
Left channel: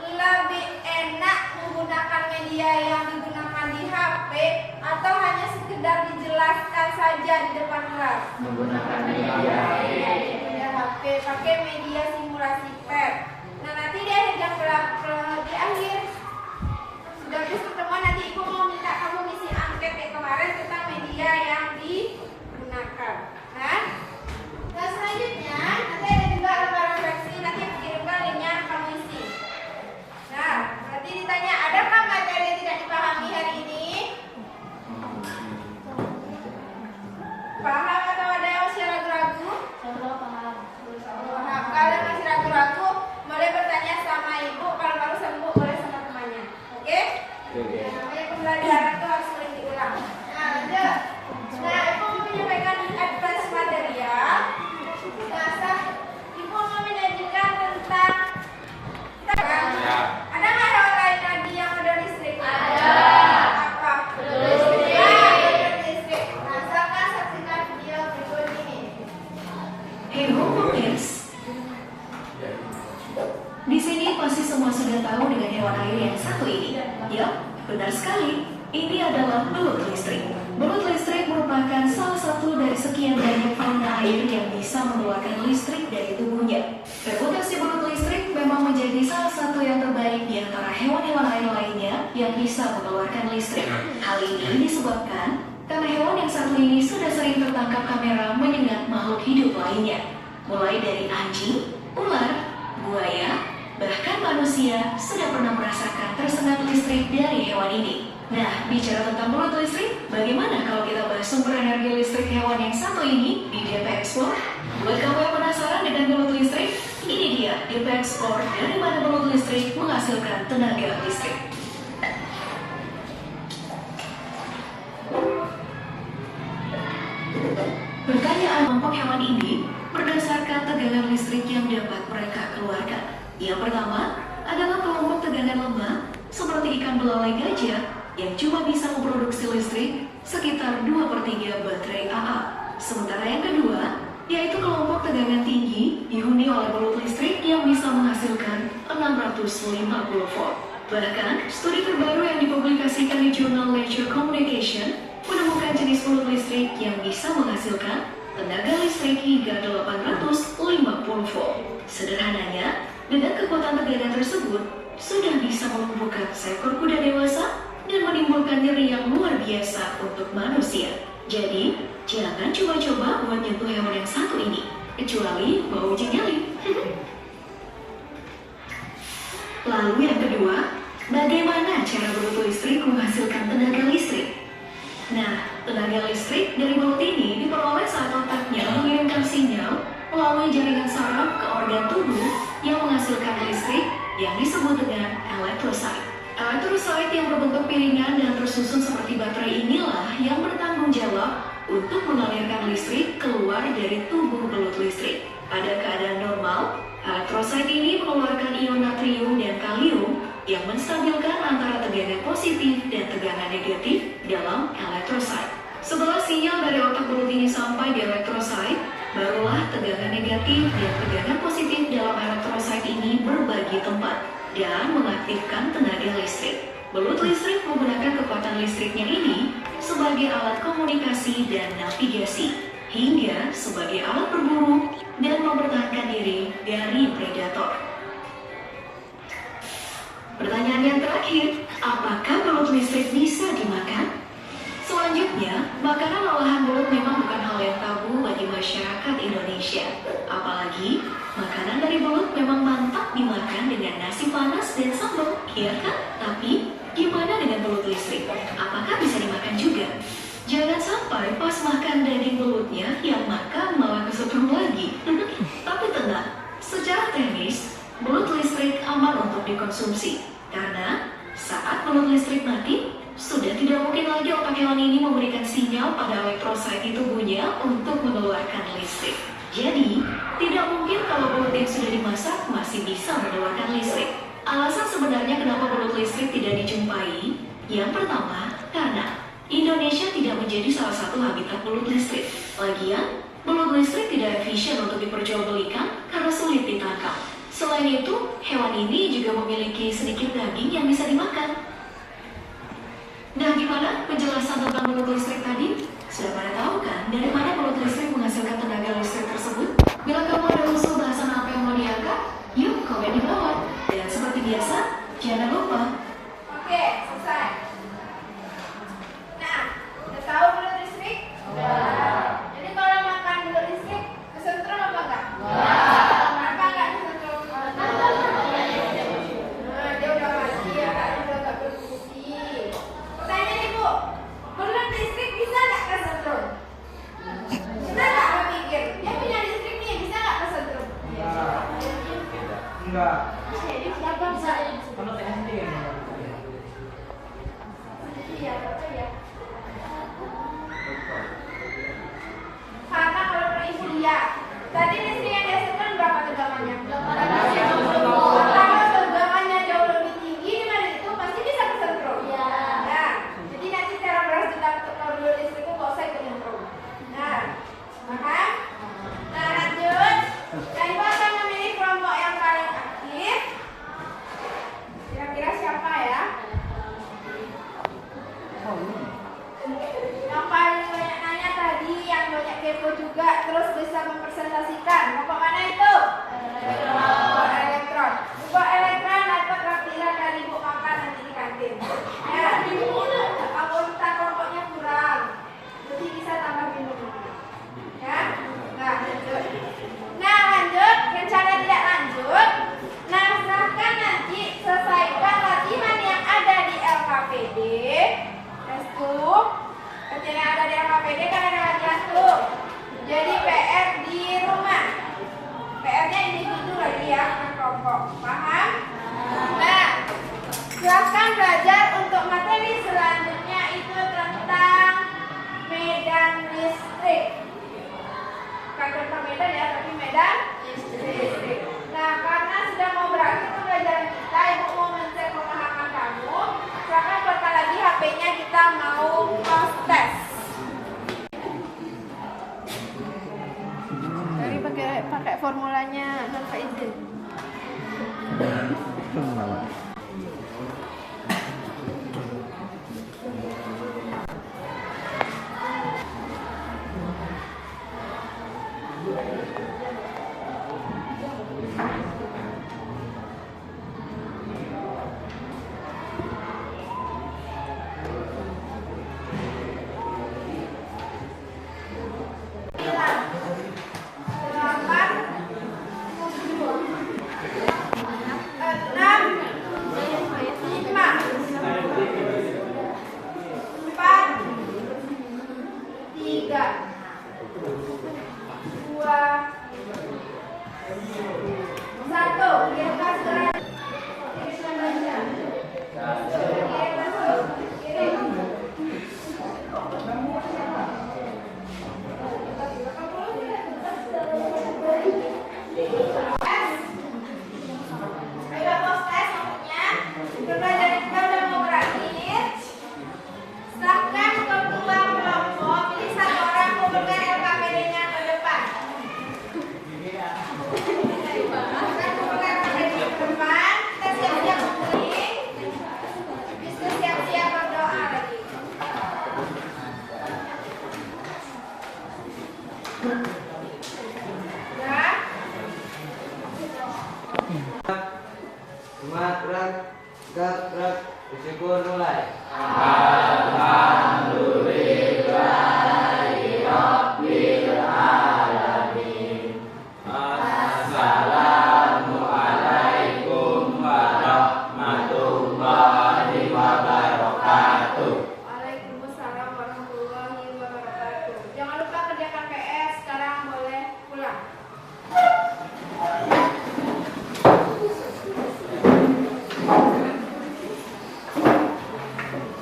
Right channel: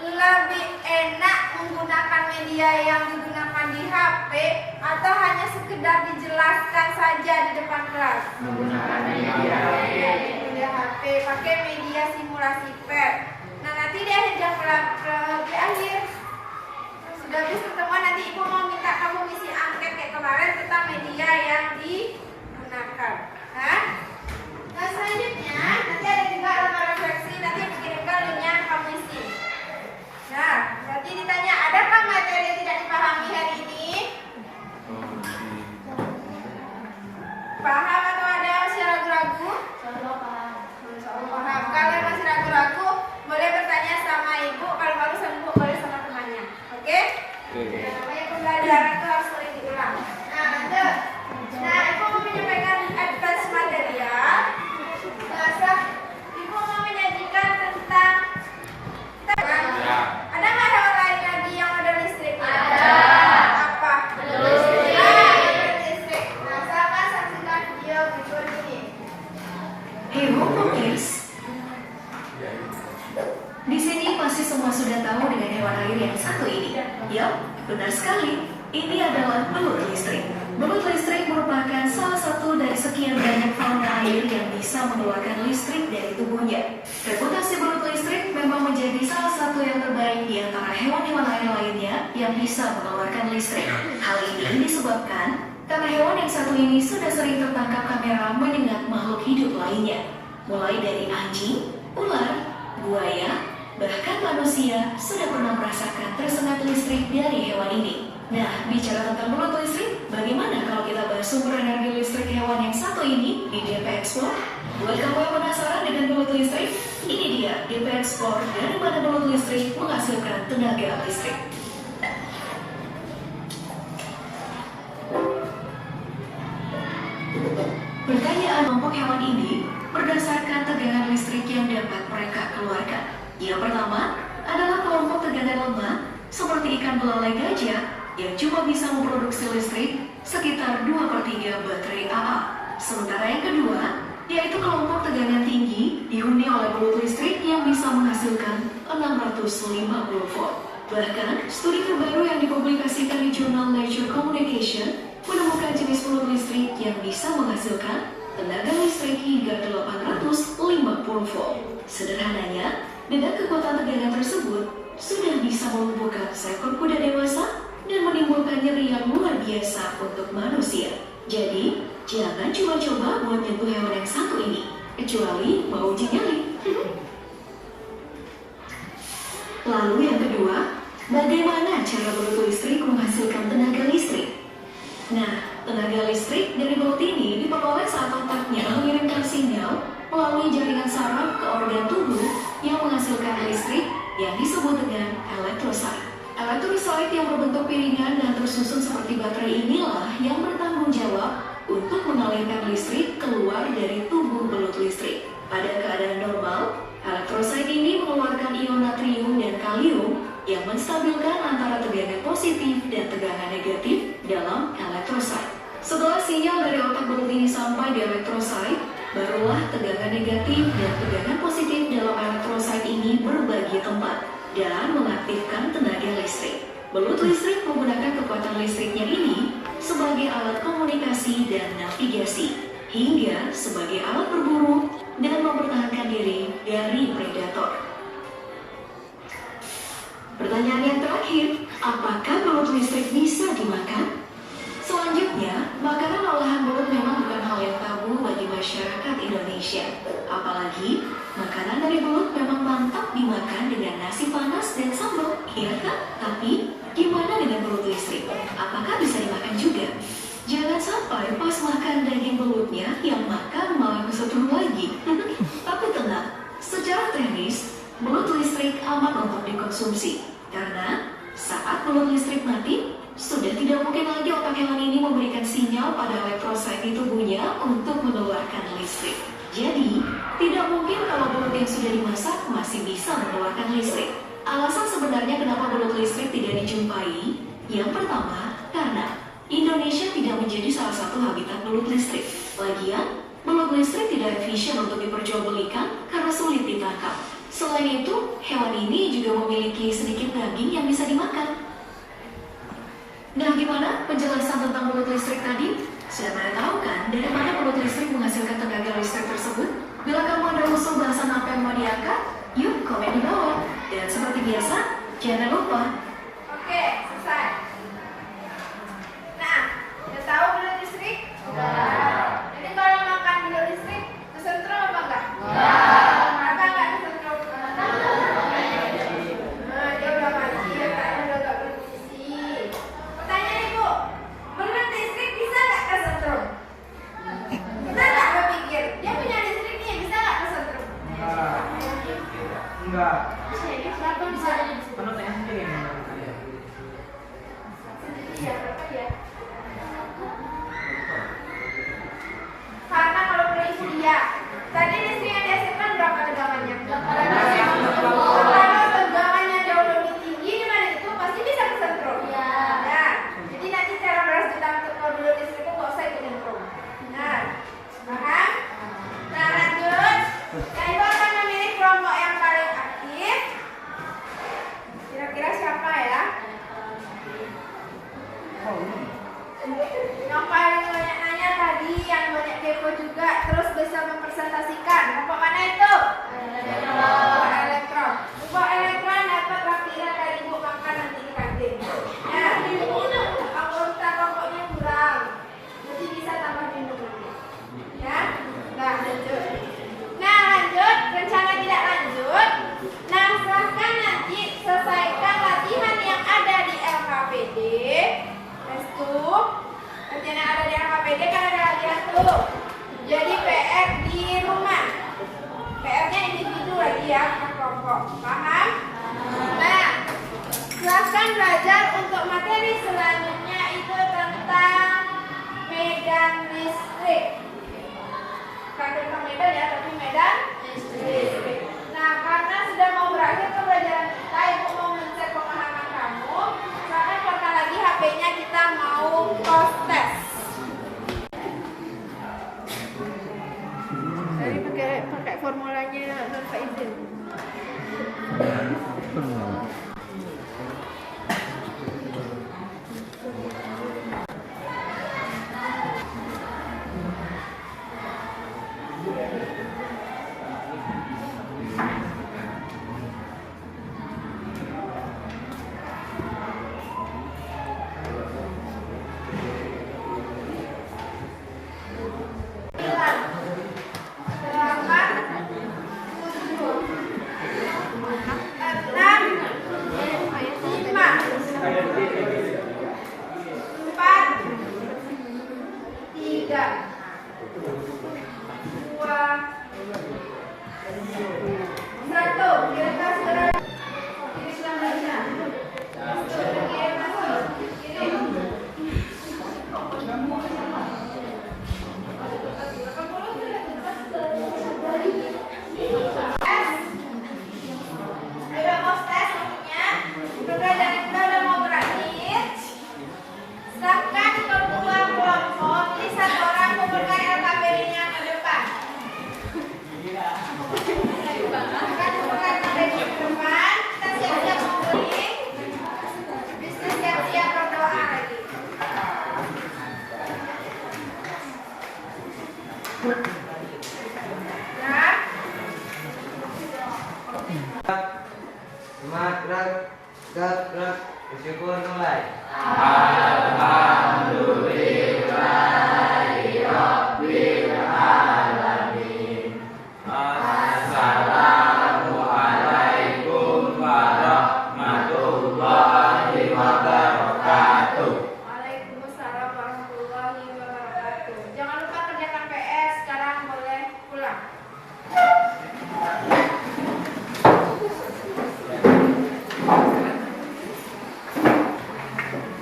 lebih enak menggunakan media yang digunakan di HP atau hanya sekedar dijelaskan saja di depan kelas? Menggunakan media. Media HP, pakai media simulasi PET. Nah, nanti di akhir jam di akhir sudah habis pertemuan, nanti Ibu mau minta kamu ngisi angket kayak kemarin tentang media yang digunakan. Kan? Nah, selanjutnya nanti ada juga lembar refleksi, nanti aku kirimkan linknya kamu isi. Nah, berarti ditanya, adakah materi yang tidak dipahami hari ini? Paham atau ada masih ragu-ragu? Paham. Kalau masih ragu-ragu, boleh bertanya sama Ibu. Kalau baru sembuh, boleh sama temannya. Oke? Yang namanya pembelajaran itu harus sering diulang. Nah, lanjut. Nah, Ibu mau menyampaikan advance material. Nah, Ibu mau menyajikan tentang ada nggak hewan lain lagi yang ada listriknya? Ada. Apa? Listrik. Listrik. Nah, silakan saksikan video berikut ini. Hero Proteus. Di sini pasti semua sudah tahu dengan hewan air yang satu ini. Ya, benar sekali. Ini adalah belut listrik. Belut listrik merupakan salah satu dari sekian banyak fauna air yang bisa mengeluarkan listrik dari tubuhnya. Reputasi belut listrik memang menjadi salah satu yang terbaik di antara hewan-hewan air lainnya yang bisa mengeluarkan listrik. Hal ini disebabkan karena hewan yang satu ini sudah sering tertangkap kamera menyengat makhluk hidup lainnya. Mulai dari anjing, ular, buaya, bahkan manusia sudah pernah merasakan tersengat listrik dari hewan ini. Nah, bicara tentang belut listrik, bagaimana kalau kita bahas sumber energi listrik hewan yang satu ini di DP Explore? Buat kamu yang penasaran dengan belut listrik, ini dia DP Explore dari mana belut listrik menghasilkan tenaga listrik. Pertanyaan kelompok hewan ini berdasarkan tegangan listrik yang dapat mereka keluarkan. Yang pertama adalah kelompok tegangan lemah seperti ikan belalai gajah yang cuma bisa memproduksi listrik sekitar 2/3 baterai AA. Sementara yang kedua yaitu kelompok tegangan tinggi dihuni oleh baut listrik yang bisa menghasilkan 650 volt. Bahkan, studi terbaru yang dipublikasikan di jurnal Nature Communication menemukan jenis baut listrik yang bisa menghasilkan tenaga listrik hingga 850 volt. Sederhananya, dengan kekuatan tegangan tersebut, sudah bisa melumpuhkan seekor kuda dewasa dan menimbulkan nyeri yang luar biasa untuk manusia. Jadi, jangan coba-coba buat nyentuh hewan yang satu ini, kecuali mau uji nyali. Lalu yang kedua, bagaimana cara baut listrik menghasilkan tenaga listrik? Nah, tenaga listrik dari baut ini diperoleh saat otaknya mengirimkan sinyal melalui jaringan saraf ke organ tubuh yang menghasilkan listrik yang disebut dengan elektrosit. Elektrosit yang berbentuk piringan dan tersusun seperti baterai inilah yang bertanggung jawab untuk mengalirkan listrik keluar dari tubuh baut listrik. Pada keadaan normal, elektrosit ini mengeluarkan ion natrium dan kalium yang menstabilkan antara tegangan positif dan tegangan negatif dalam elektrosit. Setelah sinyal dari otak baut ini sampai di elektrosit, barulah tegangan negatif dan tegangan positif dalam elektrosit ini berbagi tempat dan mengaktifkan tenaga listrik. Baut listrik menggunakan kekuatan listriknya ini sebagai alat komunikasi dan navigasi, hingga sebagai alat berburu dan mempertahankan diri dari predator. Pertanyaan yang terakhir, apakah baut listrik bisa dimakan? Selanjutnya, makanan olahan belut memang bukan hal yang tabu bagi masyarakat Indonesia. Apalagi, makanan dari belut memang mantap dimakan dengan nasi panas dan sambal, ya kan? Tapi, gimana dengan belut listrik? Apakah bisa dimakan juga? Jangan sampai pas makan daging belutnya yang makan malah kesetrum lagi. Tapi tenang, secara teknis, belut listrik aman untuk dikonsumsi. Karena saat belut listrik mati, sudah tidak mungkin lagi otak hewan ini memberikan sinyal pada elektrosit di tubuhnya untuk mengeluarkan listrik. Jadi, tidak mungkin kalau belut yang sudah dimasak masih bisa mengeluarkan listrik. Alasan sebenarnya kenapa belut listrik tidak dijumpai, yang pertama, karena Indonesia tidak menjadi salah satu habitat belut listrik. Lagian, belut listrik tidak efisien untuk diperjualbelikan karena sulit ditangkap. Selain itu, hewan ini juga memiliki sedikit daging yang bisa dimakan. Nah, gimana penjelasan tentang belut listrik tadi? Sudah pada tahu kan dari mana belut listrik menghasilkan tenaga listrik tersebut? Bila kamu ada usul bahasan apa yang mau diangkat, yuk komen di bawah. Dan seperti biasa, jangan lupa. Oke, selesai. Nah, udah tahu belut listrik? Jadi kalau makan belut listrik, kesentrum apa enggak? Apa enggak kesentrum? Nah, dia udah mati ya kan, udah gak berfungsi. Pertanyaan ibu, belut listrik bisa nggak kesentrum? Bisa nggak berpikir? Dia punya listrik nih, bisa nggak kesentrum? Enggak. Kenapa bisa? Kalau SD Iya, berapa ya? Karena kalau per ibu lihat, tadi listrik yang dihasilkan berapa tegangannya? Kalau tegangannya jauh lebih tinggi daripada itu, pasti bisa kesentrum. Nah, jadi nanti cara beras tentang belut listrik itu nggak usah ikut nyentrum. Nah, paham? Nah, lanjut. Nah, ibu akan memilih kelompok yang paling aktif. Kira-kira siapa ya? Yang paling banyak nanya tadi, yang banyak kepo juga, terus bisa mempresentasikan. Kelompok mana itu? Kelompok elektron. Kelompok elektron dapat waktunya kali ibu makan nanti di kantin. Nah, anggota kelompoknya kurang, jadi bisa tambahin dulu. Ya, nah lanjut. Nah lanjut, rencana tidak lanjut. Nah, silahkan nanti selesaikan latihan yang ada di LKPD. Rencana yang ada di LKPD kan ada latihan tuh. Jadi PR di rumah. PR-nya individu lagi ya, bukan kelompok. Paham? Nah, silahkan belajar untuk materi selanjutnya itu tentang medan listrik. Bukan tentang medan ya, tapi medan listrik. Nah, karena sudah mau berakhir pembelajaran kita, ibu mau mencek pemahaman kamu. Silakan keluarkan lagi HP-nya, kita mau post test. mulanya Nur Faizul. Bersyukur mulai. Alhamdulillah.